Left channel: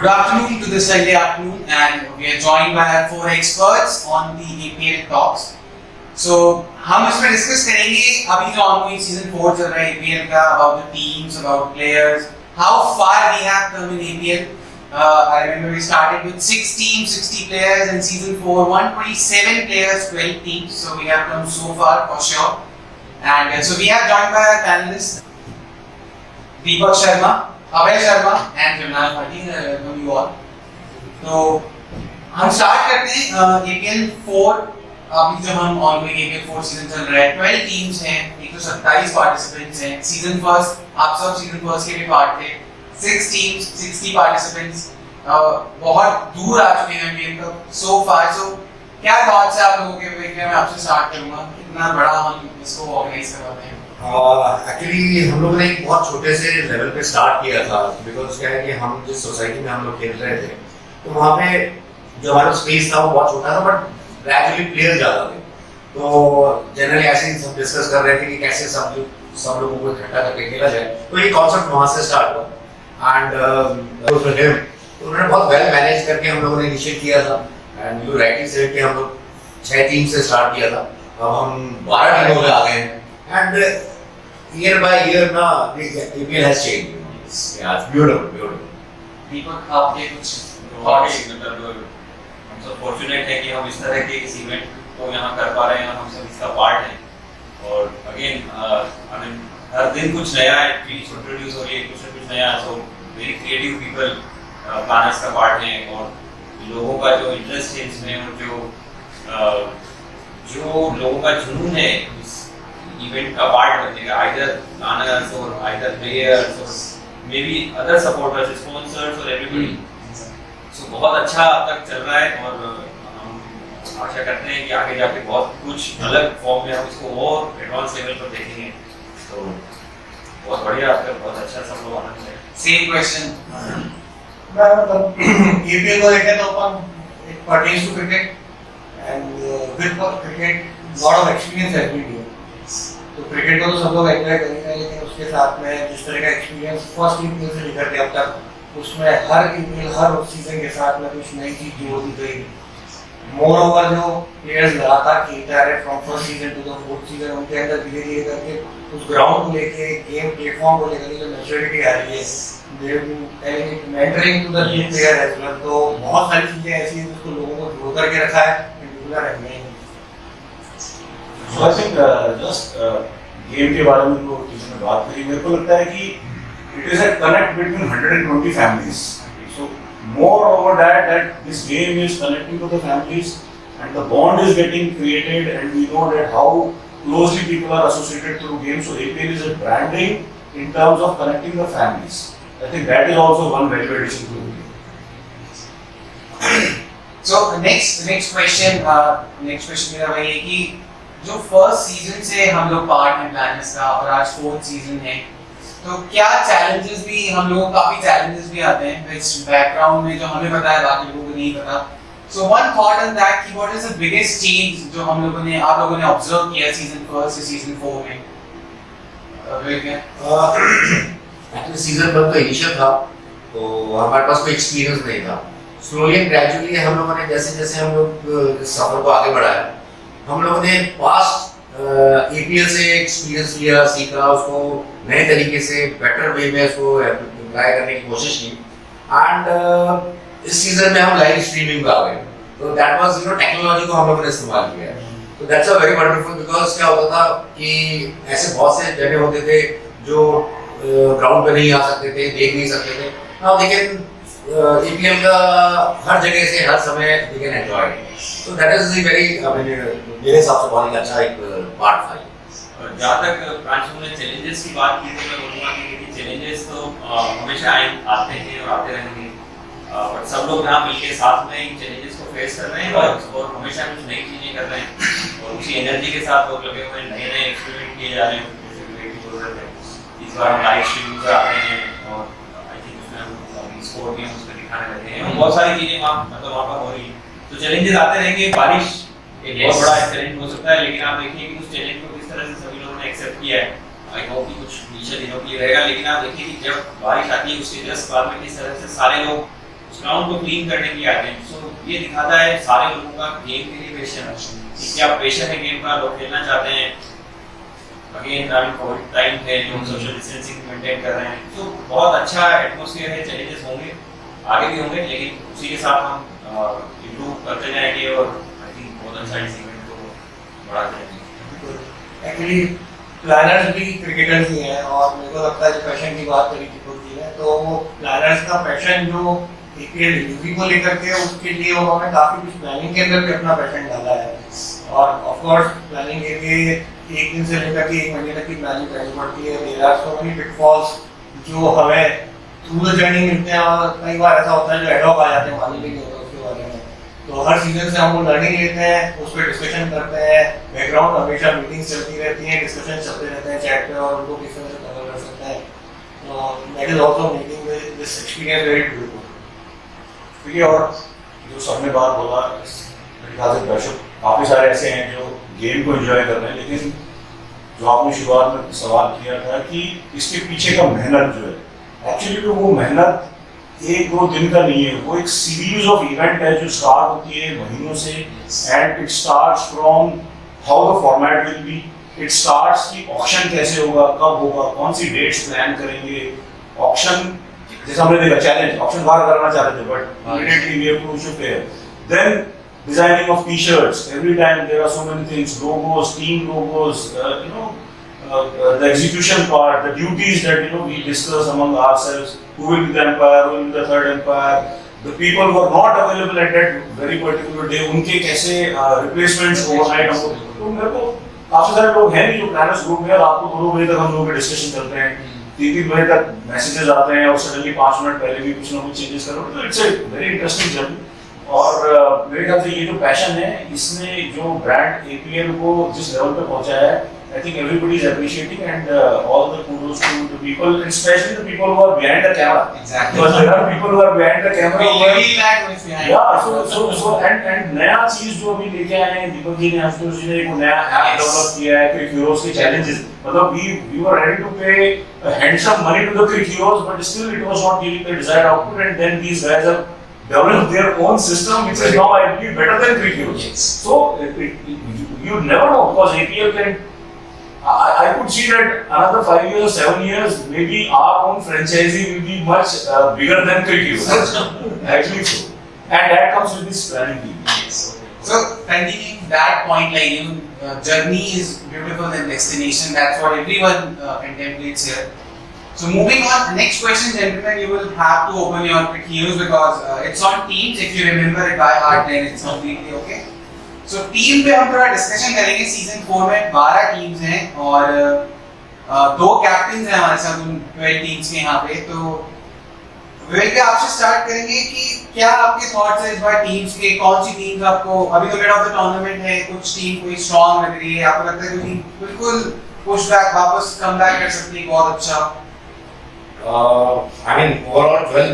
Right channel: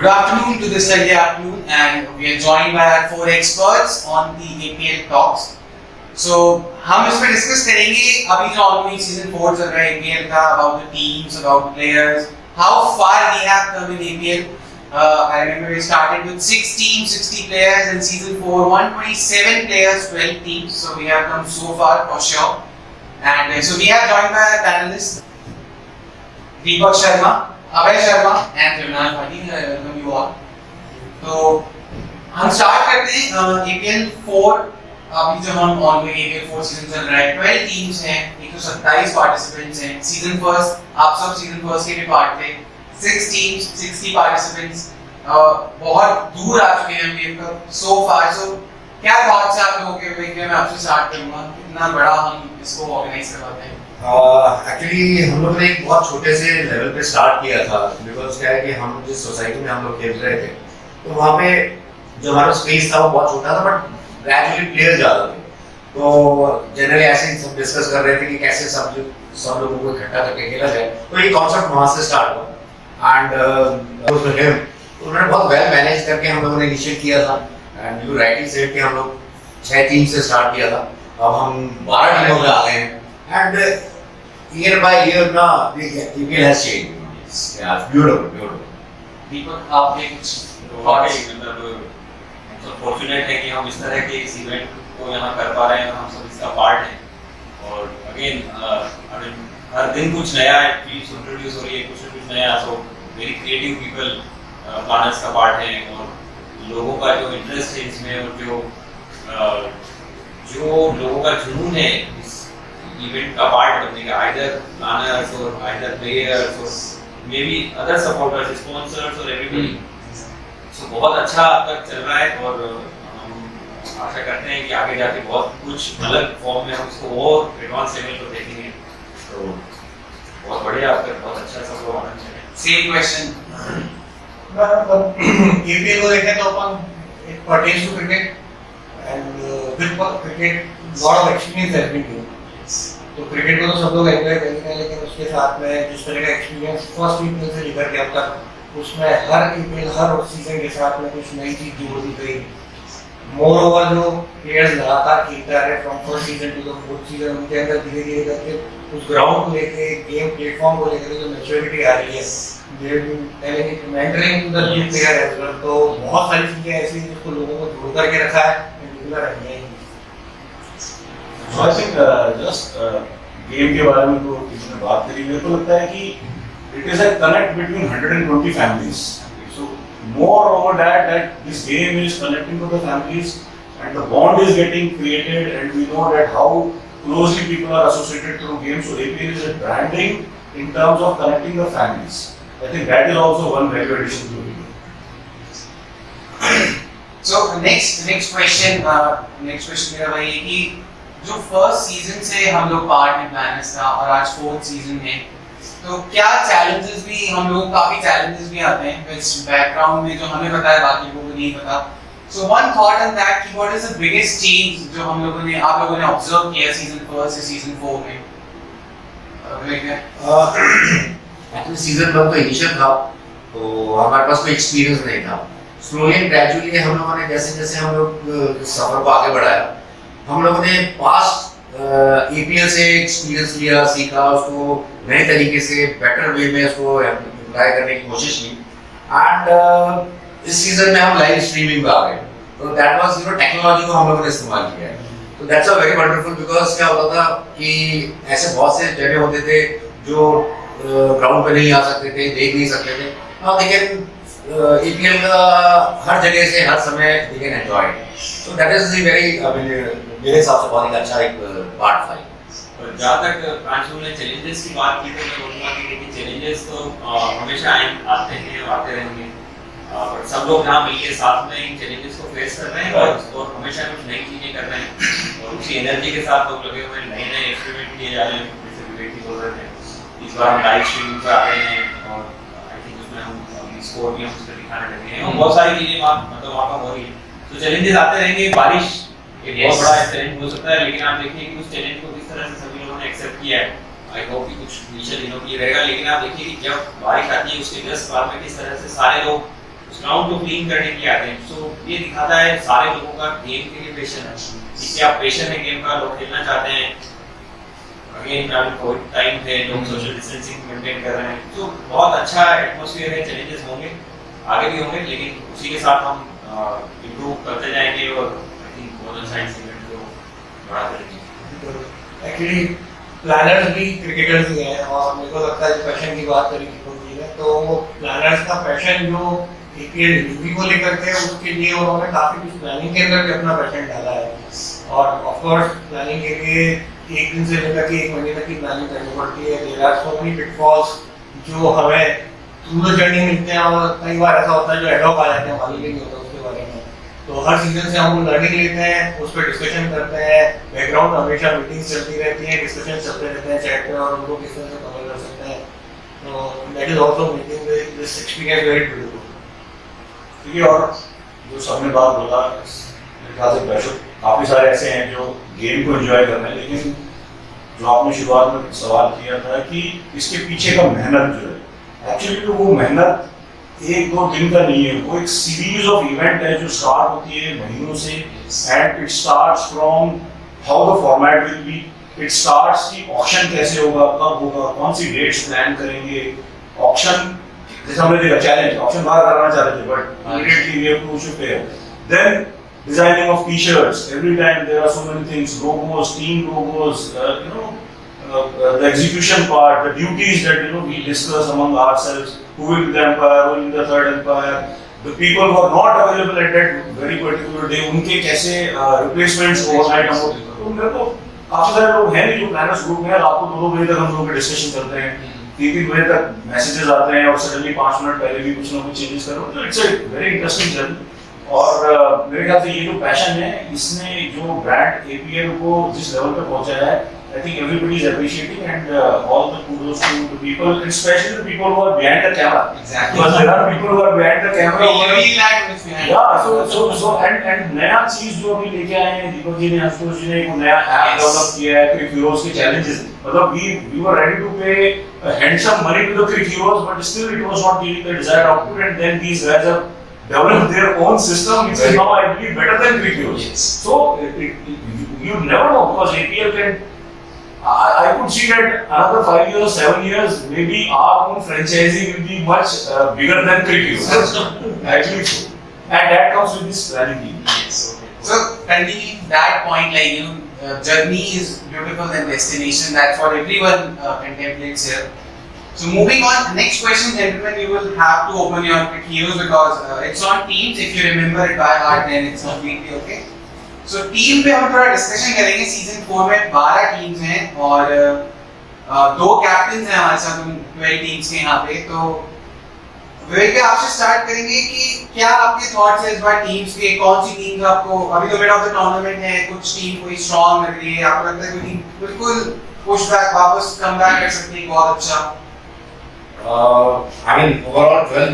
Good afternoon to this Sunday afternoon, and we are joined by four experts on the APL talks. So हम इसमें discuss करेंगे अभी जो ongoing season 4 चल रहा है APL का, about the teams, about the players, how far we have come in APL. I remember we started with 6 teams, 60 players, and season 4 127 players, 12 teams. So we have come so far for sure. And so we are joined by our panelists Deepak Sharma, Abhay Sharma and विनाश Bhati, welcome you all. तो हम start करते हैं APL 4। अभी जब हम ongoing APL 4 season चल रहा है, 12 टीम्स हैं, 127 पार्टिसिपेंट्स हैं। सीजन फर्स्ट आप सब सीजन फर्स्ट के भी पार्ट थे। 6 टीम्स, 60 पार्टिसिपेंट्स, बहुत दूर आ चुके हैं गेम का सो फार। सो क्या थॉट्स है आप लोगों के? मैं आपसे स्टार्ट करूंगा, कितना बड़ा हम इसको ऑर्गेनाइज करवाते हैं? एक्चुअली हम लोग ने एक बहुत छोटे से लेवल पे स्टार्ट किया था, बिकॉज क्या है कि हम जिस सोसाइटी में हम लोग खेल रहे थे तो वहाँ पे जो हमारा स्पेस था वो बहुत छोटा था, बट ग्रेजुअली प्लेयर ज्यादा थे। तो जनरली ऐसे ही सब डिस्कस कर रहे थे कि कैसे सब लोगों को इकट्ठा करके खेला जाए। तो ये कॉन्सेप्ट वहाँ से स्टार्ट हुआ एंड उन्होंने बहुत वेल मैनेज करके हम लोगों ने इनिशिएट किया था। एंड यू राइटली सेड कि हम लोग 6 टीम से स्टार्ट किया था, अब हम 12 टीमों में आ गए हैं। And year by year now the APL has changed. Yeah, it's beautiful. दीपक, आप ये कुछ बहुत ही मतलब हम सब फॉर्चुनेट है कि हम इस तरह के इस इवेंट को यहाँ कर पा रहे हैं, हम सब इसका पार्ट हैं। और अगेन आई मीन हर दिन कुछ नया चीज इंट्रोड्यूस हो रही है, कुछ न कुछ नया। So very creative people planners का पार्ट है, और लोगों का जो इंटरेस्ट है इसमें, और जो लोगों का जुनून है इस इवेंट का पार्ट बनने का, आइदर प्लानर्स और आइदर प्लेयर्स और may be other supporters, sponsors और एवरीबॉडी। सो बहुत अच्छा अब तक चल रहा है, और हम आशा करते हैं कि आगे जाके बहुत कुछ अलग फॉर्म में हम इसको और एडवांस लेवल पर देखेंगे। तो बहुत बढ़िया, अब तक बहुत अच्छा सब लोग आना चाहिए। सेम क्वेश्चन, APL को देखें तो अपन it pertains to cricket, and with cricket lot of experience has been given. तो क्रिकेट को तो सब लोग एंजॉय करेंगे, लेकिन उसके साथ में जिस तरह का एक्सपीरियंस फर्स्ट EPL से लेकर के अब तक, उसमें हर EPL हर सीजन के साथ में कुछ नई चीज जोड़ दी गई। मोर ओवर जो प्लेयर्स लगातार खेलते आ रहे from first season two the fourth season, उनके अंदर धीरे धीरे करके उस ग्राउंड को लेके, गेम प्लेटफॉर्म को लेकर जो मैच्योरिटी आ रही है, they have been telling mentoring to the new player as well. तो बहुत सारी चीजें ऐसी हैं जिसको लोगों को जोड़ करके रखा है, रेगुलर है। So I think just game के बारे में तो किसी ने बात करी, मेरे को लगता है कि it is a connect between 120 families. So more over that this game is connecting to the families and the bond is getting created, and we know that how closely people are associated through games. So APL is a branding in terms of connecting the families. I think that is also one value addition to the game. So next question मेरा वही है कि जो first season से हम लोग part हैं planners का, और आज फोर्थ सीजन है, तो क्या चैलेंजेस भी, हम लोगों को काफी चैलेंजेस भी आते हैं विच बैकग्राउंड में जो हमें पता है बाकी लोगों को नहीं पता। So one thought on that कि what is the biggest change जो आप लोगों ने ऑब्जर्व किया सीजन फर्स्ट से सीजन 4 में? एक्चुअली सीजन 1 तो इनिशियल था, तो हमारे पास कोई एक्सपीरियंस नहीं था। स्लोली एंड ग्रेजुअली हम लोगों ने जैसे हम लोग सफर को आगे बढ़ाया, हम लोगों ने पास्ट APL से एक्सपीरियंस लिया, सीखा, उसको नए तरीके से बेटर वे में उसको अप्लाई करने की कोशिश की। एंड इस सीजन में हम लाइव स्ट्रीमिंग पे आ गए, तो दैट वाज टेक्नोलॉजी को हम लोगों ने इस्तेमाल किया है। तो that's a very wonderful, because क्या होता था कि ऐसे बहुत से जगह होते थे जो ग्राउंड पे नहीं आ सकते थे, देख नहीं सकते थे। नाउ दे कैन APL का हर जगह से हर समय they can enjoy. So that is the very, मेरे हिसाब से बहुत ही अच्छा एक पार्ट था। और जहाँ तक प्रांशु ने चैलेंजेस की बात की, तो मैं बोलूँगा कि चैलेंजेस तो हमेशा आते हैं और आते रहेंगे, बट सब लोग यहाँ मिलके साथ में इन चैलेंजेस को फेस कर रहे हैं, और हमेशा कुछ नई चीज़ें कर रहे हैं, और उसी एनर्जी के साथ लोग लगे हुए हैं, नए एक्सपेरिमेंट किए जा रहे हैं। जैसे विवेक जी बोल रहे थे, इस बार हम लाइव स्ट्रीमिंग पर आते हैं, और आई थिंक उसमें हम स्कोर भी हम उस पर दिखाने लगे हैं, और बहुत सारी चीज़ें वहाँ पर हो रही है। तो चैलेंजेस आते रहेंगे। बारिश एक बहुत बड़ा चैलेंज हो सकता है, लेकिन आप देखिए कि उस चैलेंज को किस तरह से सभी लोगों ने एक्सेप्ट किया है। आई होप कि कुछ इनिशियल दिनों के लिए रहेगा, लेकिन आप देखिए कि जब बारिश आती है उसके जस्ट बाद में किस तरह से सारे लोग उस ग्राउंड को क्लीन करने के लिए आते हैं। सो ये दिखाता है सारे लोगों का गेम के लिए पैशन है कि क्या पैशन है गेम का, लोग खेलना चाहते हैं। अगेन अभी कोविड टाइम पे लोग सोशल डिस्टेंसिंग मेंटेन कर रहे हैं, तो बहुत अच्छा एटमॉस्फेयर है। चैलेंजेस होंगे, आगे भी होंगे, लेकिन उसी के साथ हम इम्प्रूव करते जाएंगे और आई थिंक बहुत अच्छा इस इवेंट को बढ़ाते रहेंगे। एक्चुअली प्लानर्स भी क्रिकेटर्स ही हैं, और मेरे को लगता है जो पैशन की बात करी दीपक जी ने, तो वो प्लानर्स का पैशन जो APL यूपी को लेकर के, उसके लिए उन्होंने काफी कुछ प्लानिंग के अंदर भी अपना पैशन डाला है। और ऑफ कोर्स प्लानिंग के लिए एक दिन से लेकर के एक महीने तक की प्लानिंग करनी पड़ती है। There are so many pitfalls जो हमें थ्रू द जर्नी मिलते हैं, और कई बार ऐसा होता है जो एडॉक आ जाते हैं, मालूम भी नहीं होता उसके बारे में। तो हर सीजन से हम वो लर्निंग लेते हैं, उस पर डिस्कशन करते हैं, बैकग्राउंड हमेशा मीटिंग्स चलती रहती हैं, डिस्कशन चलते रहते हैं चैट पे, और उनको किस तरह से कवर कर सकते हैं। तो that is also making this experience very beautiful. देखिए, और जो सबने बात बोला, मेरे ख्याल से दर्शक काफी सारे ऐसे हैं जो गेम को एंजॉय कर रहे हैं, लेकिन जो आपने शुरुआत में सवाल किया था कि इसके पीछे का मेहनत जो है, एक्चुअली तो वो मेहनत एक दो दिन का नहीं है, वो एक सीरीज ऑफ इवेंट है जो स्टार्ट होती है महीनों से। And it starts from how the format will be, it starts कि ऑक्शन कैसे होगा, कब होगा, कौन सी डेट्स प्लान करेंगे। ऑक्शन जैसे हमने देखा चैलेंज, ऑक्शन बाहर कराना चाहते थे, but immediately we have to shift there. Then designing of t-shirts, every time there are so many things, logos, team logos, the execution part, the duties that we discuss among ourselves, who will be the umpire, who will be the third umpire, the people who are not available at that very particular day, उनके कैसे replacements overnight हमको। तो मेरे को काफी सारे लोग हैं जो प्लानर्स ग्रुप में, आपको 2 बजे तक हम लोग के डिस्कशन चलते हैं, 3 बजे तक मैसेजेस आते हैं, और सडनली 5 मिनट पहले भी कुछ ना कुछ चेंजेस करो। तो it's a very interesting journey. और मेरे ख्याल से ये जो पैशन है, इसने जो ब्रांड APL को जिस लेवल पे पहुंचाया है, I think everybody is appreciating, and all the kudos to the people, especially the people who are behind the camera. Exactly. Because there are people who are behind the camera. We reveal that who is behind. Yeah, so and नया चीज जो अभी लेके आए हैं दीपक जी ने, आशुतोष जी ने, एक नया ऐप डेवलप किया है, क्रिक हीरोज के चैलेंजेस। मतलब we were ready to pay handsome money to the crick heroes, but still it was not giving the desired output, and then these guys have developed their own system, which is now I believe better than crick heroes. Yes. So you never know, because APL can. I could see that another 5 years, 7 years, maybe our own franchisee will be much bigger than crick heroes. Actually so. And that comes with this planning team. Yes. So continuing that point, journey is beautiful than destination. That's what everyone contemplates here. So moving on, next question, gentlemen, you will have to open your quick heroes because it's on teams. If you remember it by heart, then it's completely okay. So team पे हम थोड़ा discussion करेंगे। Season 4 में 12 teams हैं और 2 captain हैं हमारे साथ उन 12 टीम्स के यहाँ पे। तो विवेक जी, आपसे स्टार्ट करेंगे कि क्या आपके थॉट्स हैं इस बार टीम्स के, कौन सी टीम्स आपको, अभी तो मिड ऑफ द टूर्नामेंट है, कुछ टीम कोई स्ट्रांग लग रही है, आपको लगता है कि बिल्कुल पुश बैक, वापस कम बैक कर सकती है बहुत अच्छा? I mean overall 12,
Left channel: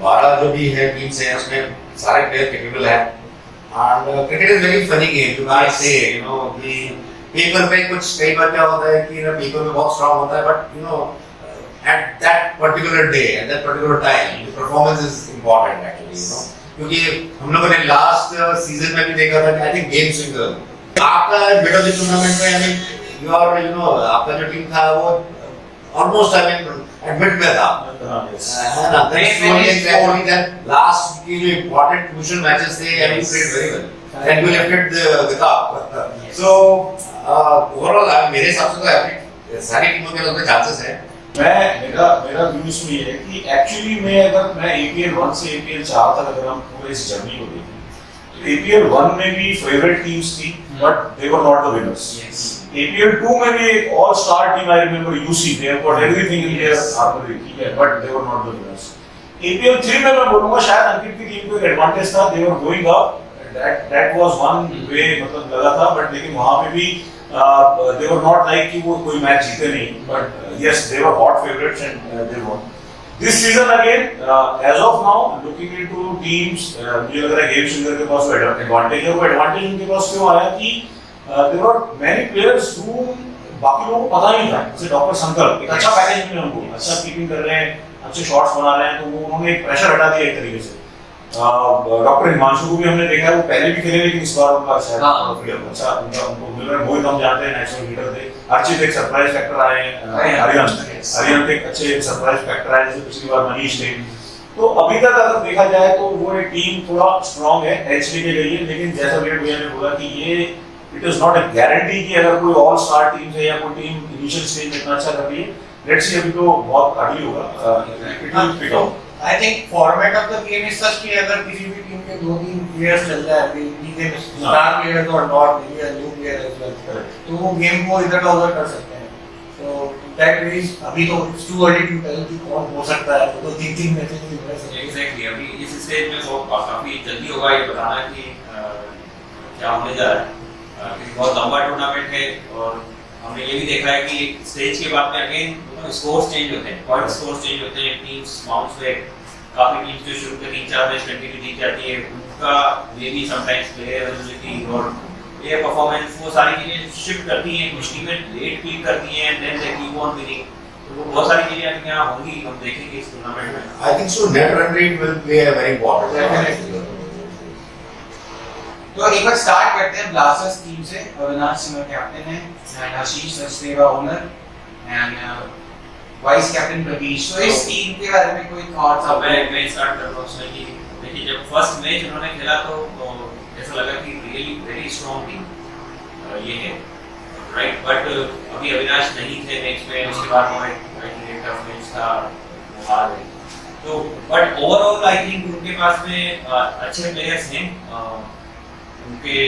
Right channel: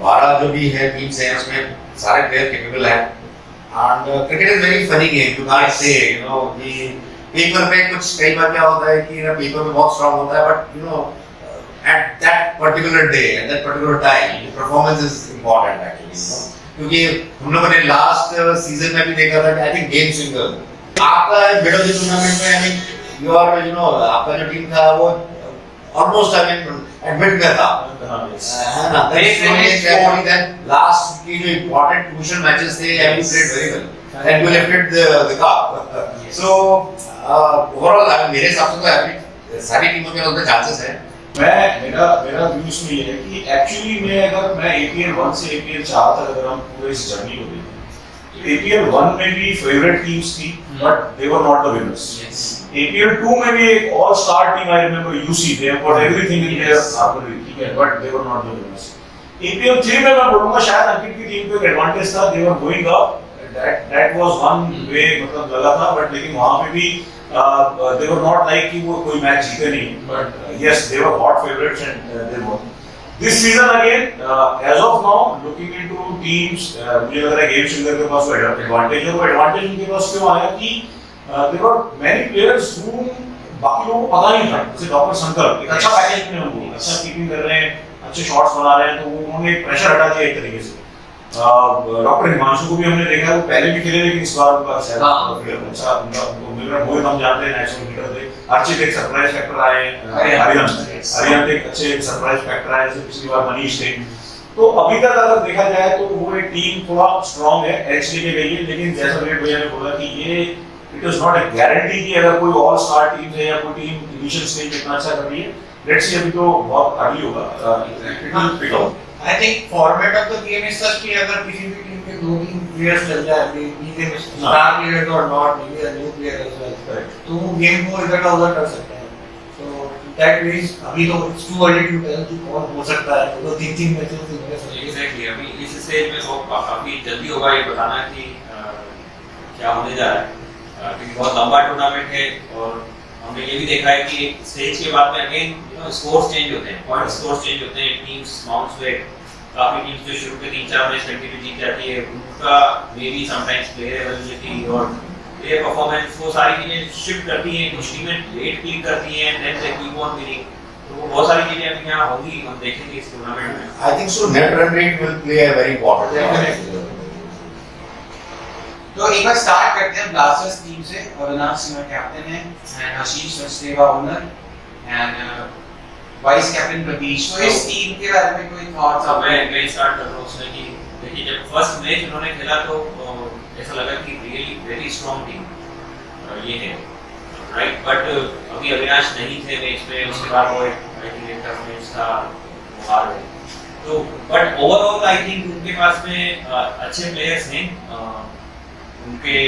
12 जो भी है टीम्स हैं उसमें सारे प्लेयर कैपेबल हैं। And cricket is very funny game, you can't say कि पेपर पे कुछ कई बार क्या होता है कि पेपर में बहुत स्ट्रांग होता है, but at that particular day, at that particular time, the performance is important actually, क्योंकि हम लोगों ने लास्ट सीजन में भी देखा था कि आई थिंक गेम स्विंगर आपका मिड ऑफ द टूर्नामेंट में, आई मीन योर आपका जो टीम था वो ऑलमोस्ट आई मीन एडमिट में था, है ना? दैट लास्ट की जो इंपॉर्टेंट क्रूशियल मैचेस थे, you played very well and you lifted the cup. So overall मेरे हिसाब से तो सारी टीमों के उसमें चांसेस हैं। मेरा व्यू इसमें ये है कि एक्चुअली मैं APL 1 से APL 4 तक अगर हम पूरे इस जर्नी को देखें, तो APL 1 में भी फेवरेट टीम्स थी, but they were not the winners. APL 2 में भी एक all star team, I remember UC, they have got everything in their armoury, ठीक है, but they were not the winners. APL 3 में मैं बोलूंगा शायद अंकित की टीम को एक एडवांटेज था, they were going up, that was one way, मतलब लगा था, बट लेकिन वहां पे भी they were not like कि वो कोई मैच जीते नहीं, but yes they were hot favorites and they won. This season again, as of now, looking into teams, मुझे लग रहा है गेम सिंगर के पास वो एडवांटेज है। वो एडवांटेज उनके पास क्यों आया कि there were many players whom बाकी लोगों को पता नहीं था, जैसे डॉक्टर संकल्प एक अच्छा पैकेज में हमको, अच्छा कीपिंग कर रहे हैं, अच्छे शॉट्स बना रहे हैं, तो उन्होंने एक प्रेशर हटा दिया एक तरीके से। डॉक्टर हिमांशु को भी हमने देखा है, वो पहले भी खेले लेकिन इस बार उनका शायद अच्छा उनको मिल रहा है। मोहित हम जानते हैं नेचुरल हिटर थे, अर्चित एक सरप्राइज फैक्टर आए, अरिहंत एक अच्छे सरप्राइज फैक्टर आए, जैसे पिछली बार मनीष थे। तो अभी तक अगर देखा जाए तो वो एक टीम थोड़ा स्ट्रांग है, एच लेके गई है, लेकिन जैसा विराट भैया ने बोला कि ये it is not a guarantee कि अगर कोई ऑल स्टार टीम है या कोई टीम इनिशियल स्टेज में इतना अच्छा कर रही है, लेट्स सी, अभी तो बहुत अर्ली होगा, it will pick up. I think format of the game is such कि अगर किसी भी टीम के 2-3 players चल जाए, maybe star players or not, maybe a new player as well, तो वो गेम को इधर का उधर कर सकते हैं। So that means अभी तो it's too early to tell कि कौन हो सकता है, तो 3-3 मैचेस से बने सकते हैं। एग्जैक्टली, अभी इस स्टेज में तो काफी जल्दी होगा ये बताना कि क्या होने जा रहा है, क्योंकि बहुत लंबा टूर्नामेंट है और हमने ये भी देखा है कि स्टेज के बाद में अगेन स्कोर्स चेंज होते हैं, पॉइंट स्कोर्स चेंज होते हैं, टीम्स बाउंस बैक, काफी टीम्स जो शुरू के 3-4 मैच कंटिन्यू जीत जाती है, उनका may be sometimes player availability और प्लेयर परफॉर्मेंस, वो सारी चीजें शिफ्ट करती हैं, कुछ टीमें लेट क्लिक करती हैं, then they keep on winning, तो वो बहुत सारी चीजें अभी यहाँ होंगी, हम देखेंगे इस टूर्नामेंट में। I think so. Net run rate will play a very important role. Definitely. तो एक बार स्टार्ट करते हैं ब्लास्टर्स टीम से। अविनाश सिंह कैप्टन है and Ashish Sachdeva owner and vice captain Pratish. तो इस टीम के बारे में कोई थॉट्स? अब मैं स्टार्ट कर रहा हूँ उसमें कि देखिए, जब फर्स्ट मैच उन्होंने खेला तो ऐसा लगा कि रियली वेरी स्ट्रांग टीम ये है, राइट, बट अभी अविनाश नहीं थे मैच में, उसके बाद वो एक टफ मैच था, वो हार गए, तो बट ओवरऑल आई थिंक उनके पास में अच्छे प्लेयर्स हैं, उनके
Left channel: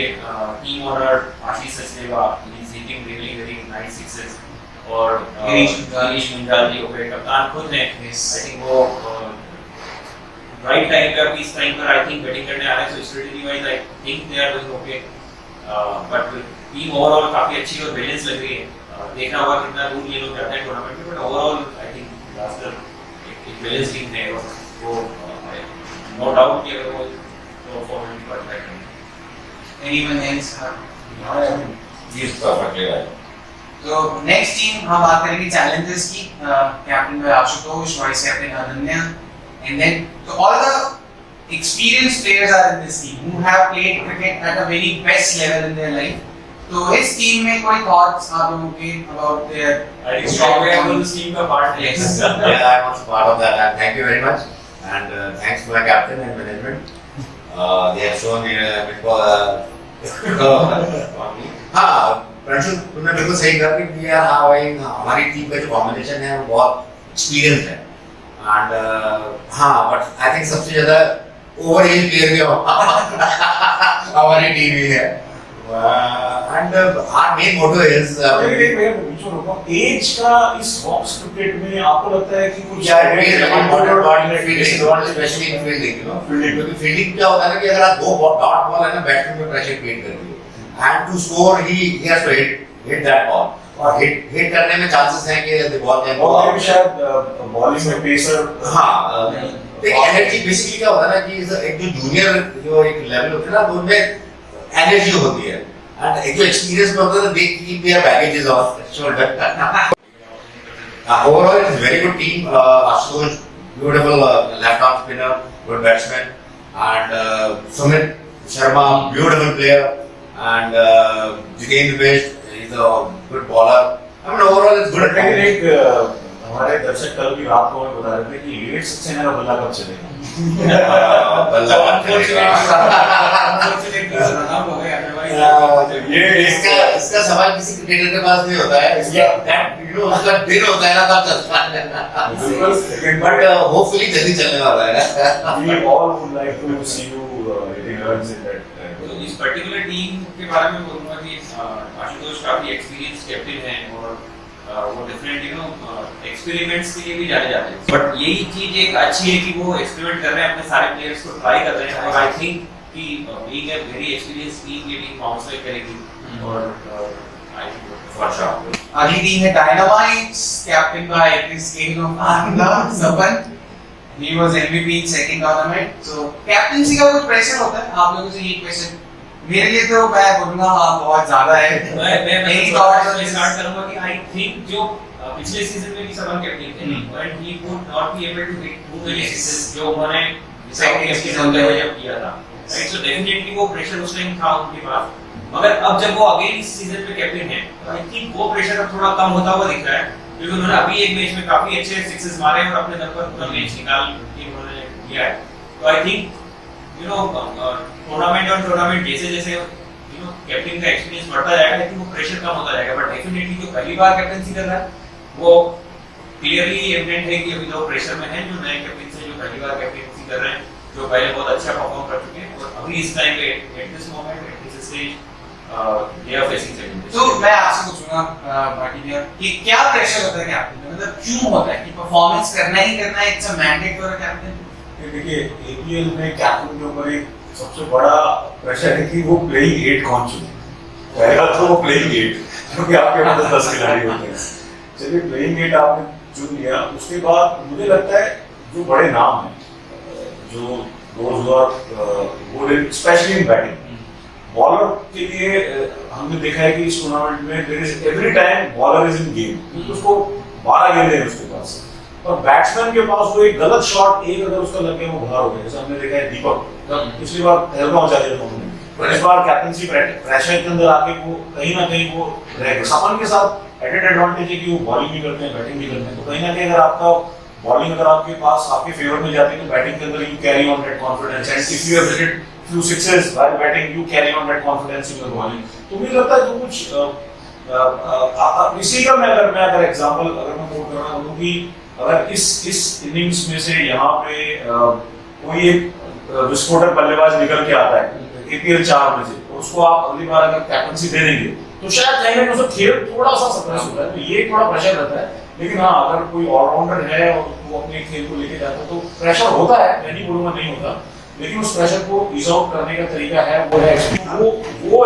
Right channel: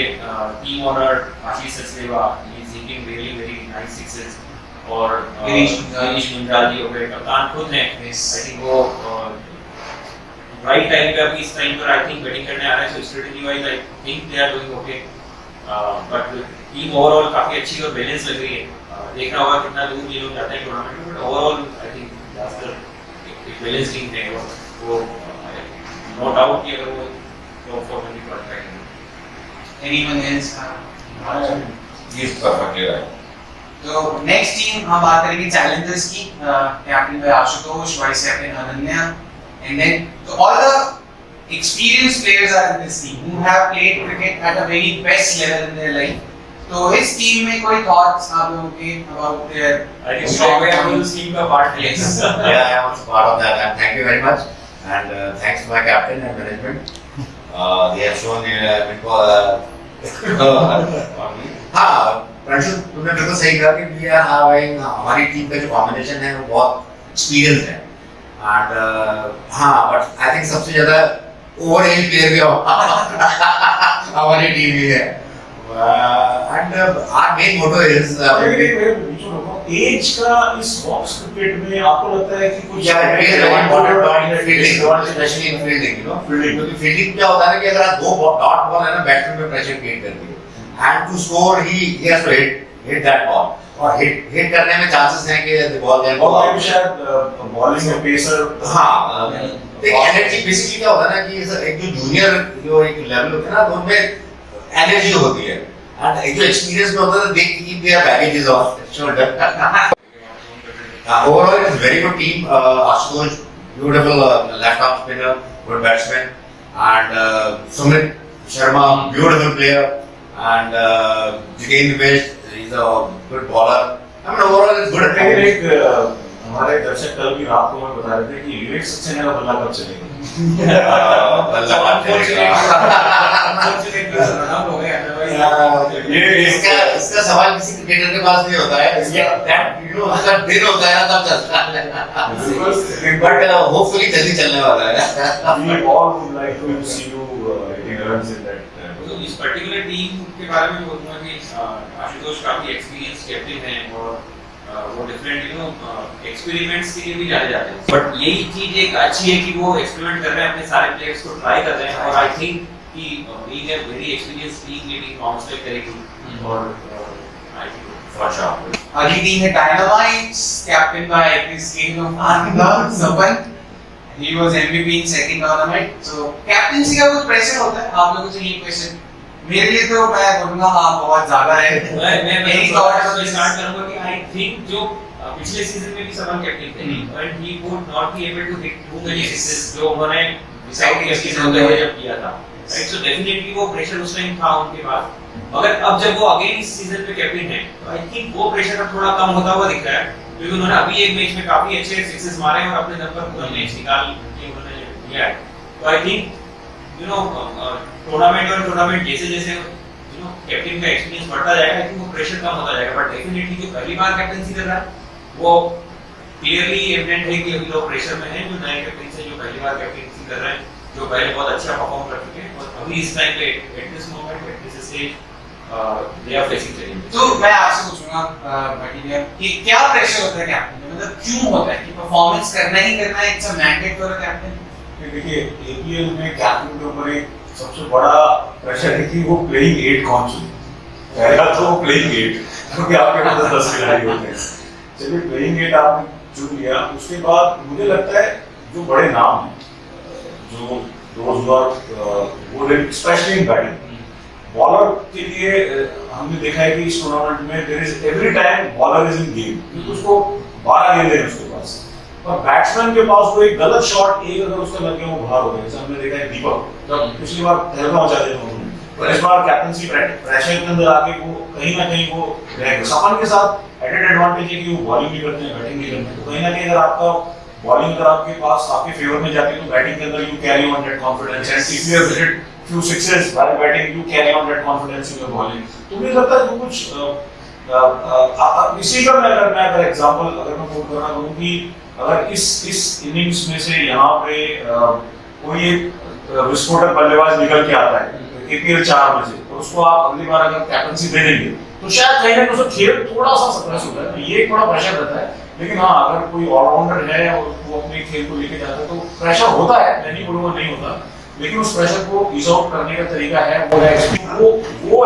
team owner Ashish Sachdeva is hitting really very nice sixes, और गिरीश मिंजाल जी हो गए, कप्तान खुद हैं, आई थिंक वो राइट टाइम पे अभी इस टाइम पर आई थिंक बैटिंग करने आ रहे हैं, so strategy wise I think they are doing okay, but team overall काफी अच्छी और बैलेंस लग रही है, देखना होगा कितना दूर ये लोग जाते हैं टूर्नामेंट में, but overall I think blaster एक बैलेंस टीम है, और वो नो डाउट कि अगर वो टॉप 4 में क्वालीफाई करेंगे। Anyone else? He is perfectly right. तो नेक्स्ट टीम हम बात करेंगे चैलेंजर्स की, captain by Ashutosh, vice captain Ananya, and then तो all the experienced players are in this team who have played cricket at a very best level in their life. तो इस team में कोई thoughts आप लोगों के about their I think strong team का part है। Yes. Yeah, I was part of that, and thank you very much, and thanks to my captain and management. They have shown हाँ, प्रणशु तुमने बिल्कुल सही कहा कि we are having हमारी team का जो कॉम्बिनेशन है वो बहुत एक्सपीरियंस है, एंड हाँ, बट आई थिंक सबसे ज्यादा ओवर एज प्लेयर भी हमारी टीम ही है, and our main motto is एज का इस बॉक्स क्रिकेट में आपको लगता है कि कुछ specially in fielding, you know, क्योंकि फील्डिंग क्या होता है ना कि अगर आप दो डॉट बॉल है ना, बैट्समैन पे प्रेशर क्रिएट करती है, and to score he has to hit that ball, और हिट करने में चांसेस हैं कि the ball can go out, शायद बॉलिंग में पेसर। हाँ, देखिए एनर्जी बेसिकली क्या होता है ना कि एक जो जूनियर जो एक लेवल होता है ना, तो उनमें एनर्जी होती है, एंड एक जो एक्सपीरियंस में होता है, they keep their baggages off shoulder. Overall it is very good team, Ashutosh beautiful left arm spinner, good batsman, and Sumit Sharma beautiful player, and Jitendra Best is a good bowler. I mean overall it's good. लेकिन एक हमारे दर्शक कल की रात को हमें बता रहे थे कि लीड सक्सेना का बल्ला कब चलेगा। इसका सवाल किसी क्रिकेटर के पास नहीं होता है, उसका दिन होता है ना तब चलता है, बट होपफुली जल्दी चलने वाला है। We all would like to see you hitting runs in that. तो इस पर्टिकुलर टीम के बारे में बोलूंगा कि आशुतोष काफी एक्सपीरियंस कैप्टन हैं, और वो डिफरेंट यू नो एक्सपेरिमेंट्स के लिए भी जाने जाते हैं, बट यही चीज एक अच्छी है कि वो एक्सपेरिमेंट कर रहे हैं, अपने सारे प्लेयर्स को ट्राई कर रहे हैं, और आई थिंक कि being a very experience team ये भी बाउंस बैक करेगी, और आई थिंक फॉर श्योर। अगली टीम है Dynamites, captain by Chris Gayle of Anand Sapan. He was MVP in second tournament. So captaincy का कुछ प्रेशर होता है आप लोगों से? ये क्वेश्चन मेरे लिए तो मैं बोलूंगा हाँ बहुत ज्यादा है। मैं स्टार्ट करूंगा कि आई थिंक जो पिछले सीजन में भी सबन कैप्टन थे हम्म। And he would not be able to hit too many Yes. Sixes जो उन्होंने डिसाइड किया Second सीजन season में में। जब किया था, राइट? सो डेफिनेटली वो प्रेशर उस टाइम था उनके पास, मगर अब जब वो अगेन इस सीजन में कैप्टन है तो आई थिंक वो प्रेशर अब थोड़ा कम होता हुआ दिख रहा है, क्योंकि उन्होंने अभी एक मैच में काफी अच्छे सिक्सेस मारे और अपने दम पर पूरा मैच निकाल के उन्होंने किया है। तो I think you know tournament और टूर्नामेंट जैसे जैसे यू नो कैप्टन का एक्सपीरियंस बढ़ता जाएगा, आई थिंक वो प्रेशर कम होता जाएगा, बट डेफिनेटली जो पहली बार कैप्टनसी कर रहा है वो क्लियरली एविडेंट है कि अभी लोग प्रेशर में हैं, जो नए कैप्टन से जो पहली बार कैप्टनसी कर रहे हैं, जो पहले बहुत अच्छा परफॉर्म कर चुके हैं और अभी इस टाइम पे at this moment at this stage they are facing challenges. तो मैं आपसे पूछूंगा भाटी भैया कि क्या प्रेशर होता है कैप्टन पे, मतलब क्यों होता है कि परफॉर्मेंस करना ही करना है, it's a mandate for a captain? ये देखिए एपीएल में कैप्टन के ऊपर एक सबसे बड़ा प्रेशर है कि वो प्लेइंग 8 कौन चुने। पहला तो वो प्लेइंग 8, क्योंकि आपके पास 10 खिलाड़ी होते हैं। चलिए प्लेइंग 8 आपने चुन लिया, उसके बाद मुझे लगता है जो बड़े नाम हैं, जो दोज वो स्पेशली इन बैटिंग, बॉलर के लिए हमने देखा है कि इस टूर्नामेंट में there is every time bowler is in game, क्योंकि उसको 12 गेंदें हैं उसके पास, और बैट्समैन के पास वो एक गलत शॉट एक अगर उसका लग गया वो बाहर हो गया, जैसे हमने देखा है दीपक, जब पिछली बार तहलका मचा दिया उन्होंने, पर इस बार कैप्टनसी प्रेशर के अंदर आके वो कहीं ना कहीं वो रह गए। सपन के साथ एडेड एडवांटेज है कि वो बॉलिंग भी करते हैं बैटिंग भी करते हैं, तो कहीं ना कहीं अगर आपका बॉलिंग अगर आपके पास आपके फेवर में जाती है तो बैटिंग के अंदर you carry on that confidence, and if you have hitted few sixes while batting, you carry on that confidence in your bowling. तो मुझे लगता है जो कुछ इसी का मैं अगर एग्जांपल अगर मैं कोट करना चाहूँ कि अगर इस इनिंग्स में से यहाँ पे कोई एक विस्फोटक बल्लेबाज निकल के आता है एपीएल 4 में से, तो उसको आप अगली बार अगर कैप्टनसी दे देंगे तो शायद कहीं ना कहीं उसका खेल थोड़ा सा सप्रेस होता है, तो ये थोड़ा प्रेशर रहता है। लेकिन हाँ, अगर कोई ऑलराउंडर है और वो अपने खेल को लेके जाता है तो प्रेशर होता है, मैं नहीं बोलूंगा नहीं होता, लेकिन उस प्रेशर को इज आउट करने का तरीका है वो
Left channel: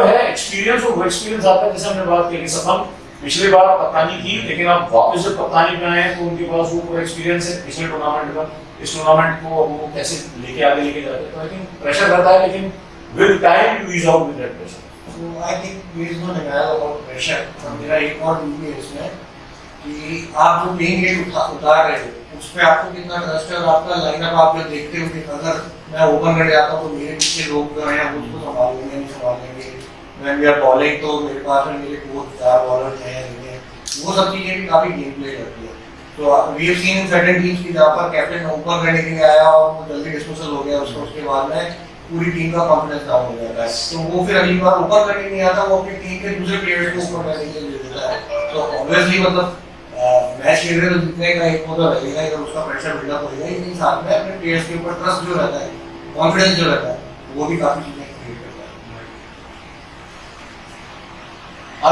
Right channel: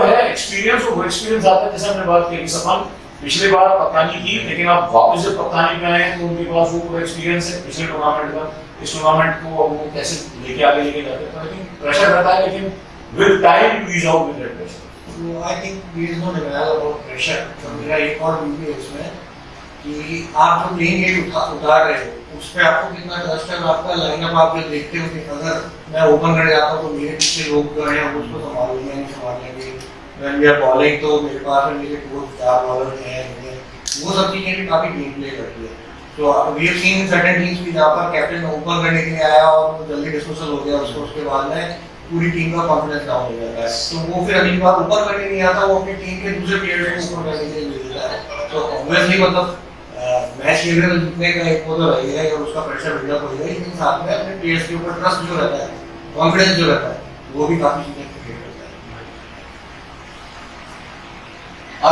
है एक्सपीरियंस, और वो एक्सपीरियंस आता है जैसे हमने बात की सफल पिछले बार कप्तानी की, लेकिन आप वापस जब कप्तानी में आए तो उनके पास वो पूरा एक्सपीरियंस है पिछले टूर्नामेंट का, इस टूर्नामेंट को वो कैसे लेके आगे लेके जाते हैं, तो आई थिंक प्रेशर रहता है, लेकिन with time you is out with that pressure. So I think there is no denial about pressure. तो मेरा एक और व्यू है इसमें कि आप जो प्लेइंग एट उतार रहे हो उस पे आपको कितना ट्रस्ट है, और आपका लाइनअप आप जो देखते हो कि अगर मैं ओपन कर जाता हूँ तो मेरे पीछे लोग जो हैं वो उसको संभालेंगे नहीं संभालेंगे, व्हेन वी आर बॉलिंग तो मेरे पास में मेरे कोच 4 बॉलर हैं, वो सब चीजें भी काफी गेम प्ले करती है। तो we have seen certain teams की जहाँ पर कैप्टन ओपन करने के लिए आया और वो जल्दी डिस्मिसल हो गया, उसके बाद में पूरी टीम का कॉन्फिडेंस डाउन हो जाता है, तो वो फिर अगली बार ऊपर करने नहीं आता, वो अपनी टीम के दूसरे प्लेयर को ऊपर करने के लिए ले देता है। तो ऑब्वियसली मतलब मैच खेल रहे तो जीतने का एक वो तो रहेगा ही और उसका प्रेशर बिल्डअप होगा ही, लेकिन साथ में अपने प्लेयर्स के ऊपर ट्रस्ट जो रहता है, कॉन्फिडेंस जो रहता है, वो भी काफी चीजें क्रिएट करता है।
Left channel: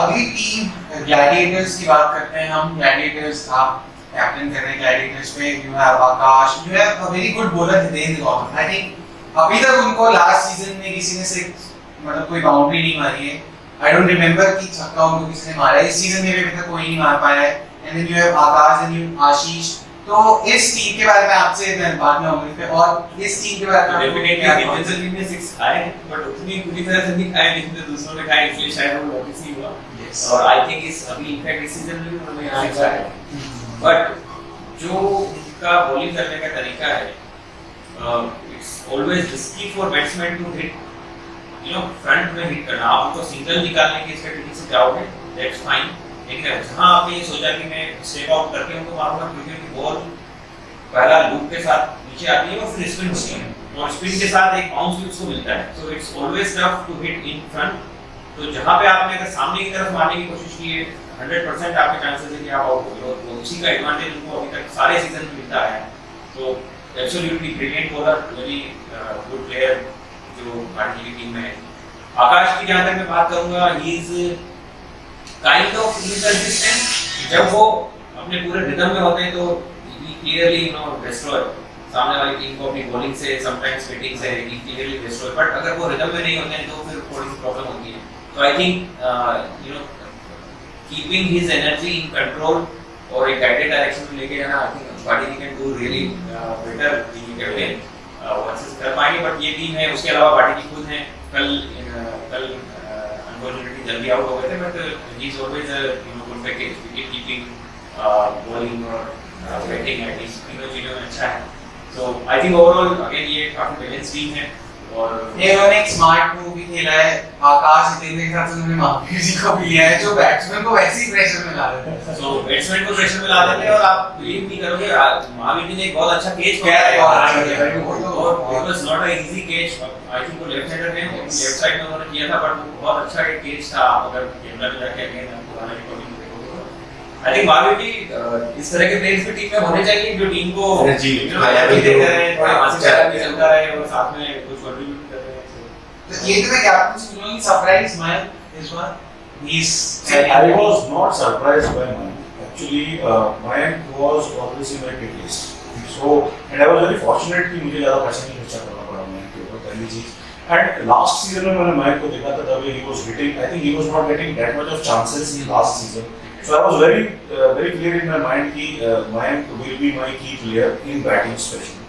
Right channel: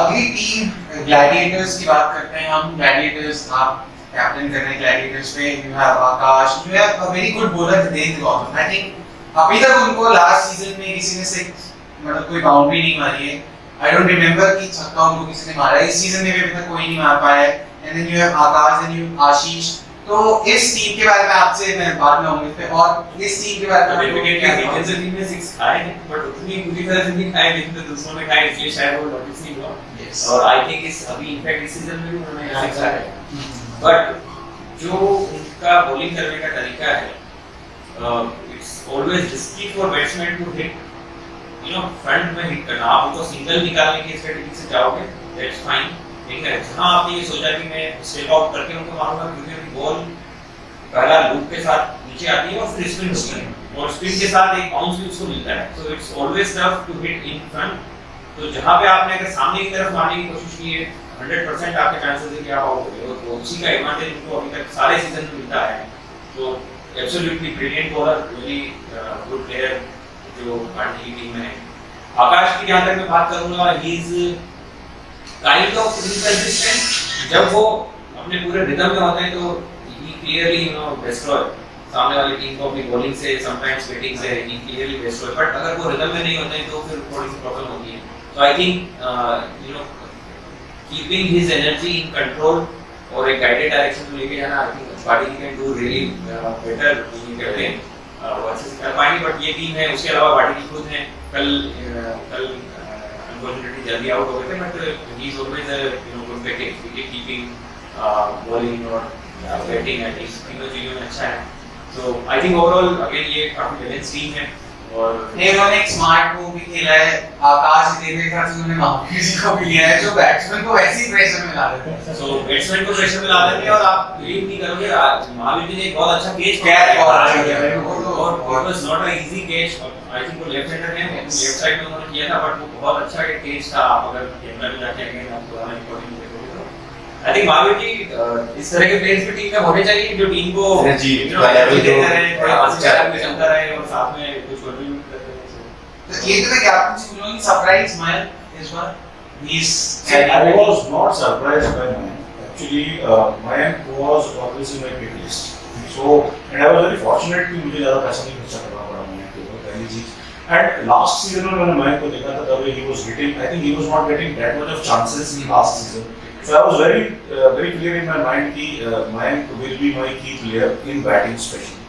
अगली टीम ग्लैडिएटर्स की बात करते हैं हम। ग्लैडिएटर्स आप कैप्टन कर रहे हैं ग्लैडिएटर्स पे, you have Akash, you have a very good bowler Hitendra Gautam. I think अभी तक उनको लास्ट सीजन में किसी ने से मतलब कोई बाउंड्री नहीं मारी है, आई डोंट रिमेंबर कि छक्का उनको किसी ने मारा है, इस सीजन में भी अभी तक कोई नहीं मार पाया है। And then you have Akash and you Ashish. तो इस टीम के बारे में आपसे मैं बाद में आऊंगा इस पे, और इस टीम के बारे में डेफिनेटली हितेंद्र टीम में 6 खाए हैं, बट उतनी पूरी तरह से नहीं खाए जितने दूसरों ने खाए, इसलिए शायद वो नोटिस नहीं हुआ। Yes. और आई थिंक इस अभी इनफैक्ट इस सीजन में भी उन्होंने 6 खाए हैं, बट जो उनका बॉलिंग करने का तरीका है, it's always risky for batsman to hit, you know front में हिट करना। आप उनको सिंगल निकालने की स्ट्रेटजी से जाओगे दैट्स फाइन, लेकिन जहाँ आपने ये सोचा कि मैं स्टेप आउट करके उनको मारूंगा, क्योंकि उनकी बॉल पहला लूप के साथ नीचे आती है और फिर स्पिन होती है, और स्पिन के साथ एक बाउंस भी उसको मिलता है, so it's always tough to hit in front. तो जहाँ पे आपने अगर सामने की तरफ मारने की कोशिश की है, 100% आपके चांसेस है कि आप आउट हो गए, तो उसी का एडवांटेज उनको अभी तक सारे सीजन में मिलता है। तो absolutely brilliant bowler, very good player जो भारतीय की टीम में है। आकाश की जहाँ तक मैं बात करूंगा, he is kind of inconsistent. जब वो अपने पूरे रिदम में होते हैं तो ही क्लियरली यू नो डिस्ट्रॉय सामने वाली टीम को अपनी बॉलिंग से, समटाइम्स बैटिंग से, ही क्लियरली डिस्ट्रॉय। बट अगर वो रिदम में नहीं होते हैं तो फिर थोड़ी सी प्रॉब्लम होती है। तो I think you know keeping his energy in control और एक गाइडेड डायरेक्शन में लेके जाना, I think party can do really better being captain, versus कर पाएंगे। बट ये टीम है, उसके अलावा पार्टी खुद है, कल अनफॉर्चुनेटली जल्दी आउट हो गए थे, but he is always you know good package, wicket keeping, bowling और बैटिंग एटलीस्ट तीनों चीजों में अच्छा है। तो आई थिंक ओवरऑल अगेन ये काफी बैलेंस टीम है। और उन्होंने एक स्मार्ट मूव भी खेला है, आकाश हितेंद्र के साथ उन्होंने महावीर जी को भी लिया है जो बैट्समैन को वैसे ही प्रेशर में ला देते हैं। सो बैट्समैन को प्रेशर में ला देते हैं और आप बिलीव नहीं करोगे महावीर जी ने एक बहुत अच्छा कैच क्या है, पकड़ा बहुत अच्छा है। है। वो तो और it was not a easy catch. I think वो लेफ्ट हैंडर है, लेफ्ट साइड में उन्होंने किया था, बट वो बहुत अच्छा एक कैच था। आप अगर कैमरा में जाके अगेन आप पुराना रिकॉर्डिंग देखोगे तो आई थिंक महावीर जी इस तरह के प्लेयर्स भी टीम में होने चाहिए जो टीम को एनर्जी एनर्जी देते रहे, थोड़ा हंसी भी चलता रहे और साथ में कुछ कंट्रीब्यूट कर रहे हैं। तो ये तो मैं कैप्टन से बोलूंगी सरप्राइज मैं इस बार he's I was not surprised by Mayank. Actually, Mayank was always in my pick list. So, and I was very fortunate कि मुझे ज़्यादा पैसा नहीं खर्चा करना पड़ा Mayank के ऊपर, पहली चीज। And last season में मैंने Mayank को देखा था, तब he was hitting. I think he was not getting that much of chances in last season. So I was very clear in my mind कि Mayank will be my key player in batting especially.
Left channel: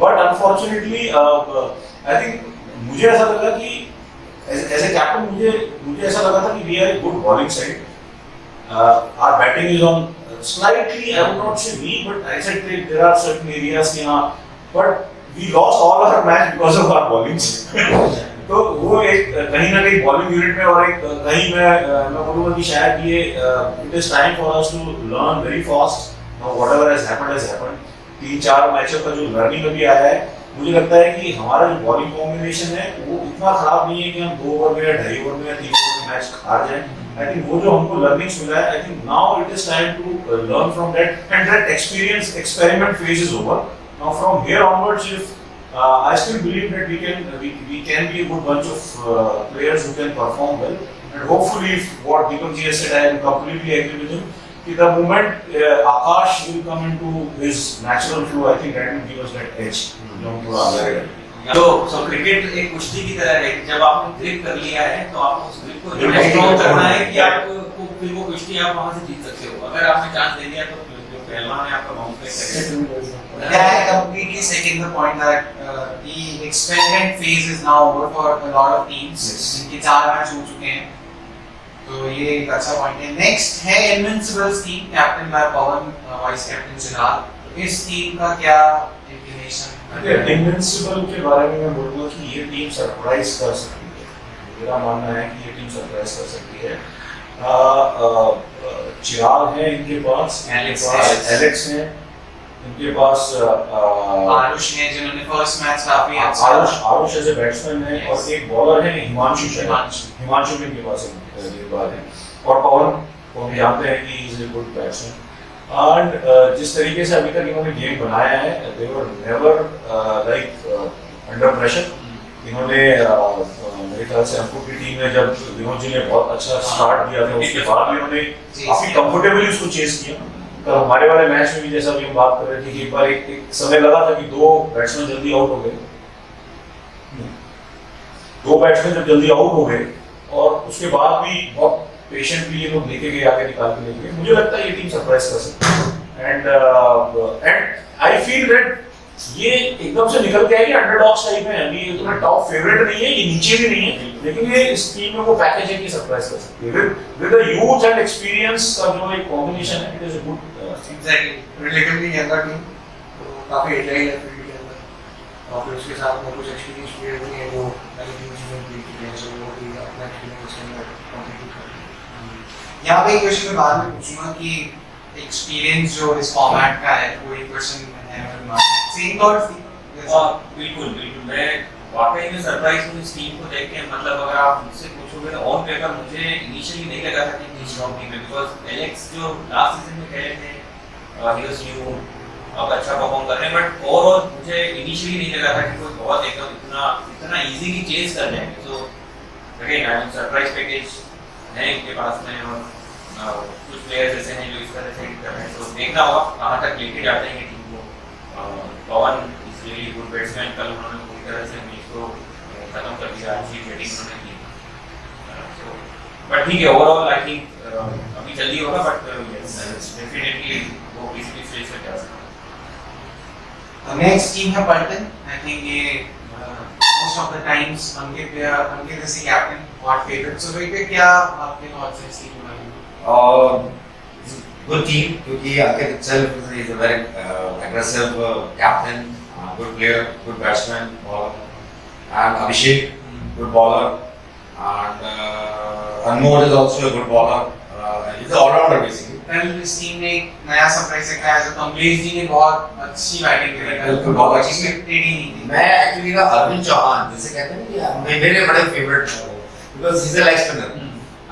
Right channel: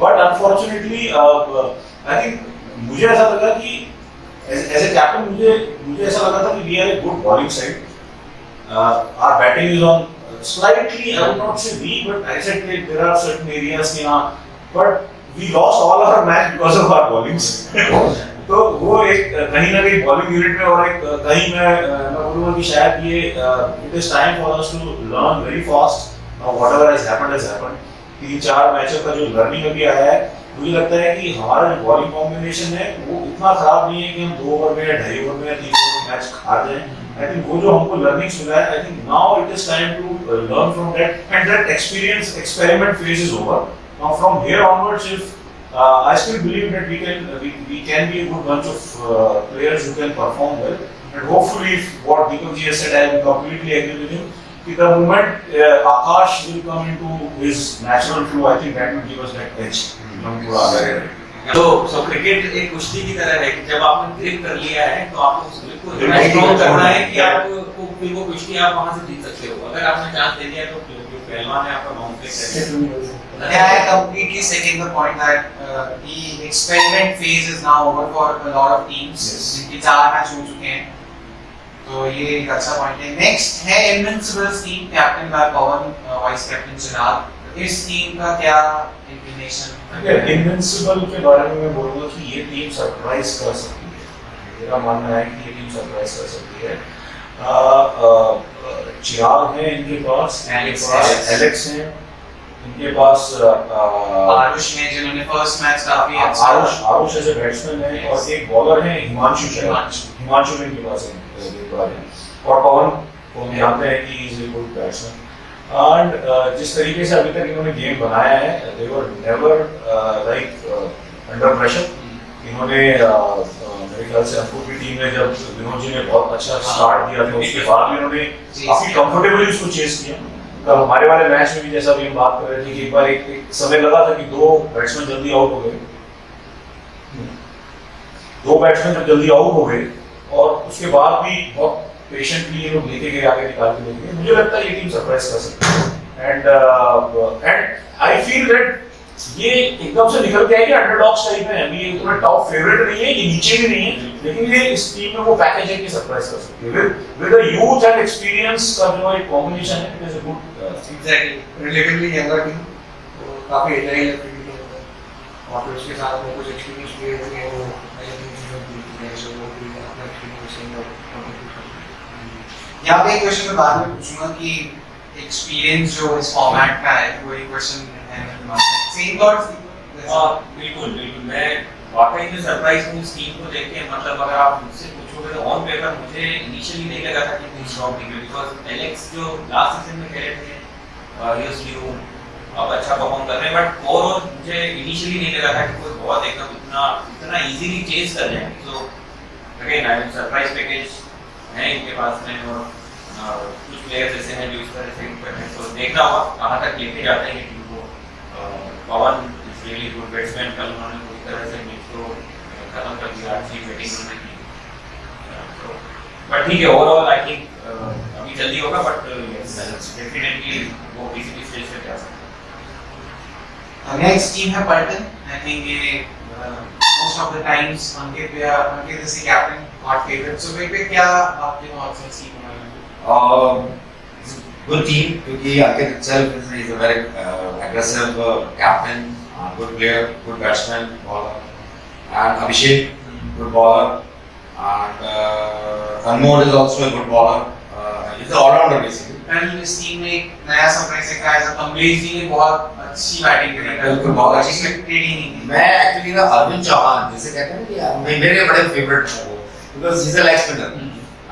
But unfortunately, I think मुझे ऐसा लगा कि as a captain मुझे ऐसा लगा था कि we are a good bowling side, our batting is on slightly, I would not say weak, but I said there are certain areas कि हां, but we lost all our match because of our bowling. तो वो एक कहीं ना कहीं bowling unit में और एक कहीं मैं बोलूंगा कि शायद ये it is time for us to learn very fast whatever has happened. 3-4 मैचों का जो लर्निंग अभी आया है, मुझे लगता है कि हमारा जो बॉलिंग कॉम्बिनेशन है वो इतना खराब नहीं है कि हम 2 ओवर में या 2.5 ओवर में या 3 ओवर में मैच हार जाएं। आई थिंक वो जो हमको लर्निंग्स मिला है, I think now it is time to learn from that, and that experience experiment phase is over. Now from here onwards if I still believe that we can be a good bunch of players who can perform well, and hopefully if what Deepak ji has said, I completely agree with him. The moment Akash will come into his natural flow, I think that will give us that edge. तो cricket एक कुश्ती की तरह है कि जब आपने grip कर लिया है तो आपको उस ग्रिप को इतना स्ट्रॉन्ग करना है कि आपको फिर वो कुश्ती आप वहां से जीत सकते हो। अगर आपने चांस दे दिया तो जो पहलवान है आपका बाउंस करेगा। Yeah, I completely second the point that the experiment phase is now over for a lot of teams. जिनके 4 मैच हो चुके हैं, तो ये एक अच्छा पॉइंट है। नेक्स्ट है इनविंसिबल्स टीम, कैप्टन बाय पवन, वाइस कैप्टन चिराग। इस टीम का क्या इंक्लिनेशन? इनविंसिबल के बारे में मैं बोलूंगा कि ये टीम सरप्राइज कर सकती है। मेरा मानना है कि ये टीम सरप्राइज कर सकती है। चिराग है इनके पास, एलेक्स है इनके पास, आरुष है जिन्होंने फर्स्ट मैच काफी अच्छा, आरुष एज ए बैट्समैन है, और एक बॉलर है हिमांशु भी इनके पास है, और पवन को हम जानते हैं कि is a good batsman. And जिस तरीके से अभी तक इन्होंने गेम बनाया है, they were never like under pressure. इन्होंने मेरे ख्याल से अंकुर की टीम में जब विनोद जी ने बहुत अच्छा स्टार्ट दिया था, उसके बाद भी उन्होंने काफी कंफर्टेबली उसको चेस किया। तो हमारे वाले मैच में भी जैसा अभी हम बात कर रहे थे कि एक बार एक समय लगा था कि 2 बैट्समैन जल्दी आउट हो गए, 2 बैट्समैन जब जल्दी आउट हो गए और उसके बाद भी बहुत पेशेंटली ये लोग लेके गए, आगे निकाल के लेके गए। मुझे लगता है ये टीम सरप्राइज कर सकती है, एंड आई फील दैट ये एकदम से निकल के आएगी अंडरडॉग्स टाइप में। अभी ये तुम्हारा टॉप फेवरेट नहीं है, ये नीचे भी नहीं है, लेकिन ये इस टीम में वो पैकेज है कि सरप्राइज कर सकती है with the youth and experience का जो एक कॉम्बिनेशन है। It is a good exactly relatively younger team, तो काफी एजाइल है फील्डिंग में, और फिर उसके साथ में कुछ एक्सपीरियंस प्लेयर भी हैं जो पहले 3 सीजन खेल चुके हैं, सो वो भी अपना एक्सपीरियंस में कंप्लीट कर रहे हैं। यहाँ पे एक क्वेश्चन मैं बाद में पूछूंगा कि एक्सपीरियंस जो इस फॉर्मेट का है, वो एक क्वेश्चन है सेम थॉट्स। बिल्कुल मैं वाकई में सरप्राइज हूँ इस टीम को देख के। मतलब अगर आप मुझसे पूछोगे तो ऑन पेपर मुझे इनिशियली नहीं लगा था कि इतनी स्ट्रॉन्ग टीम है, बिकॉज एलेक्स जो लास्ट सीजन में खेले थे ही वाज न्यू, अब अच्छा परफॉर्म कर रहे हैं, बट ओवरऑल मुझे इनिशियली नहीं लगा था कि कोई बहुत एकदम इतना इजीली चेज कर जाएंगे। So again I am surprise package है इनके पास में, और कुछ प्लेयर्स ऐसे हैं जो इस तरह से कर रहे हैं, तो देखना होगा कहाँ तक लेके जाते हैं टीम को। पवन इज रियली गुड बैट्समैन, कल उन्होंने पूरी तरह से मैच को खत्म कर दिया, अच्छी बैटिंग उन्होंने की। बट ठीक है, ओवरऑल आई थिंक अभी जल्दी होगा, बट डेफिनेटली वो किसी भी स्टेज पे जा सकता है। नेक्स्ट टीम है पल्टन। आई थिंक ये मोस्ट ऑफ द टाइम्स अंकित जैसे कैप्टन हॉट फेवरेट। सो वे पे क्या आपके थॉट्स हैं इस टीम के बारे में? good team क्योंकि Ankit itself is a very aggressive captain, good player, good batsman, bowler, and Abhishek, good bowler, and Anmol is also a good bowler. He's an all-rounder basically. कल इस team ने एक नया surprise देखा है, कमलेश जी ने बहुत अच्छी बैटिंग करी कल, बिल्कुल, बहुत बहुत एक्सपेक्टेड ही नहीं थी। मैं एक्चुअली ना अरविंद चौहान जिसे कहते हैं ना कि मेरे बड़े फेवरेट है वो, because he is a leg spinner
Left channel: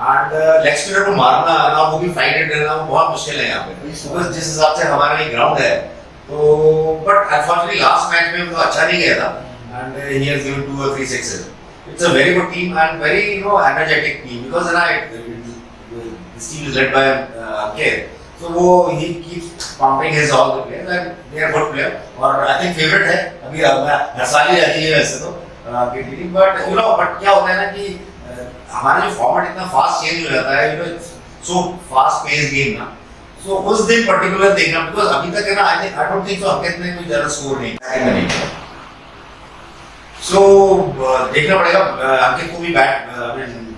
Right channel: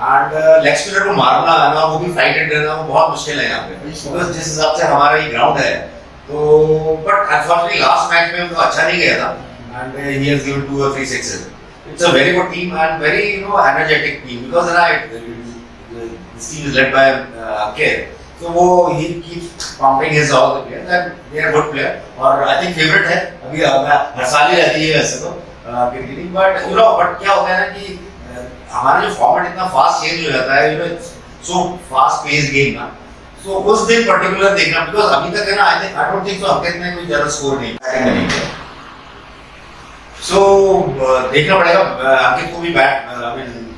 and leg spinner को मारना ना वो भी फ्लाइट रेट देना वो बहुत मुश्किल है यहाँ पे, बिकॉज जिस हिसाब से हमारा ये ग्राउंड है तो बट अनफॉर्चुनेटली लास्ट मैच में वो अच्छा नहीं गया था and he has given 2 or 3 sixes. It's a very good team and very energetic team because this team is led by Ankit. So वो he keeps pumping his all the players and they are good player और I think favorite है अभी हर साल ही रहती है वैसे तो PPT but but क्या होता है ना कि हमारा जो फॉर्मेट इतना फास्ट चेंज हो जाता है so fast paced game ना so उस दिन पर्टिकुलर देखना because अभी तक है ना I don't think so अंकित ने कोई ज्यादा स्कोर नहीं किया so देखना पड़ेगा अंकित को भी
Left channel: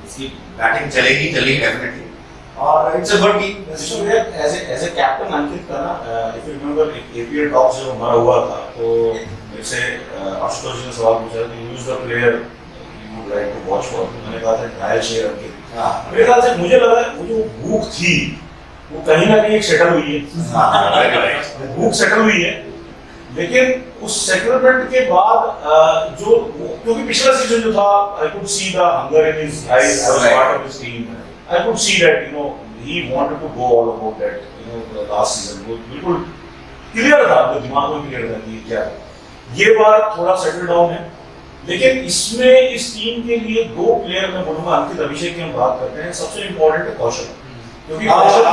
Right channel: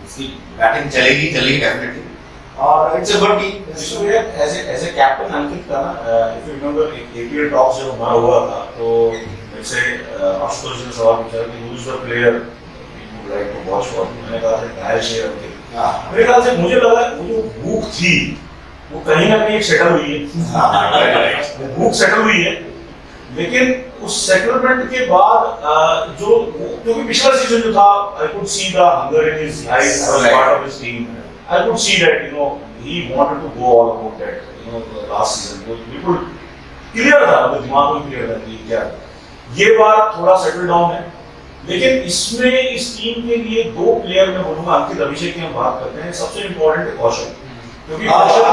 उसकी बैटिंग चलेगी डेफिनेटली और it's a good team. So yeah, as a captain अंकित का ना if you remember APL tops जब हमारा हुआ था तो जैसे आशुतोष जी ने सवाल पूछा कि who is the player you would like to watch for, मैंने कहा था घायल शेर अंकित. मेरे ख्याल से मुझे लगा वो जो भूख थी वो कहीं ना कहीं सेटल हुई है, भूख सेटल हुई है, लेकिन उस सेटलमेंट के बाद जो क्योंकि पिछला सीजन जो था I could see the hunger in his eyes. I was part of his team. I could see that he wanted to go all about that last season. वो बिल्कुल क्लियर था, वो दिमाग में क्लियर था कि क्या ये बार थोड़ा सेटल डाउन है, लेकिन इसमें इस टीम के लिए 2 प्लेयर मैं बोलूंगा अंकित अभिषेक की हम बात करते हैं, सबसे इम्पोर्टेंट है कौशल, क्योंकि कौशल को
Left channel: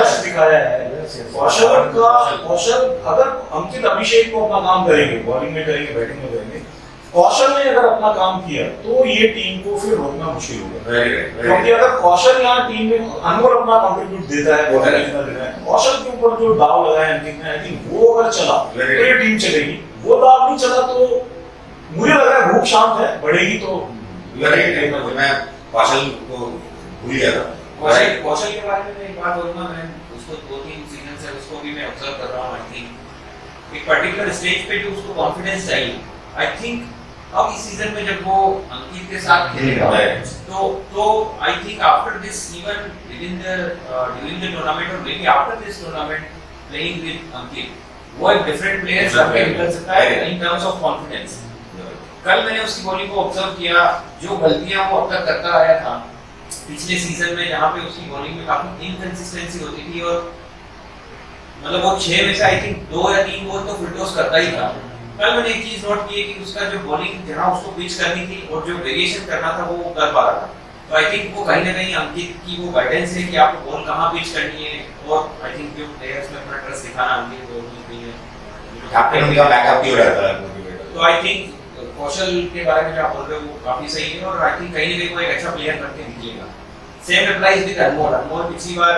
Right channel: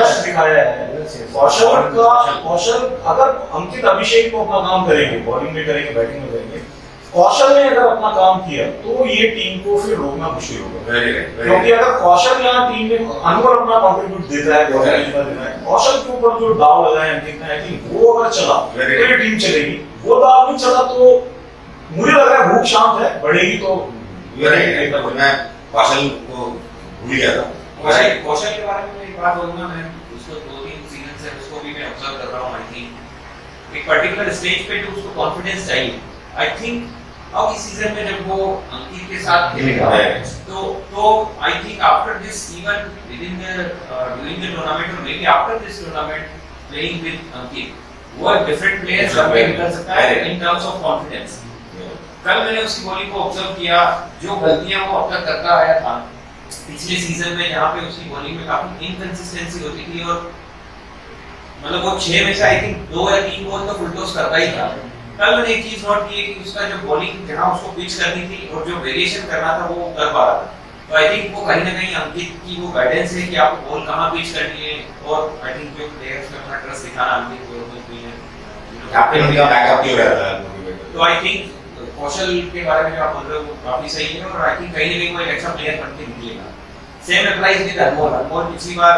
यश दिखाया है. कौशल अगर अंकित अभिषेक को अपना काम करेंगे, बॉलिंग में करेंगे, बैटिंग में करेंगे, कौशल ने अगर अपना काम किया तो ये टीम को फिर रोकना मुश्किल होगा. क्योंकि अगर कौशल यहाँ टीम में अनवर अपना कंट्रीब्यूट देता है, कौशल के ऊपर जो दाव लगा है अंकित ने, आई थिंक वो अगर चला तो ये टीम चलेगी. वो दाव नहीं चला तो मुझे लग रहा है भूख शांत है, बढ़ेगी तो मैं कौशल को भूल गया था. कौशल के बारे में एक बात बोलूंगा, मैं उसको 2-3 सीजन से उसको भी मैं ऑब्जर्व कर रहा हूँ. आई थिंक एक पर्टिकुलर स्टेज पे जो उसको कॉन्फिडेंस चाहिए, आई थिंक अब इस सीजन में जब वो अंकित के साथ खेलेगा तो I think after this even within the during the tournament और maybe after this tournament playing with Ankit वो एक डिफरेंट प्लेयर सब पे निकल सकता है इन टर्म्स ऑफ कॉन्फिडेंस. कल मैंने उसकी बॉलिंग को ऑब्जर्व किया, जो गलतियां वो अब तक करता आया था पिछले सीजन में, जहां पे उसकी बॉलिंग में काफी इनकंसिस्टेंसी होती थी और मतलब वो 6 में से आई थिंक 2 या 3 बॉल तो फुल टॉस करता ही था. कल मैंने एक चीज नोट की है कि उसका जो बॉलिंग जहां उसको पिच करनी थी और जो वेरिएशन करना था वो कर पा रहा था. तो आई थिंक वो कहीं ना कहीं अंकित की वो गाइडेंस है कि आपको बॉल कहां पिच करनी है और आई थिंक जो प्लेयर्स में अपना ट्रस्ट दिखाना अंकित को भी है, कैप्टन उनका बैकअप भी हो रहा था. तो आई थिंक कौशल के बारे में जो आप बोल रहे हो वो काफी सही है और आई थिंक कहीं ना कहीं वो एक अच्छा प्लेयर बन के निकलेगा. सेम अप्लाइज विद अनमोल. अनमोल पिछली बार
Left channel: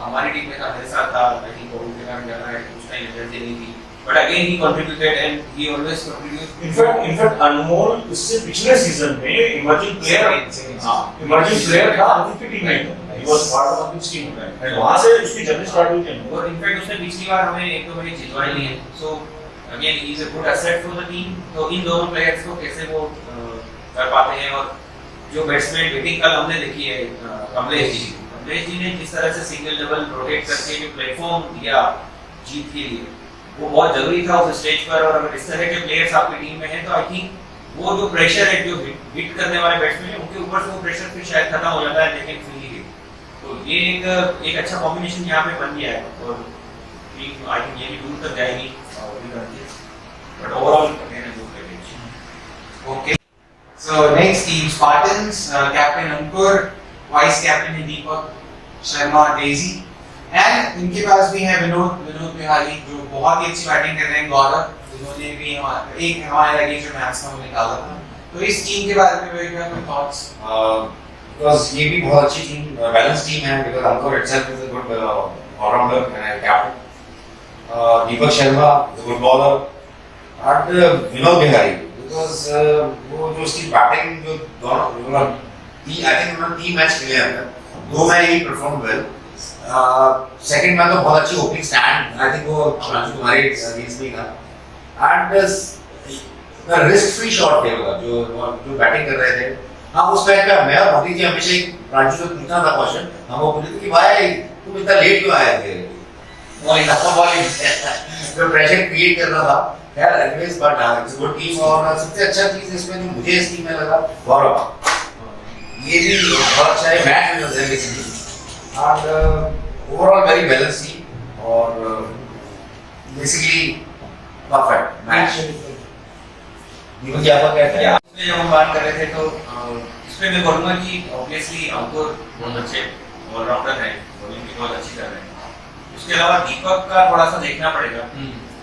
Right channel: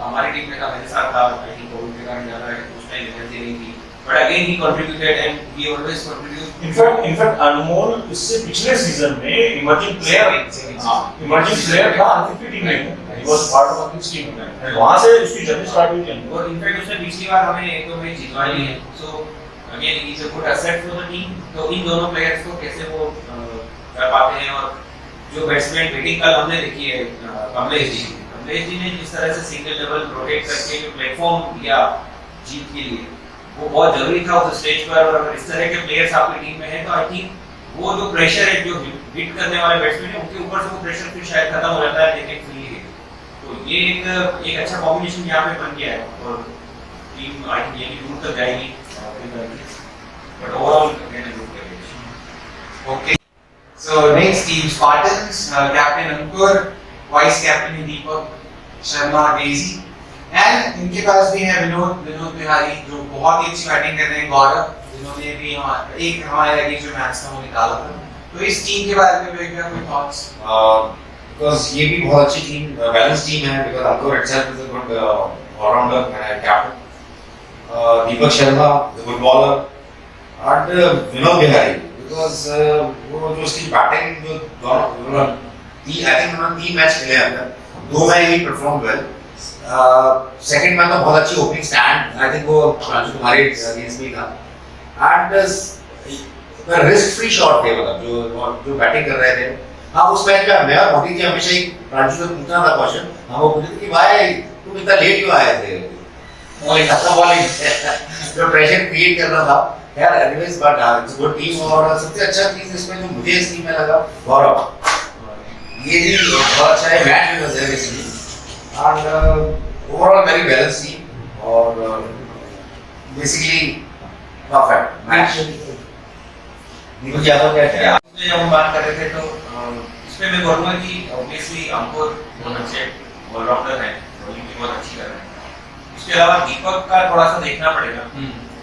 हमारी टीम में था, मेरे साथ था, आई थिंक कोविड के कारण ज्यादा है, उस टाइम एनर्जी नहीं थी, but again he contributed and he always contributes. In fact अनमोल इससे पिछले सीजन में इमर्जिंग प्लेयर था अंकित की टीम में. He was part of Ankit's team and वहां से उसकी जर्नी स्टार्ट हुई थी. और इनफैक्ट उसने पिछली बार हमें 1-2 मैच जितवाई है. So again he is a good asset for the team. तो इन दोनों प्लेयर्स को कैसे वो कर पाते हैं और जो बैट्समैन बैटिंग कल हमने देखी है कमलेश जी ने जिस तरह से सिंगल डबल रोटेट करके जो प्लेटफॉर्म दिया जीत के लिए वो बहुत जरूरी था उस स्टेज पर. और अगर इस तरह के प्लेयर्स आपकी टीम में हैं तो आई थिंक वो जो प्रेशर है जो हिट करने वाले बैट्समैन है उनके ऊपर से वो प्रेशर फिर शायद खत्म हो जाता है लेकिन फ्री. तो ये एक अच्छा कॉम्बिनेशन यहाँ पे बन गया है और टीम आई थिंक ये भी दूर तक जाएगी. But overall Okay. So next team Spartans, captain Ankur, vice captain Deepak Sharma Daisy, and इनके पास भी है विनोद बिहारी जो बहुत ही अच्छी बैटिंग कर रहे हैं. गौरव जिन्होंने भी एक हमारे अगेंस्ट जो मैच था वो निकाला था. तो इस टीम के बारे में कोई थॉट्स? बिकॉज ये भी बहुत अच्छी टीम, बैलेंस टीम है. Because Ankur itself is a good allrounder and captain. Deepak Sharma is a good bowler and Vinod Bihari because वो जो उसकी बैटिंग जो दोनों आई थिंक उन्होंने 3 मैच खेले अंदर, 2 में ही परफॉर्म वेल सेकंड मैच तो बहुत अच्छी ओपनिंग स्टैंड, आई थिंक वो तुम्हारे अगेंस्ट में था। एंड रिस्क फ्री शॉट थे, मतलब जो बैटिंग कर रहे थे। हाँ, उस मैच में मैं और मोदी जी हमेशा ही प्रांशु से पूछना था क्वेश्चन, हम वो पूछते थे कि भाई तुम इतना लेट क्यों आए थे बॉलिंग जो प्रेशर क्रिएट करना था। यार anyways but it's good team. और सबसे अच्छा चीज इसमें जो मुझे इस टीम में लगा, गौरव, ये भी बहुत अच्छा है, मैच भी वजह basically and overall very balance team और basically perfect match. Deepak ji आपका क्या कहना है? जब हम बात कर रहे थे तो इसमें मैं बोलूँगा कि ऑब्वियसली अंकुर बहुत अच्छे ऑलराउंडर हैं, बॉलिंग भी बहुत अच्छी कर रहे हैं। उसके अलावा दीपक का थोड़ा सा देखना पड़ेगा,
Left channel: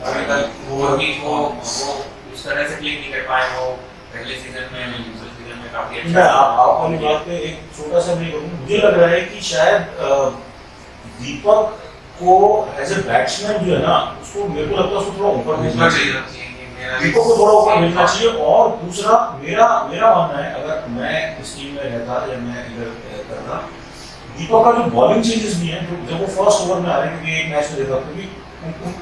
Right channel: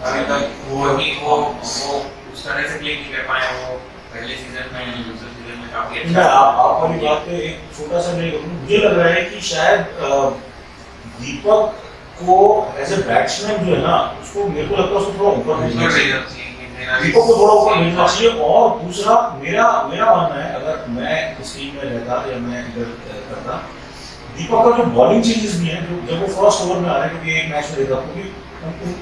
अभी तक वो उस तरह से प्ले नहीं कर पाए। वो पहले सीजन में, दूसरे सीजन में काफी अच्छा। मैं आप वाली बात पे एक छोटा सा मैं कहूँ, मुझे लग रहा है कि शायद दीपक को एज ए बैट्समैन जो है ना, उसको मेरे को लगता है उसको थोड़ा ऊपर भेजना चाहिए, दीपक को थोड़ा ऊपर भेजना चाहिए। और दूसरा मेरा मानना है, अगर मैं इस टीम में रहता या मैं इधर करता, दीपक का जो बॉलिंग चेंजेस भी हैं, जो जब वो फर्स्ट ओवर में आ रहे हैं, क्योंकि एक मैच में देखा, क्योंकि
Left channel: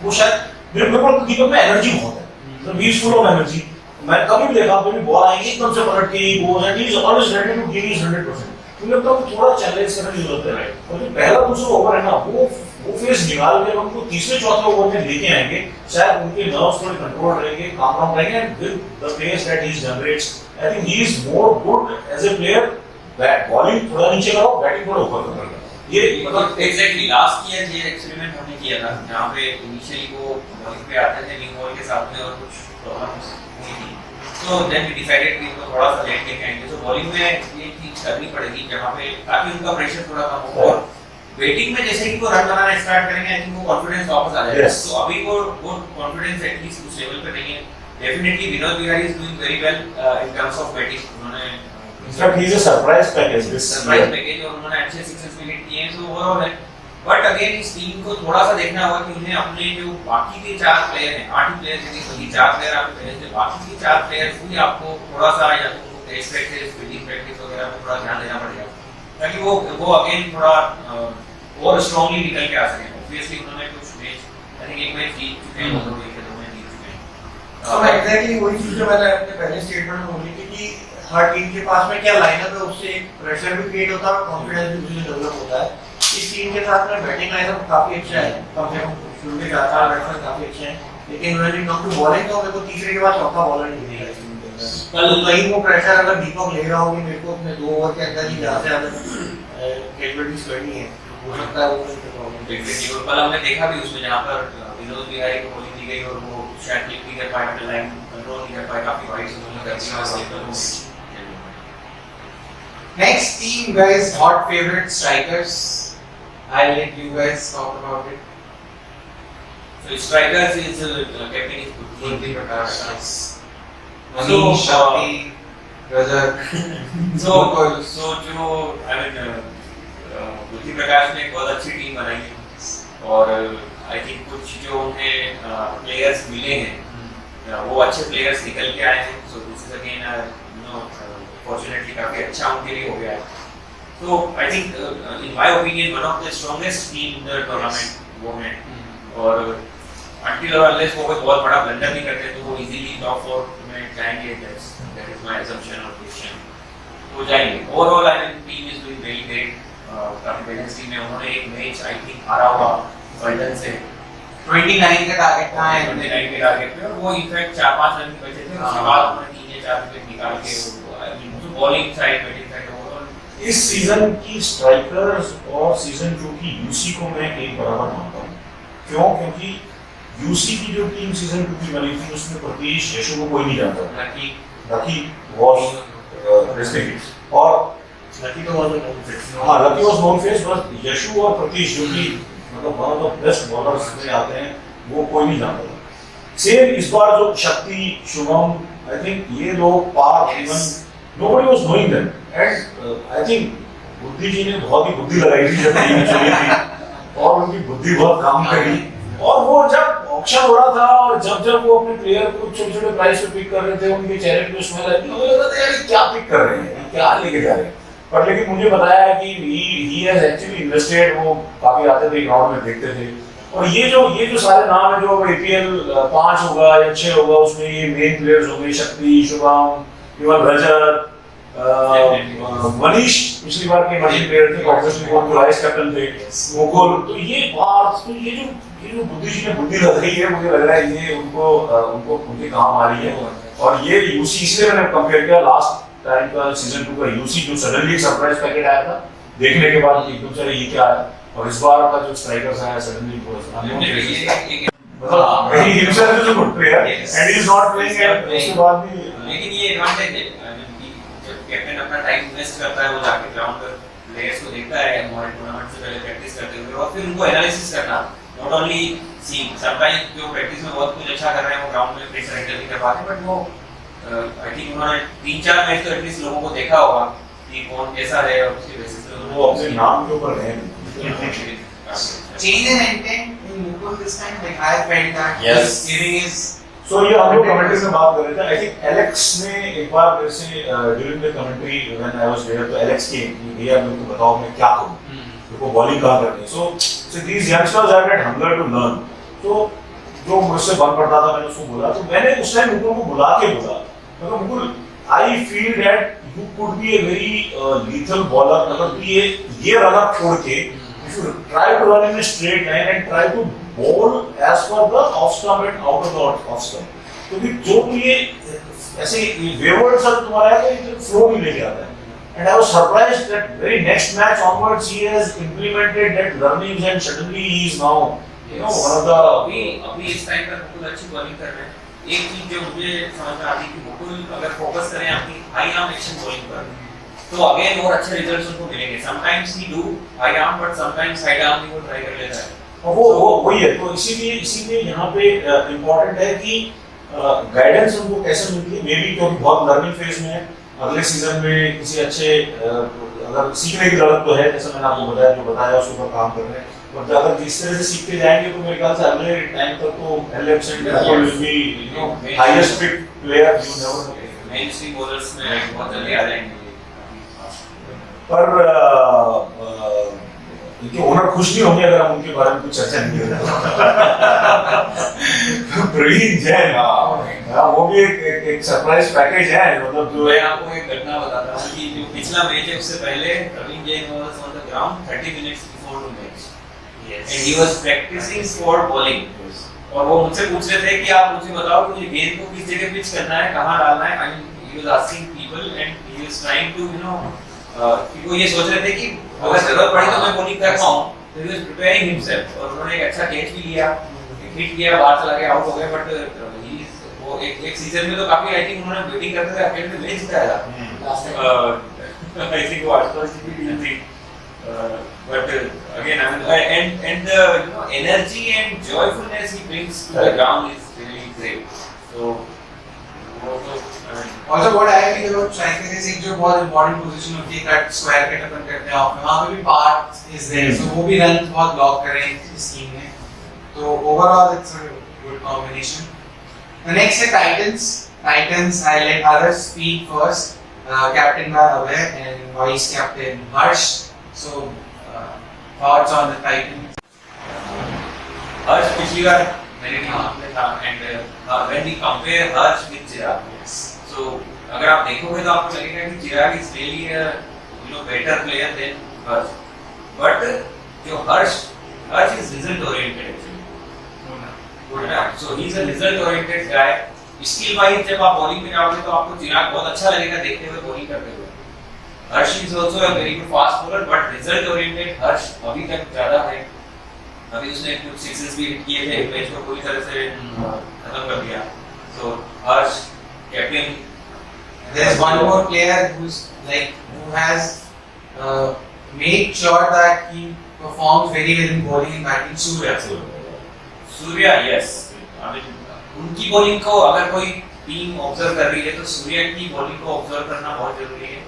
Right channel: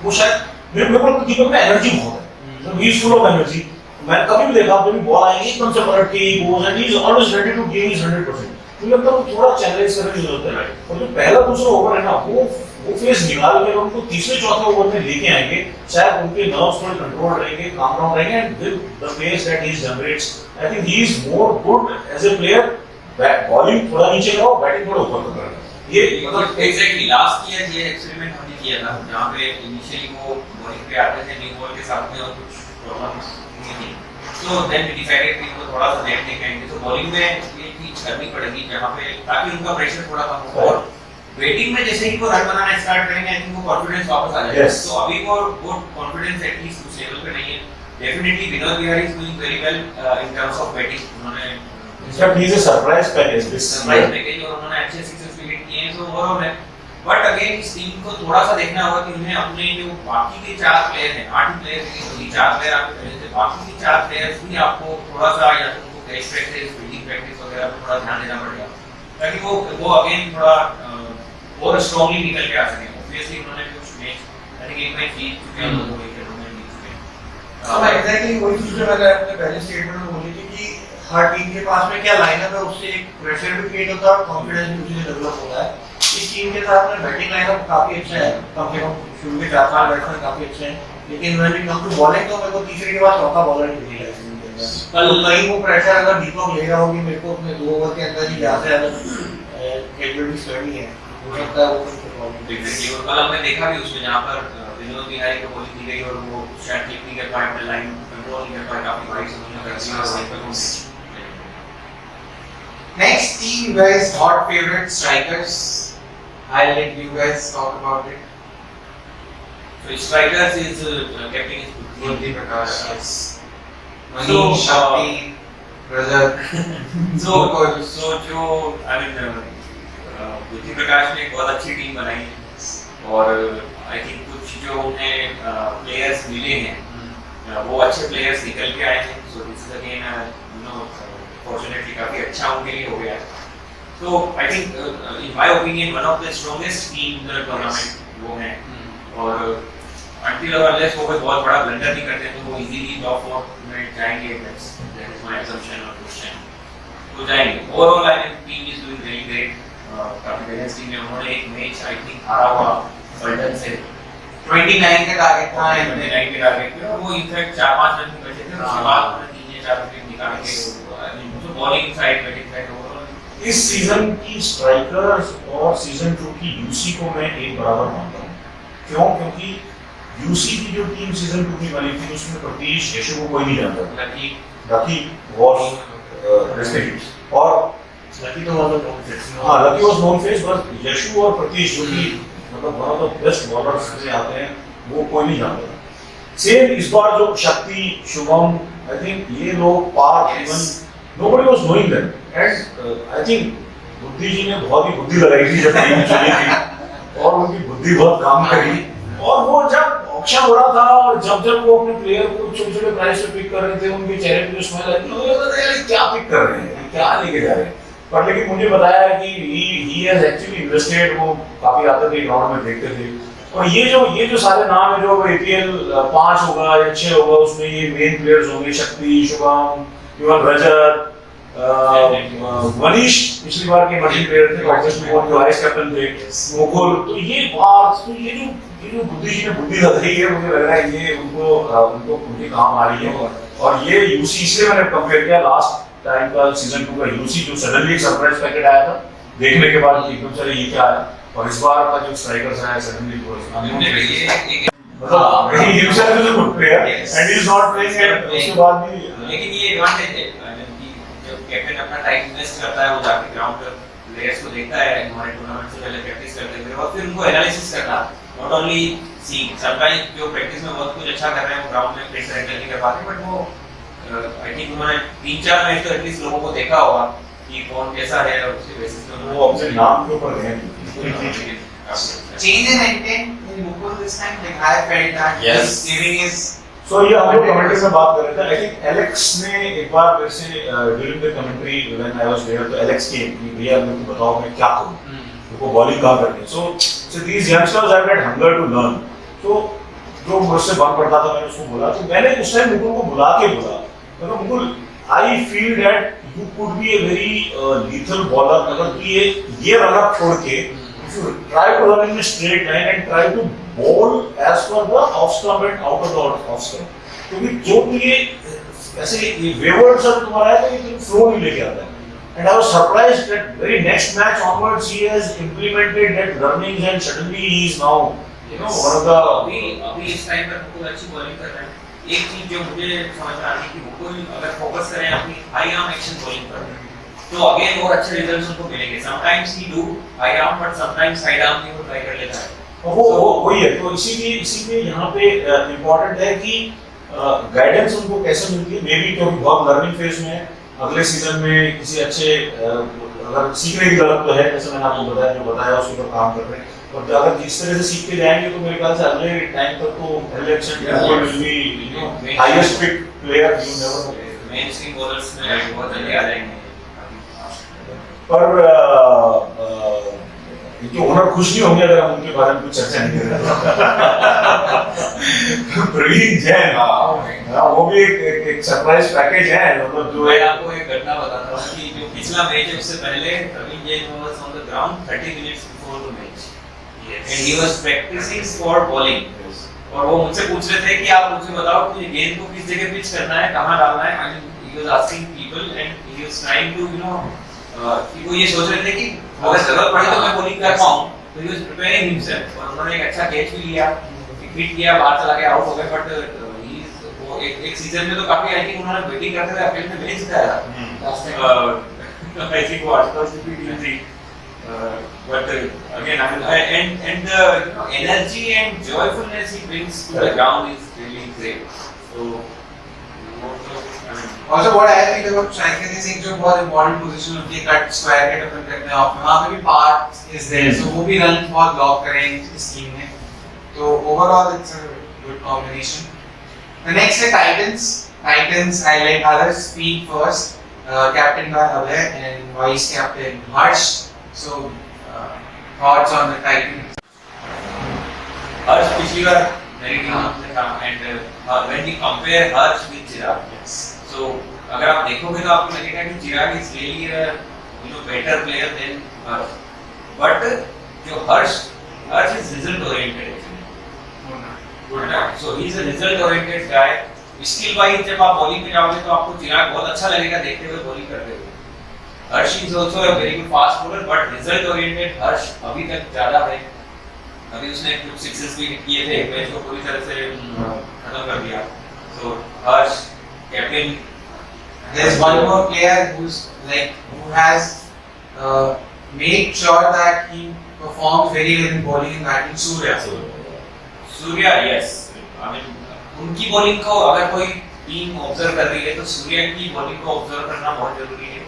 वो शायद मेरे को दीपक में एनर्जी बहुत है, he is full of energy. मैं कभी भी देखा, कभी बॉल आएगी एकदम से पलट के goes and he is always ready to give his 100%। मुझे लगता है वो थोड़ा चैलेंज करने की जरूरत है। और जो पहला दूसरा ओवर है ना, वो फेस निकाल के उनको तीसरे चौथे ओवर में लेके आएंगे, शायद उनके नर्व्स थोड़े कंट्रोल रहेंगे, काम डाउन रहेंगे, and with the pace that he generates, I think he is more good as a player. Bowling थोड़ा नीचे कराओ, बैटिंग थोड़ा ऊपर करो। ये मतलब एग्जैक्टली लास्ट ईयर ये एक्सपेरिमेंट हमने किया था, जहाँ पे इनिशियली वो बॉलिंग पे आते थे न्यू बॉल के साथ में और कुछ प्रॉब्लम्स हुई थी, तो देन वी डिसाइडेड कि उनको थोड़ा सा लेट लेके आएंगे। तो बॉलिंग में ये चीज करनी पड़ेगी जहाँ पे, ताकि उनका प्रेशर थोड़ा कम हो। और बैटिंग में जैसे ही वो रन बनाना स्टार्ट करेंगे, आई थिंक वो कॉन्फिडेंस वापस आ जाएगा। तो अभी वो कॉन्फिडेंस एटलीस्ट उस लेवल पे नहीं है। Definitely Vinod Bihari is doing very well in terms of batting. उन्होंने he is a surprise package, this surprise package, और उन्होंने अच्छे सिक्सेस भी हिट किए हैं, तो ओवरऑल है। बट अगेन इस टीम को थोड़ा सा देखना होगा कि उन्हें अपने जो बाकी के 4 प्लेयर हैं, 8 प्लेयर हैं, 4 प्लेयर आपके पहले से, बाकी के 4 प्लेयर्स भी आपको थोड़ा सा या तो टेस्ट प्रैक्टिस, फील्डिंग प्रैक्टिस वगैरह पे थोड़ा ध्यान देना पड़ेगा, ताकि वो अगेन थोड़ा और स्ट्रांगली निकल के आ सकें। ऑब्वियसली उन्होंने कुछ मैच, आई थिंक एक मैच जीत चुके हैं, 2 विकेट उन्होंने जीत चुके हैं। अब एग्जैक्टली वही चीज जो मैंने अपने पहले स्टेटमेंट में बोली थी कि हर टीम के पास में क्या लाइनअप है, उससे एक प्रेशर भी क्रिएट होता है और कॉन्फिडेंस भी उससे डेवलप होता है। इस टीम के साथ में बैटिंग लाइनअप काफी अच्छा है, कम से कम शुरू के 4 बैट्समैन काफी अच्छे हैं, लेकिन when it come to bowling तो मेरे को तीसरे के बाद चौथा बॉलर नहीं दिखेगा इस टीम के अंदर। कल कहीं वो प्रेशर अगर दीपक ले रहा होगी, मेरे को अपने 2 ओवर के अंदर ही ज्यादा से ज्यादा कैपेबिलिटीज करनी है, हो सकता है वो प्रॉब्लम। एग्जैक्टली, और कल हमने देखा भी उसमें, जहाँ पर विनोद बिहारी को बॉलिंग दी गई और वो शायद क्लिक नहीं कर पाए, अपने लाइन कंट्रोल नहीं कर पाए, काफी वाइड से उन्होंने कर दिया और साइकिल में। Next team, guys, hot favorite strikers. I'll let you guys talk about it. So strikers is captain is Murthy Prakash, yes. So, Manish, Shakti, brother. so जो I mean मृत्यु प्रकाश ने एक बहुत अच्छी टीम बनाई है, और आई थिंक कुछ जो उन्हें प्लेयर्स मिले हैं, वो अच्छे प्लेयर्स निकल के आए हैं। So this is again you know fortunately काफी अच्छा उनके लिए हो गया है। तो I think in my opinion one of the strongest team in the tournament वो है, और until or unless वो कोई बहुत बड़ा ब्लंडर नहीं करते तो वो इजीली टॉप 4 में जाएंगे। दैट इज माय असम्पशन और क्वेश्चन, तो जाएंगे। Overall I think team is doing very great, काफी बैलेंस टीम है। उन्होंने एक मैच आई थिंक हारा हुआ बल्टन से, 29 का टारगेट था, 29 के टारगेट पे, और वो इनफैक्ट 4-5 रन बचे थे, उसके बाद उन्होंने 3 या 4 विकेट निकाल के, आई मीन तो bowling side, batting side, overall इस सीजन की स्ट्राइकर्स और सीजन 2 की यूसी को मैं एक बराबर मानता हूँ। क्यों? क्योंकि यूसी की जो टीम सीजन 2 की बनी थी, उसमें प्रतीश यशु को कोई नहीं जानता। लकी वाज रेस्पेक्टेड, और लकी तो वाज नोन फेस। हाँ, लकी वाज नोन फेस, बस यशु और प्रतीश जो कि मतलब one of the best bowlers में आते हैं, वो कोई नहीं जानता। सेम इस बार जो शक्ति, शुभम, आई थिंक ये लोग पार, even nobody was knowing that, and I think बुद्धि जी ने बहुत ही बुद्धि लगाई थी जब टीम चली थी, और उनकी बुद्धि बहुत काम करी। और वो जब ऑक्शन हो रहा था और जब वो अपने प्लेयर को छोटे-छोटे प्राइस पे पिक कर रहे थे, उनके चेहरे पे स्माइल आई, मुझे लगा था यार क्या पिक कर रहे हैं, क्या लेके जा रहे हैं। पर लेकिन मुझे बताया है कि ही हैज एक्चुअली इन्वेस्टेड, वो काफी आते थे ग्राउंड में देखते थे। और ये जो सारे नाम है जो APL 5 होगा या 6 होगा, उसमें ये मेन प्लेयर्स होंगे, शक्ति, शुभम, युवन रजत, मनीष पिछली बार के मनीष प्लेयर थे, ऑब्वियसली वो जो वाइस कैप्टन थे, मुकुल। तो ये बात, तो ये जो बुद्धि जी ने बुद्धि लग रही है, मुझे लग रहा है ये उनको उनके काम आ रही है। और ये यूसी, इसलिए मैंने कंपेयर किया लास्ट टाइम का सीजन 2 का यूसी, जो सडनली एक सरप्राइज पैकेट आया था देखने के बाद एकदम चले ये क्या आया, और इस बार का जो स्ट्राइकर्स आया सडनली वो मतलब he himself is a good player and he is not playing, and उसके बाद भी लेकिन ये एडवांटेज है कि जब कैप्टन अपना टाइम इन्वेस्ट करता है, वो जाके ग्राउंड पर प्लेयर्स को देखता है हमारे टूर्नामेंट से पहले प्रैक्टिस करते हुए, और फिर उनको एनालिसिस करना, नॉट ओनली सीइंग। समटाइम्स जो प्रैक्टिस में बहुत कुछ अच्छा कर रहे हैं वो ग्राउंड में फिट से नहीं कर पाते, बट वो आई थिंक उन्होंने 3-4 मैच तो एटलीस्ट लोगों को देखा होगा कि कौन कैसा है, और उसके बेसिस पे वो अपने नाम के ऊपर रहे। Change in intent in Mukul this time, like I felt that Yes. he's giving his. सो ये हम लोग कमेंट्री में बात कर रहे थे। आई थिंक एलेक्स ने एक बार मेरे से during the commentary when I was there, तो एलेक्स केम कि भैया मेरे को बताओ मैं क्या करूं, मेरे को बॉलिंग कहां करनी है। So these youngsters have that hunger to learn. तो जो मुझसे बन पड़ता था मैंने उसको बोला, तो मैंने उस टाइम मुकुल को बुला के बोला, मैं Mukul I feel that you could be a very lethal bowler, अगर तू ये रन अप छोड़ के try to run in a straight line and try to bowl as per the off stump and out of the off stump, क्योंकि जो भी ये ऐसे wayward सा तुम्हारा है तो ये flow नहीं लेके आता है। And I was surprised that very next match onwards he has implemented that runnings and suddenly he is now one of the अभी इस टाइम पर मुकुल अच्छी बॉलिंग कर रहे हैं। एक चीज जो मुझे समझ में आती है कि मुकुल अगर फोकस करें अपनी हाई आर्म एक्शन बॉलिंग पर, तो अगेन और अच्छे रिजल्ट्स उनको मिलेंगे। Sometimes he do high arm, but sometimes side arm भी वो ट्राई कर लेता है। वो वही है। तो इसीलिए यहाँ पे इम्पोर्टेंट है कि गाइडेंस उनको कैसे मिलती है, मे बी क्योंकि बहुत लर्निंग फेज में है। अगले सीजन में किसी अच्छे अगर सीखने की जरूरत तो है, जैसे मैंने आपको बताया उसके ऊपर काम कर रहे हैं, और अगर जिस तरह से सीखते जाएंगे तो मेरे ख्याल से अगले टाइम तक तो Alex and Mukul will be highest pick player, you never know. Mainstream bowlers में बहुत जल्दी आ जाएंगे। पर इनके ओनर खुश नहीं होंगे अगर हम उनके बारे में कुछ चर्चा नहीं करें। प्रवीण जैन, वो भी एक सरप्राइज पैकेज है, मतलब जो मैं आपको एक घटना बताता हूँ कि जो पिछला मैच है उससे पहले Praveen Jain was on the ground 30 minutes before the match and he was practising for bowling, और वो मुझसे पूछ रहे थे कि आप मुझे बताओ कि ये गेंद को किस जगह पिच करना है, कहाँ डालना है। I mean he was asking people and he was trying to वो ये सोच रहे थे कि अगर जरूरत पड़ी तो मैं बॉलिंग कर पाऊं, तो ही वाज प्रिपेयरिंग हिमसेल्फ। और उन्होंने एक अच्छा कैच भी लिया, हिट किया, बाहर चला गया, आउट हो गए। बट वो एक सीजन में तो काफी आई थिंक उन्होंने बैटिंग करते हुए अकेले में मैच जिताया था। आई थिंक वो आसपास की टीम थी। But again, I mean, and the energy and joyfulness he brings to the ground is really great. So, Also what I feel about striker is एक जो बहुत important position होती है, कट स्क्वायर कट अपन करते हैं of में, वहाँ पे भी पार्ट is there, so वो भी रन बहुत ब्लॉक करें इस टीम में। तो overall it's a good combination. The next is Titans. Titans, I let others speak first. Captain by Abhay and vice captain Harsh. So thoughts on the Titans? Harsh पिछली बार मेरी team में था, and when we compare Harsh with Chirag, so अगर आप देखोगे तो आपको लगेगा कि चिराग is really a better player than Harsh, but जो Harsh is result oriented actually, so he is a result oriented guy. Skill wise जब आप बॉलिंग में जाओगे तो आपको चिराग बहुत अच्छा लगेगा देखते हुए बॉलिंग करते हुए। Harsh is also a very good fast bowler, but result oriented Harsh अभी तक ज्यादा है। अभी उसने कुछ सिक्सेस भी हिट किए थे, मैच को पूरी तरह से खत्म कर दिया। सो हर्ष captain. There's one more player who has made sure that he performs very well in bowling and batting. Surya, yes. I mean, उनकी बॉलिंग को अगर कोई टीम ऑब्जर्व कर रही है तो सूर्या की बॉलिंग को ऑब्जर्व करना बहुत जरूरी है।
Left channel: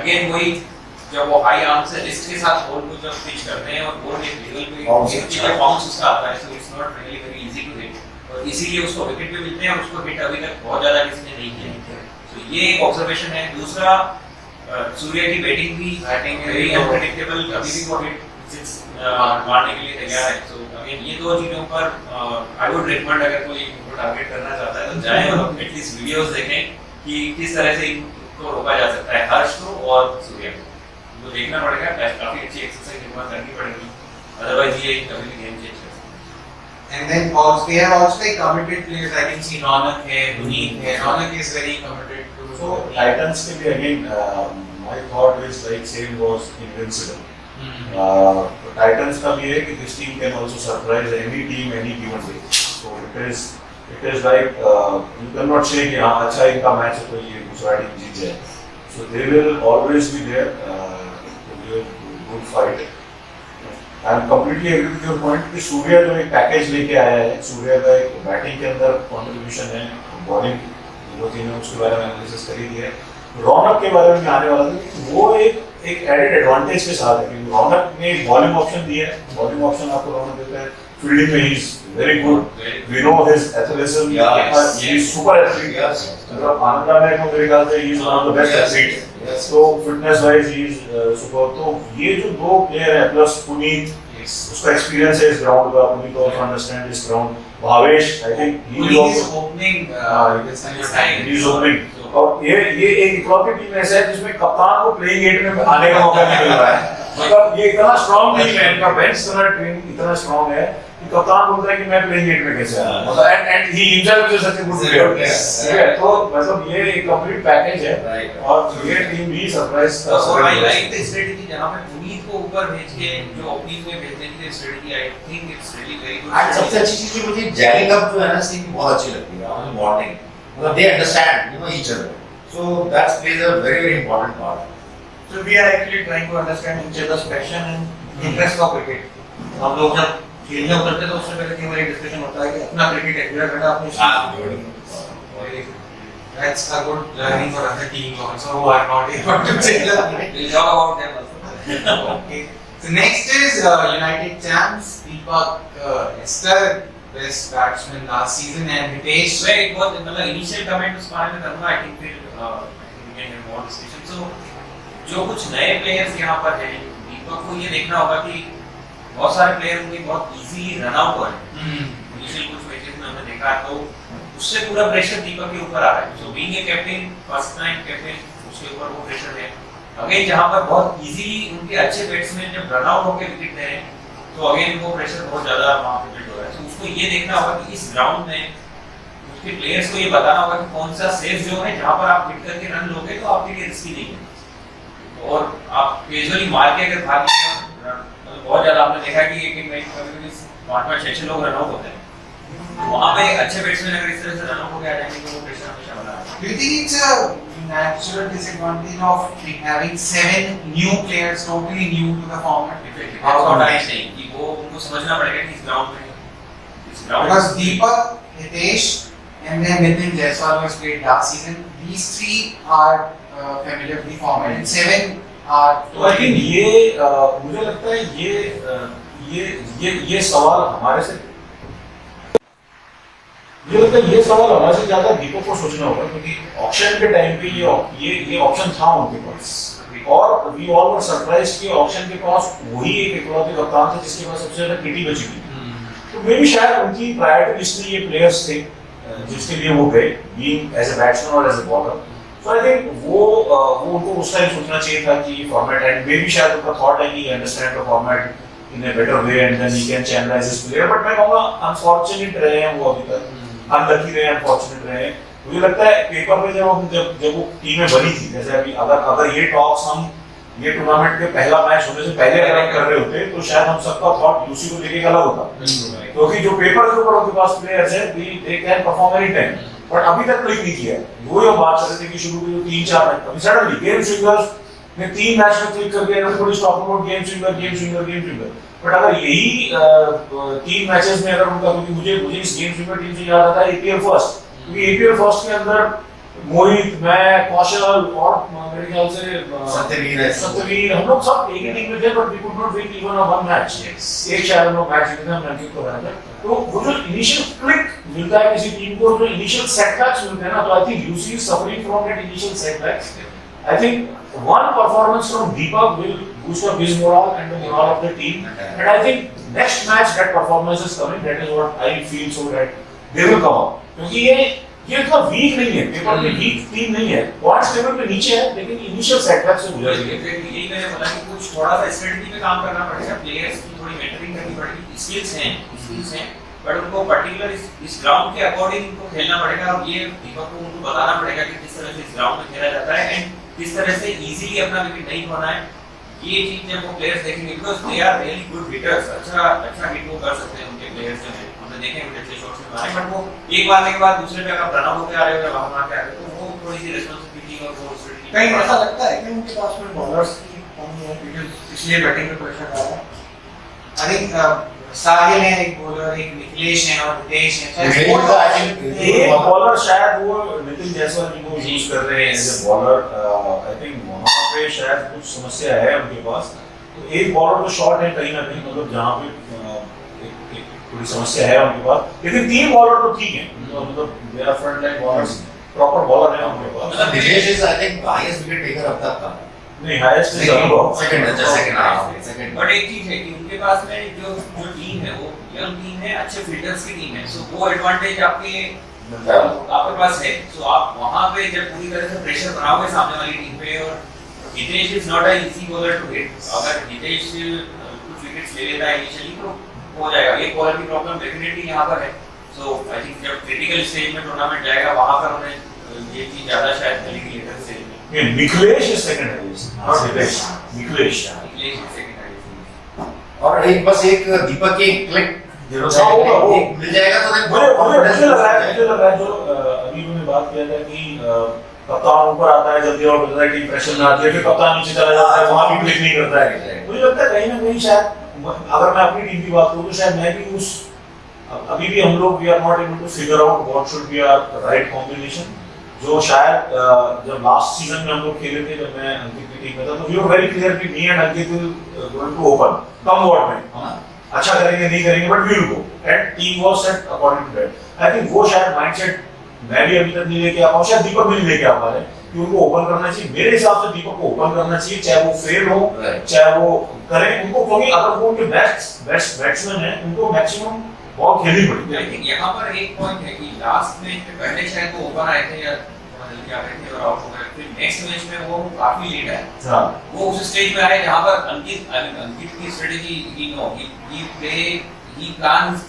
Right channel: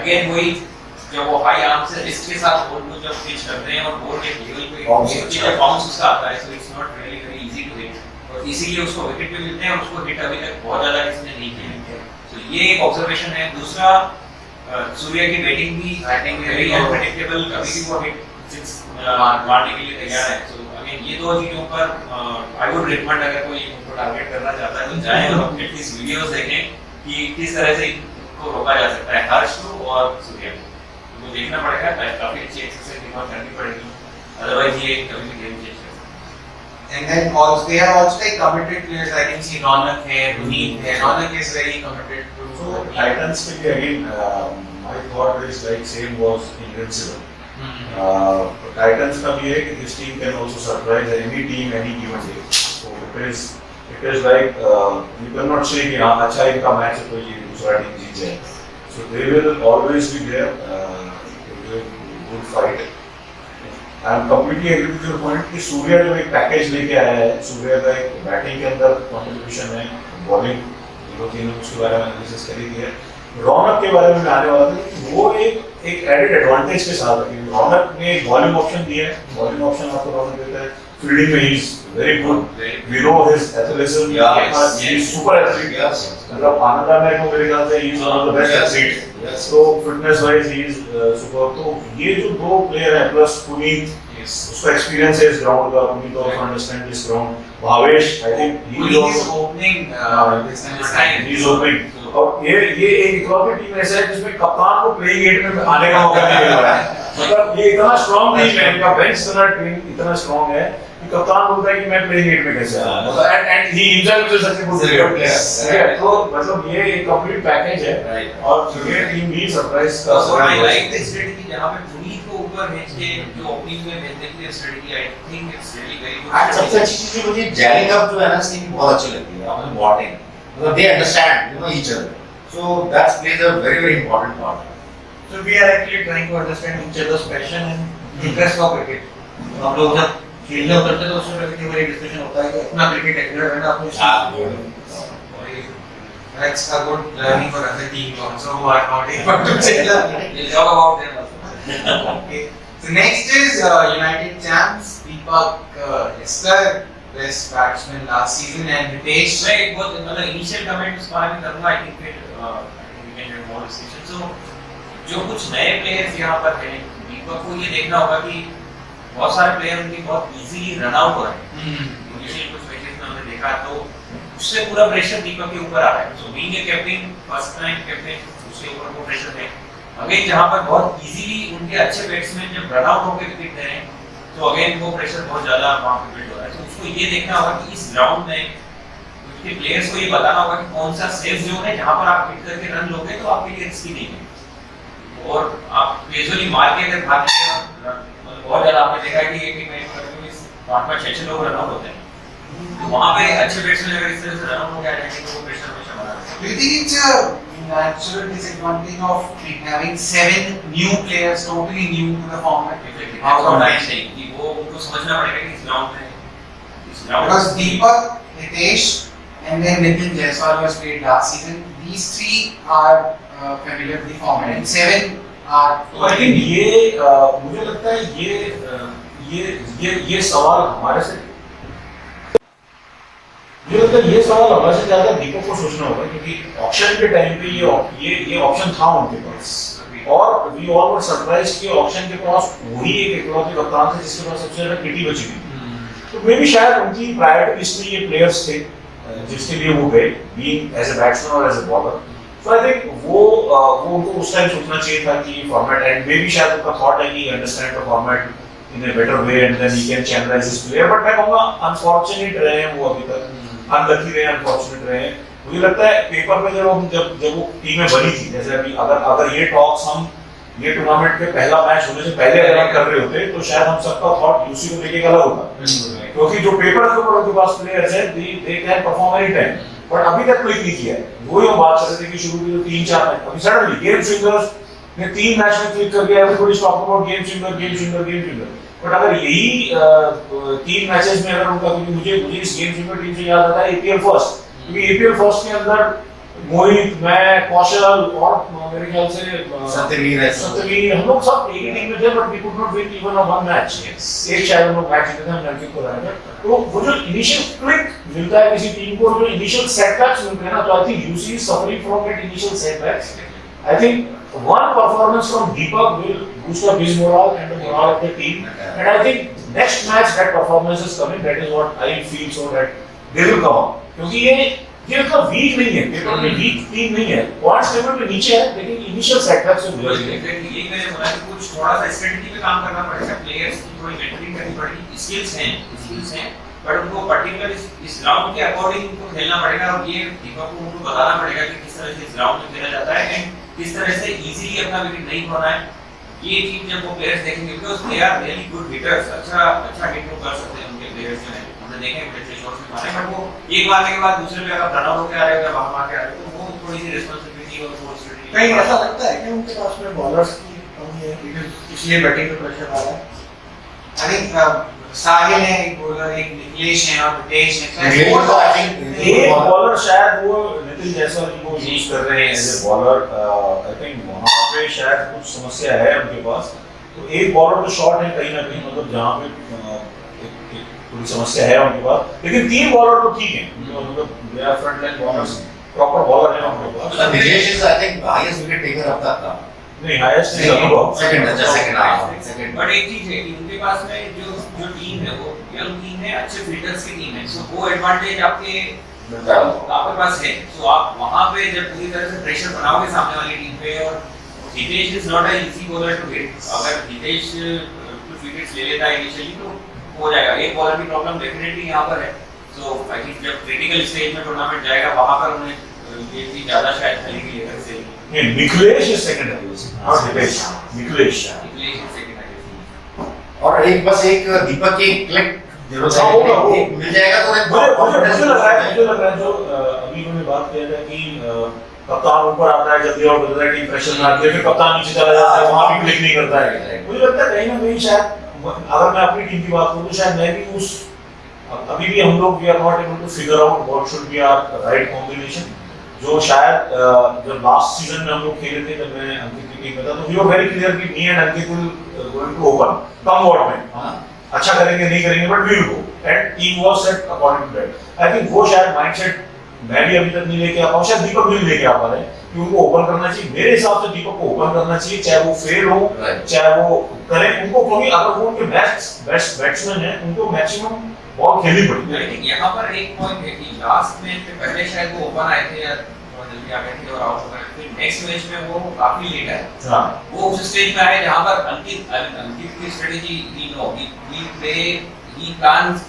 अगेन वही जब वो हाई आर्म से रिस्क के साथ बॉल को जब पिच करते हैं और बॉल एक लेवल पे बाउंस उसका आता है, so it's not really very easy to hit, और इसीलिए उसको विकेट पे मिलते हैं और उसको हिट अभी तक बहुत ज्यादा किसी ने नहीं किया। तो ये एक ऑब्जर्वेशन है। दूसरा सूर्या की बैटिंग भी Batting भी वेरी वो- अनप्रेडिक्टेबल, कभी भी वो हिट सिक्स मारने के लिए तैयार है। सो अगेन ये दो चीजों पर आई वुड रिकमेंड, अगर कोई इनको टारगेट करना चाहता है तो जाएं और एटलीस्ट वीडियोस देखें कि किस तरह से इनको रोका जा सकता है, हर्ष को और सूर्या को। वो देखना पड़ेगा, काफी अच्छी एक्सरसाइज इनको करनी पड़ेगी, अदरवाइज ये कभी भी गेम चेंज कर सकते हैं। And then also they are also like committed players. I can see Ronak here, Puneet here. Ronak is very committed to. So Titans के लिए again, my thought is like same was invincible. Titans का भी है कि this team can also surprise any team any given day. So it is like you cannot say कि हाँ अच्छा इनका मैच है तो ये दूसरा टीम जीत जाए. So they will always be there. Good fight. I am completely agree with your point कि सूर्या जो एक पैकेज लेके आया है, सूर्या का एक बैटिंग के अंदर कंट्रीब्यूशन है, बॉलिंग दो तीनों उसके बारे में एनालिसिस करी दी है। रौनक के बारे में मैं आने वाला था कि वो एक एडेड एडवांटेज के साथ है कि रौनक ने एक बॉलिंग ऑप्शन दिया है, बॉलिंग ऑप्शन आपको रौनक देता है, फील्डिंग में he is very good, we know his athleticism, he is super athlete, मतलब आनंदा में को मेरे ख्याल से he is one of the best athlete, तो fitness wise he is super. तो ये जो दो प्लेयर हैं प्लस पुनीत, उसका एक्सपीरियंस है इस ग्राउंड का, Puneet also understand this ground, Bhavesh I think he is also opening this time. He is opening, और ये एक इकलौती टीम ऐसा है जिसमें कप्तान को प्लेइंग एट में आने का मौका नहीं मिल रहा है, मतलब ये इतना स्ट्रांग टीम है, इनका बेंच इतना टीम इतना स्ट्रांग है कि कप्तान बोलता है कि मैं प्लेइंग एट में कैसे आऊं, मतलब and he himself is such a good player, ठीक है, तो मतलब ये एक कंप्लीट पैकेज है, और ये टीम भी सरप्राइज कर So I सकती like है। the strategy जहाँ पे पुनीत को ऊपर भेज के जो ओपनिंग में भेजने की strategy, I think it's really very good. And सबसे अच्छी चीज ये मुझे जैलिंग अप जो है ना सीन बहुत अच्छी लगती है, ऑन बॉटिंग, मतलब they understand you know each other, so that's plays a very very important part. So we are actually trying to understand each other's passion and interest of cricket. हम लोग जब खेलने उतरते तो उससे पहले कई बार डिस्कशन होता है कि अपना क्रिकेट एक्सपीरियंस है ना अपने That's a good learning for other teams also who are not able to tell us. We'll talk about them also. Okay. So next is United champs Deepak. It's the best batsman last season, and Hitesh. मैं एक बहुत मतलब initial comment उस बारे में करूँगा, I think फिर we can have more discussion. So जो कुछ नए प्लेयर्स यहाँ पर हैं, दीपक को ये देखना होगा कि बहुत सारे प्लेयर उनके बहुत इजी रन आउट हो रहे हैं। इनिशियल कुछ मैचेस में हमने देखा, तो उससे पूरा प्रेशर दीपक के ऊपर आ रहा है। So being a captain, first time captain, उसके ऊपर वो प्रेशर है। अगेन जहाँ पर बहुत इजीली उनके अच्छे बैट्समैन जब रन आउट होकर विकेट दे रहे हैं, तो अगेन वो प्रेशर बहुत ज्यादा वहाँ पे बिल्ड हो रहा है। तो उसको ये देखना होगा कि इस ग्राउंड में उसके प्लेयर्स को ये बताना होगा कि कौन सा सेफ जोन है जहाँ पर आप हिट करके रन लोगे तो आपके लिए रिस्की नहीं है, और आप कैजुअली मार के अगर भाग गए, मतलब बहुत ज्यादा आपने देखा कि एक मैच में 5-5, 6-6 लोग रन आउट होते हैं, तो वहाँ पे अच्छे बैट्समैन अगर इस तरह से रन आउट हो गया जाएंगे तो वो प्रेशर हमेशा बना रहेगा। Do you think it's a natural disadvantage of having 7 new players totally new to the format? That's what I'm saying कि वो उनको समझना पड़ेगा कि इस ग्राउंड में Because Deepak, Hitesh, and then Nitin Jaiswal was played last season. These 3 are familiar with the format, and 7 are. तो I think ये मुझे लगता है ये सवाल हमारे से, मुझे लगता है ये सवाल हमारे से ज्यादा दीपक को सोचना होगा, क्योंकि ऑक्शन के टाइम पे ये ऑप्शन था उनके पास, और वी ऑल वर सरप्राइज्ड कि ऑक्शन के पास वही एक इकलौते कप्तान था जिसके पास सबसे ज्यादा किटी बची थी। तो मे भी शायद उनकी प्रायोरिटी लिस्ट में ये प्लेयर्स थे जिसके लिए वो गए, बीइंग एज अ बैट्समैन और as a bowler. So I think वो उनको उस टाइम सोचना चाहिए था कि फॉर्मेट, एंड मे बी शायद उनका थॉट है कि understand the format in a better way and then he can channelise his player, but मैं कहूंगा अनफॉर्चुनेट रहे हैं वो अभी तक, अनलकी रहे हैं, अनफॉर्चुनेट रहे हैं। मुझे लगता है पेपर पे जब वो टीमें बनी थी, जैसे अभी अगर ये टॉक्स हम ये टूर्नामेंट के पहला मैच होने से पहले अगर हम कर रहे होते तो शायद हम सबका थॉट यूसी को लेके अलग होता, क्योंकि जो पेपर के ऊपर उनके पास प्लेयर्स हैं they can perform any time, but अभी तक क्लिक नहीं किया है। वो हम बात कर रहे थे कि शुरू के 3-4 मैच, अभी सडनली गेम स्विंगर्स ने 3 मैच में क्लिक कर दिया, everybody is talking about game swinger, but अगर यही 3 मैचेस में अगर उनका, क्योंकि मुझे इस गेम स्विंगर टीम से याद आता है एपीएल फर्स्ट, क्योंकि एपीएल फर्स्ट के अंदर मोहित, मैं, कौशल और मेरे ख्याल से सत्यवीर, हम लोग सब एक ही टीम में थे, but we could not win even one match. एक शायद हम लोग मैच जीते थे, हमने अंकित को हराया था। तो वो जो इनिशियल क्लिक मिलता है किसी टीम को, जो इनिशियल सेटबैक्स मिलते हैं ना, तो I think UC is suffering from that initial setbacks, I think one performance from Deepak will boost up his morale and the morale of the team. And I think next match that performance is coming. That is what I feel, so that they will come up. क्योंकि ये इतना week नहीं है, paper में week team नहीं है, points table पे नीचे है, लेकिन इनिशियल सेटबैक से गुजर गए। यही मैंने बोला कि कुछ थोड़ा सा स्ट्रेटजी पे काम करना पड़ेगा, प्लेयर्स की थोड़ी मेंटरिंग करनी पड़ेगी, स्किल्स हैं, बट उनको पर्टिकुलर इस ग्राउंड के अकॉर्डिंग उनको खेलना पड़ेगा। अब ये दीपक को उनको बताना पड़ेगा कि किस तरह से इस ग्राउंड में खेला जाता है एंड किस तरह से इजीली अपना विकेट नहीं खोना है। ये चीज जब वो प्लेयर्स देखेंगे, because they are really good hitters, अच्छा हिट वो कर सकते हैं उनके प्लेयर्स हैं, हमने देखे हैं अच्छे शॉट्स में मारे, बट वो एक मारने के बाद दूसरे पे अगर रन आउट होके आ रहे हो या वहां मार के आ रहे हो तो वो थोड़ी सी रिस्पांसिबिलिटी और रिस्पांसिबिलिटी कहीं ऐसा लगता है कि उनके पास में बॉलर्स की कमी है, because इसलिए बैटिंग पे प्रेशर आ रहा है। I think साहिल है एक बॉलर, एक निखिलेश है और हितेश है। निखिलेश को I think एक बॉलर शायद वो नितिन जायसवाल को यूज कर रहे हैं as a bowler. I think वहां पे शायद कुछ समस्या है उनके पास, तो एक बॉलर तो शॉर्ट है कहीं ना कहीं, मतलब जहां पे एक थोड़ी समस्या है उनके पास, लेकिन तीन बॉलर तो ठीक है, मतलब they are front line bowlers, proper bowler है उनके पास। मतलब Nilesh is I think highest wicket taker अब तक का, नहीं highest is Anubhav, second. But एक चीज है कि उनके पास में जो टीम है वो यंग टीम है, अच्छे फील्डर्स की टीम है, सो वो एडवांटेज आपके पास है। सो आप वहां पे जब पूरी तरह से प्रेशर बनाओगे सामने वाली टीम पे, और Hitesh is not a easy bowler to hit, अगर हितेश कुछ विकेट्स ले लेता है इनिशियली तो हो जाएगा। एक बॉलर की प्रॉब्लम डेफिनेटली यहाँ पर है। सो आई थिंक जब क्रिटिकल स्टेज में टूर्नामेंट जाएगा वहां पर उन्हें ये चीज ज्यादा शायद खेलेंगे लेटर से। ये Nikhilesh is second highest, not Hitesh, Nikhilesh English second है। और एक बस एक दीपक की क्लिक जरूर हाँ, होगा, वो। मिल जाएगा तो मुझे लग रहा है जो अभी उन्होंने बात किया था कि कप्तान ऊपर आता है जल्दी और बदलता है, टीम प्रेशर में आती है, फिर कप्तान नीचे चला जाता है, वहां भी क्लिक नहीं करता है। मुझे लगता है कहीं ना कहीं शायद, अगर मैं अपनी टीम की बात करूं तो शायद मैं भी उस, अभी भी हम लोग we are not able to figure out what should be our right combination, जो शायद जब लास्ट सीजन में हम लोग खेले थे, जब मैं अंकित की टीम में था, तो वी वर वेरी क्लियर कि me and Ankit will going to open come what may, अच्छा करेंगे नहीं करेंगे but we will go, and team was set according to that. I think वो शायद माइंडसेट मैं भी अभी तक नहीं लेके आ पाऊं, शायद दीपक भी नहीं लेके आ पा रहे कि उनको ओपन करना चाहिए। मेरे हिसाब से दीपक को ओपन करना चाहिए, चाहे वो फेल हो, चाहे वो करें उनको, क्योंकि अगर वो उनके बेस्ट बैट्समैन है, उनको मैक्सिमम बॉल खेलनी पड़ेगी। आई थिंक यहाँ पर एक पॉइंट है कि लास्ट मैच में पहले शायद वो ओपन आए थे या थोड़ा जल्दी आ गए थे और आउट हो गए, फिर नेक्स्ट मैच में वो काफी लेट आए। हां, वो उस स्टेज में आए जहाँ पर अंकित की strategy he plans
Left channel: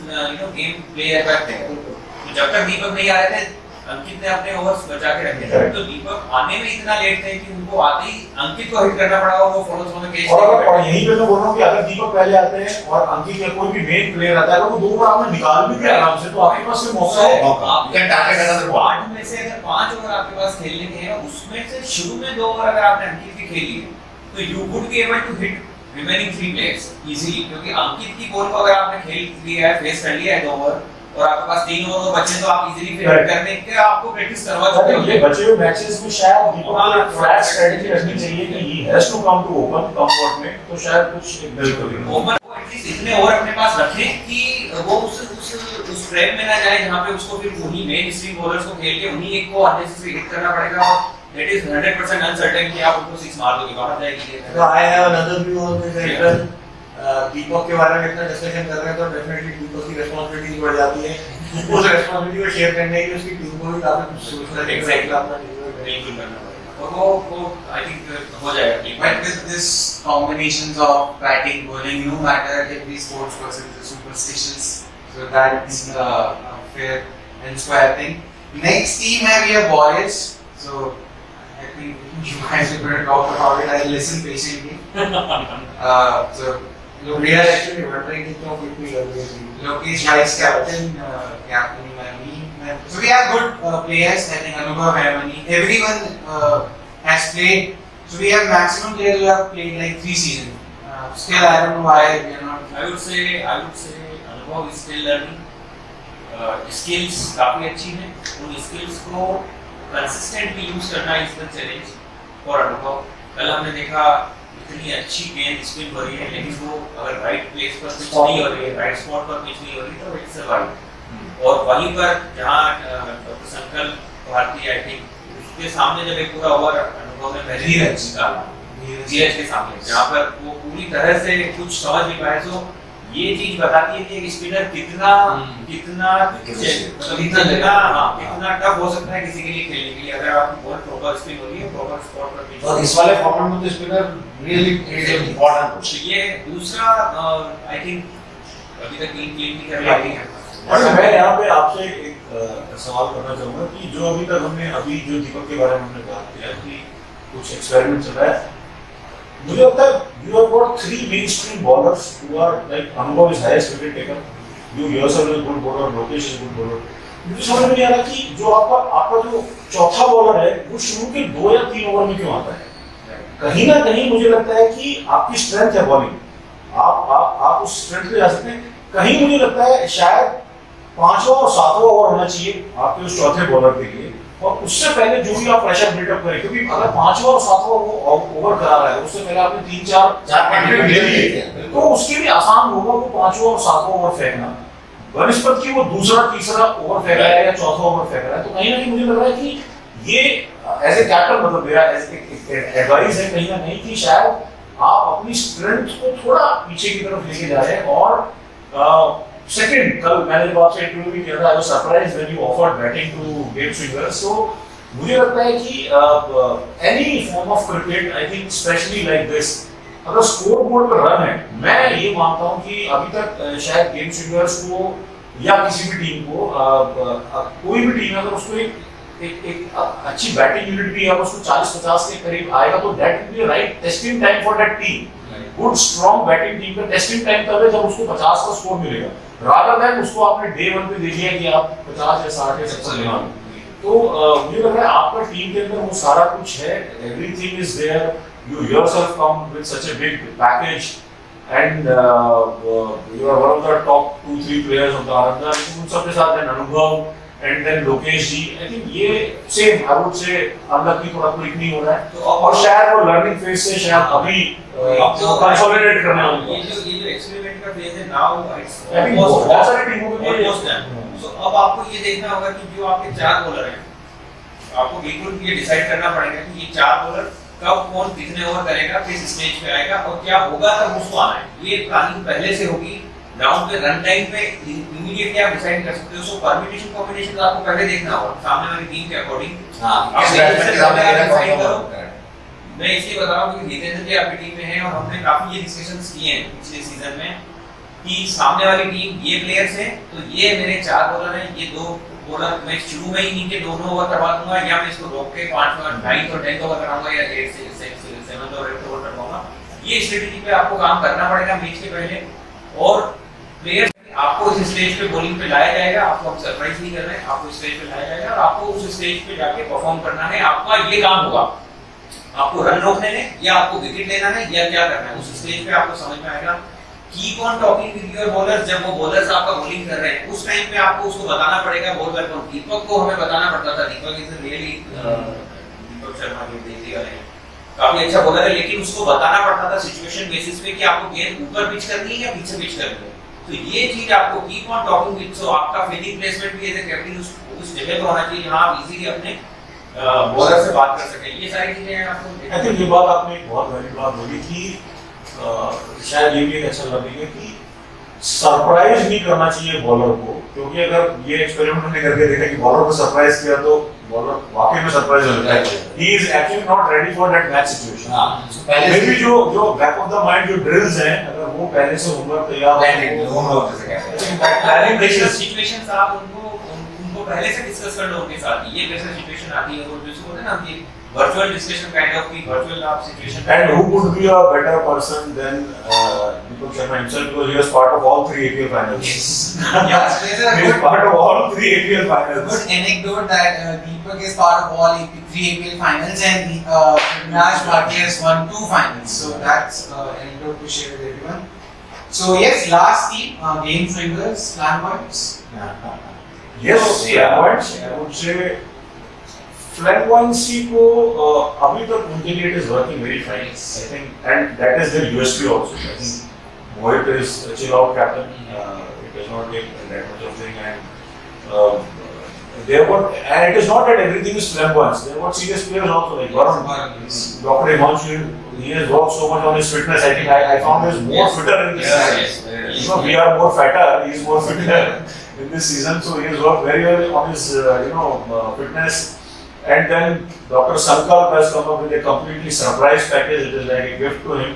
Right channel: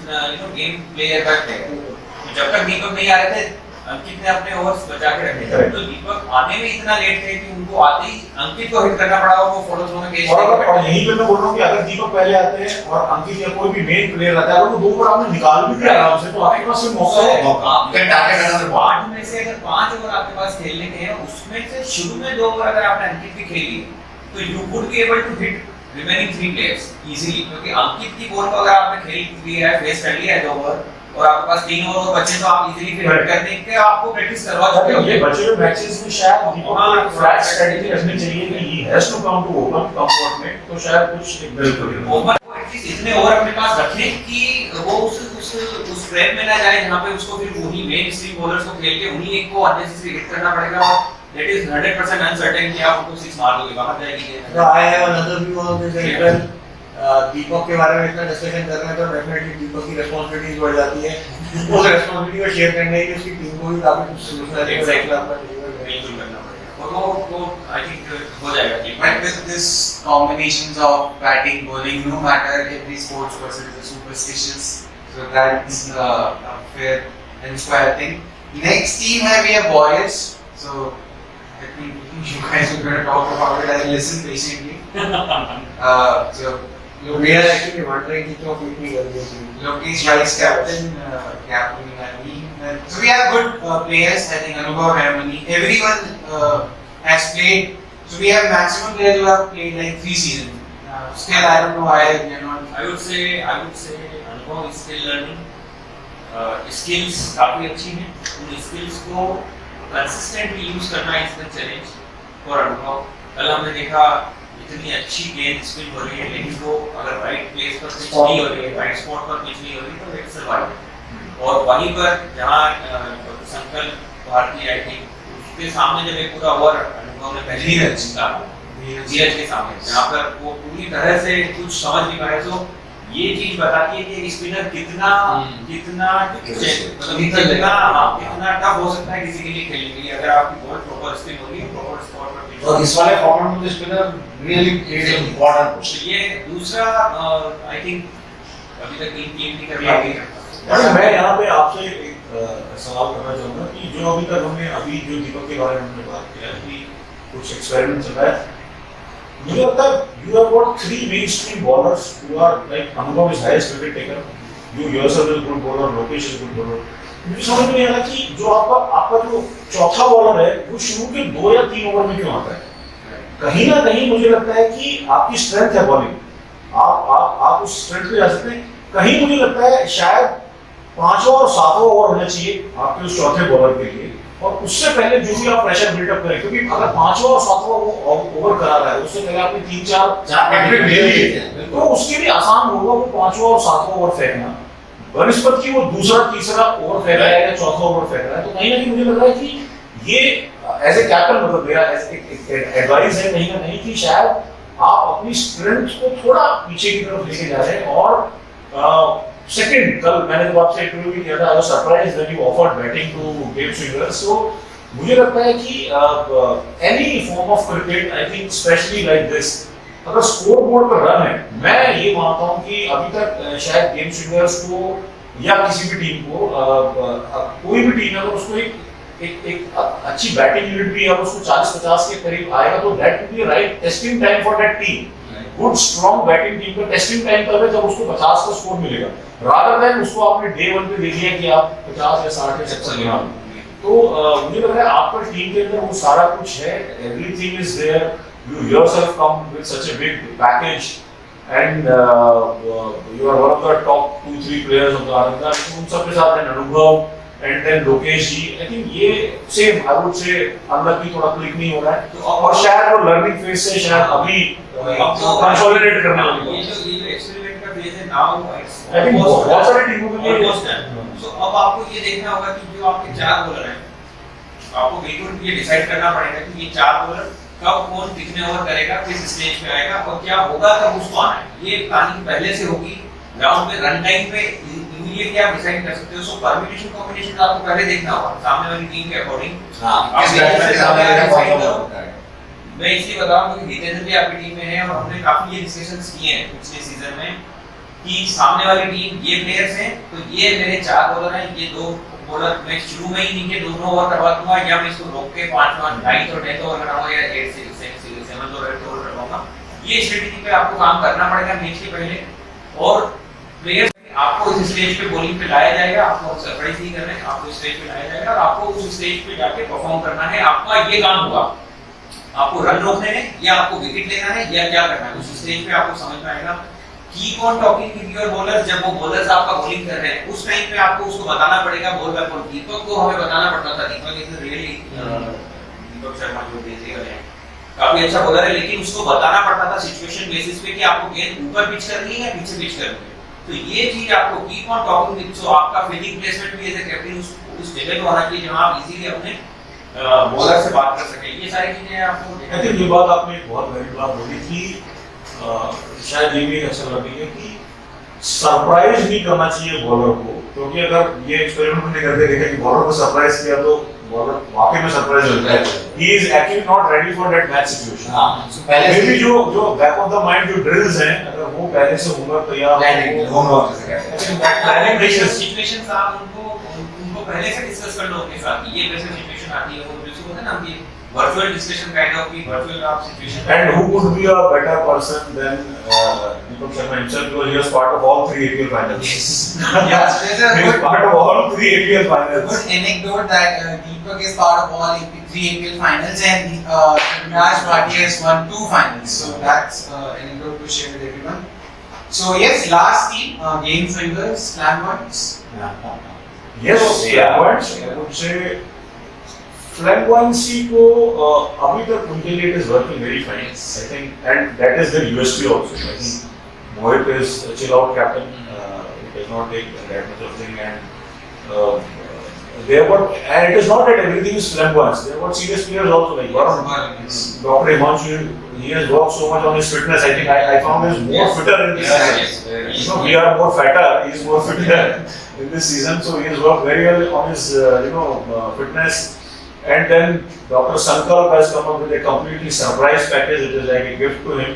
game player by player. तो जब तक दीपक नहीं आ रहे थे अंकित ने अपने ओवर्स बचा के रखे थे, तो दीपक आने में इतना लेट थे कि उनको आते ही अंकित को हिट करना पड़ा और वो फॉलो थ्रो में कैच और यही पे मैं बोल रहा हूं कि अगर दीपक पहले आते हैं और अंकित या कोई भी मेन प्लेयर आता है, अगर वो दो ओवर आपने निकाल भी दिया आराम से, तो आपके पास से मौका है, आपके टारगेट अगर 8 में से अगर 5 ओवर आपके पास खेलने के हैं, उसमें से शुरू में 2 ओवर अगर आपने अंकित की खेली तो you would be able to hit remaining 3 players easily, क्योंकि अंकित की बॉल को अगर आपने खेल लिया है, फेस कर लिया है 2 ओवर और आपके पास 3 ओवर बचे, तो आप इजीली फिर हिट करने के आपको प्रैक्टिस करवा चुके हो। ये बचे हुए मैचेस में शायद दीपक को एक फ्लैट स्ट्रेटजी रखनी चाहिए कि he has to come to open come what may, तो शायद कुछ एक बिल्कुल ओपन को एटलीस्ट इतने ओवर अपने पास रखें कि वो उस ट्रैप में ना जाए जहां पे उसको फिर वही मेन स्ट्रीम बॉलर्स को खेल के उन्हीं एक को अननेसेसरी हिट करना पड़ेगा, और दैट इज 100% अनसर्टेन कि आप उनको 6 मार दोगे, बाहर जाएगी। So I have another view on this as well. दीपक के बारे में इतना डिस्कशन कर रहे हैं तो डेफिनेटली दीपक की रिस्पांसिबिलिटीज बढ़ जाती है। उस रिस्पांसिबिलिटी को शेयर करने की उसकी टीम को भी काफी कुछ सोचना चाहिए, Exactly. अपना डिलीवर करें। बिल्कुल करना पड़ेगा, और वो आई थिंक हो जाएगा। But with this combinations of batting, bowling, no matter every sports person is a superstitious, so that's a fair and square thing. Next team है we have boys, so I think you guys are going to talk about it. I'll listen patiently. So We are actually wondering कि क्यों quick नहीं कर दिया team. Lokesh vice captain, captain Mani. So we have good players. I think Anubhav, Mani, everyone has played. So we have maximum players who have played like 3 seasons. Still, I don't know why we are not. I would say Anubhav is still learning. Skills काफी अच्छी हैं, उन skills को consistently use करना is the challenge for Anubhav। कल हमने देखा इतनी अच्छी गेंद स्पिन हो रही है, लेकिन वो अगर राइट प्लेस पर पिच नहीं हो रही है, राइट स्पॉट पर पिच नहीं हो रही, तो इट्स सर्वाइव। और वहीं पर जहाँ डॉक्टर संकल्प भारती आई थिंक उसके सामने जब एक पूरा ओवर अनुभव ने पहले धीरज। निकाला धीरज के सामने जहाँ पर वो पूरी तरह से कुछ समझ नहीं पाए, तो ये चीज बताती है कि एक स्पिनर कितना कितना मतलब कितना टफ हो सकता है किसी के लिए खेलने के लिए, अगर आपकी बॉल प्रॉपर स्पिन होगी प्रॉपर स्पॉट पर pitch और होगी। इस वाले फॉर्मेट में तो स्पिनर रियली इज इम्पोर्टेंट। तो ये दूसरा आई थिंक अभी तक टीम नहीं कर पाई है। अच्छा, मैं यहाँ पे आपसे एक सवाल करना चाहूंगा कि जो अभी तक हमने अभी जो दीपक के बारे में हमने बात किया कि कुछ एक्सपेरिमेंट चल रहा है, मुझे लगता है you have got 3 mainstream bowlers who are like Anubhav is highest wicket taker, you yourself is good bowler, Lokesh is good bowler. मुझे समझ में नहीं आ रहा कि जो आपका जो चौथा बॉलर है वो शुरू के 2 या 3 ओवर में क्यों आता है। कहीं ना कहीं मुझे लगता है कि आपकी स्ट्रेंथ है बॉलिंग, आप उस स्ट्रेंथ पे जा सकते हैं। कहीं मुझे लगता है शायद 5वां और 7वां ओवर होना चाहिए आपके उस चौथे बॉलर के लिए, और उससे पहले जो भी आप प्रेशर बिल्डअप करें, क्योंकि अगर 5वां और 7वां वो ओवर करा रहा है उससे पहले आपने 3-4 विकेट ले लिए तो उसके लिए आसान होगा वो 5वां और 7वां ओवर फेंकना। वनस्पत की वो दूसरा तीसरा ओवर फेंक रहा है या चौथा ओवर फेंक रहा है, तो कहीं ना कहीं मुझे लग रहा है कि ये एज ए कैप्टन मतलब मेरा एडवाइस है कहीं ना कहीं कि शायद आप अपनी स्ट्रेंथ को थोड़ा पीछे की तरफ लेके जा रहे हैं। और सेकंड, कल मैंने जब आपसे इंटरव्यू भी किया था, I was surprised when you offered batting to game swingers. तो मुझे लगता है कि any form of cricket, I think specially like this, अगर स्कोर बोर्ड पर रन है, मैं ये मानता हूं कि अभी तक शायद गेम स्विंगर्स को या किसी भी टीम को कोई भी टीम अगर उसको एक अच्छी बैटिंग यूनिट भी अगर उसको 40-50 के करीब आएगा तो that will be right testing time for that team. Good strong batting team का टेस्टिंग टाइम तब है जब उसको 50 का स्कोर मिलेगा, रादर देन उसको आपने डे 1 पे देख लिया कि आप 50 या 60 या 70 बना लो। तो मुझे लग रहा है आपका टीम के अंदर वो सारा कुछ है, everything is there, you yourself come with such a big package and you are one of the top 2-3 players of the Ananda, उन सब के साथ अनुभव and then Lokesh ji, I think ये same I would say unlucky थोड़ा click नहीं हो रहा है, तो और शायद वो लर्निंग फेज से शायद अभी कंसोलिडेट करने वाली है। ये जो एक्सपेरिमेंट का फेज है नाउ इट्स I think बहुत सारी टीमों के लिए ऑलमोस्ट डन। सो अब आपको ये देखना होगा कि जो आपके 4 बॉलर हैं, आपको बिल्कुल ये डिसाइड करना पड़ेगा कि ये 4 बॉलर कब कौन कितने ओवर करेगा, किस स्टेज पे आएगा और क्या होगा तब उसको आना है। ये प्लानिंग पहले से होगी, ग्राउंड पे रन टाइम पे इमीडिएटली आप डिसाइड कर सकते हो। सो परम्यूटेशन कॉम्बिनेशन आपको पहले देखना होगा सामने वाली टीम के अकॉर्डिंग। हां, इस बैट्समैन के सामने मेरा फॉलो होता है। मैं इसलिए बता रहा हूं क्योंकि जितेंद्र जी आपकी टीम में है और हमने काफी ये डिस्कशंस किए हैं पिछले सीजन में कि सामने वाली टीम ये प्लेयर्स हैं, तो ये मेरे 4 बॉलर हैं, ये 2 बॉलर मैं शुरू में ही इनके दोनों ओवर करवा दूंगा या मैं इसको रोक के 5वां 9th और 10th ओवर कराऊंगा या 8th से 7th और 8th ओवर करवाऊंगा। ये स्ट्रेटजी पे आपको काम करना पड़ेगा मैच के पहले, और प्लेयर्स आपको इस स्टेज पे बॉलिंग पे लाया जाएगा, आपको हम सरप्राइज नहीं कर रहे हैं, आपको स्टेज पे लाया जाएगा और आपको उस स्टेज पे जाके परफॉर्म करना है। आपका ये काम होगा, आपको रन रोकने हैं या आपको विकेट लेना है या क्या करना है, उस स्टेज पे आपको समझ में आएगा। Keep on talking with your bowlers, जब वो बॉलर्स आपका बॉलिंग कर रहे हैं उस टाइम पे आपको उसको बताना पड़ेगा बॉल बाय बॉल। दीपक को हमें बताना पड़ता था, दीपक इज रियली दीपक शर्मा जो देते वाले हैं काफी अच्छा बॉलर है, लेकिन उसको बताना पड़ता था सिचुएशन बेसिस पे कि आपको गेंद ऊपर पिच करनी है या पीछे पिच करनी है। तो ये चीज आपको कीप ऑन टॉकिंग विद, सो आपका फील्डिंग प्लेसमेंट भी एज ए कैप्टन उस जगह पे होना चाहिए जहां आप इजीली अपने बॉलर से बात कर सके। ये सारी चीजें आपको आई थिंक ये बात आपने बहुत वैलिड बात बोली कि शायद ये भी एक अच्छा लर्निंग है कि सरप्राइज नहीं करना चाहिए बॉलर को, क्योंकि अगर ये एक्सपेरिमेंट हमने करके देखा कि बॉलर को सरप्राइज किया तो बॉलर वाकई में सरप्राइज हो जाता है, he is actually not ready for that match situation. हां, पहले मे बी जो बैक ऑफ द माइंड जो ड्रिल्स हैं अगर वो पहले से होमवर्क तैयार प्लानिंग होमवर्क जैसे कहते हैं, I think that planning situations आप उनको पहले से डिस्कस कर लो उनके साथ। ये वैसे सिचुएशन आती है वो जिसको बोलते हैं ना कि virtual discussion kind of की virtual आप situation। And who could be a better person than Deepak Sharma himself, because he was part of all 3 APL finals. Yes, there's a He was good, part of all 3 APL finals. good anecdote that Deepak is part of all 3 APL finals and Raj Bhatia has won 2 finals. So that's anecdote to share with everyone. So yes, last team, game swingers, flamboyants. Yes, Yeah. flamboyants. I would say flamboyancy को अभी तक उनके लिए it is working very fine. I think, and that is their USP also. I think Mohit is a chill out captain. He does not take that much of thing, and they were, and it is not that everything is flamboyance. There were serious players also like Varun. Dr. Himanshu, he has worked so much on his fitness. I think I found him more fitter in this season. You know, we are more fatter. He is more fitter in this season. So he has worked very well on his fitness. And then Dr. Sankalp has come up with a completely surprise package. It is like a gift to him.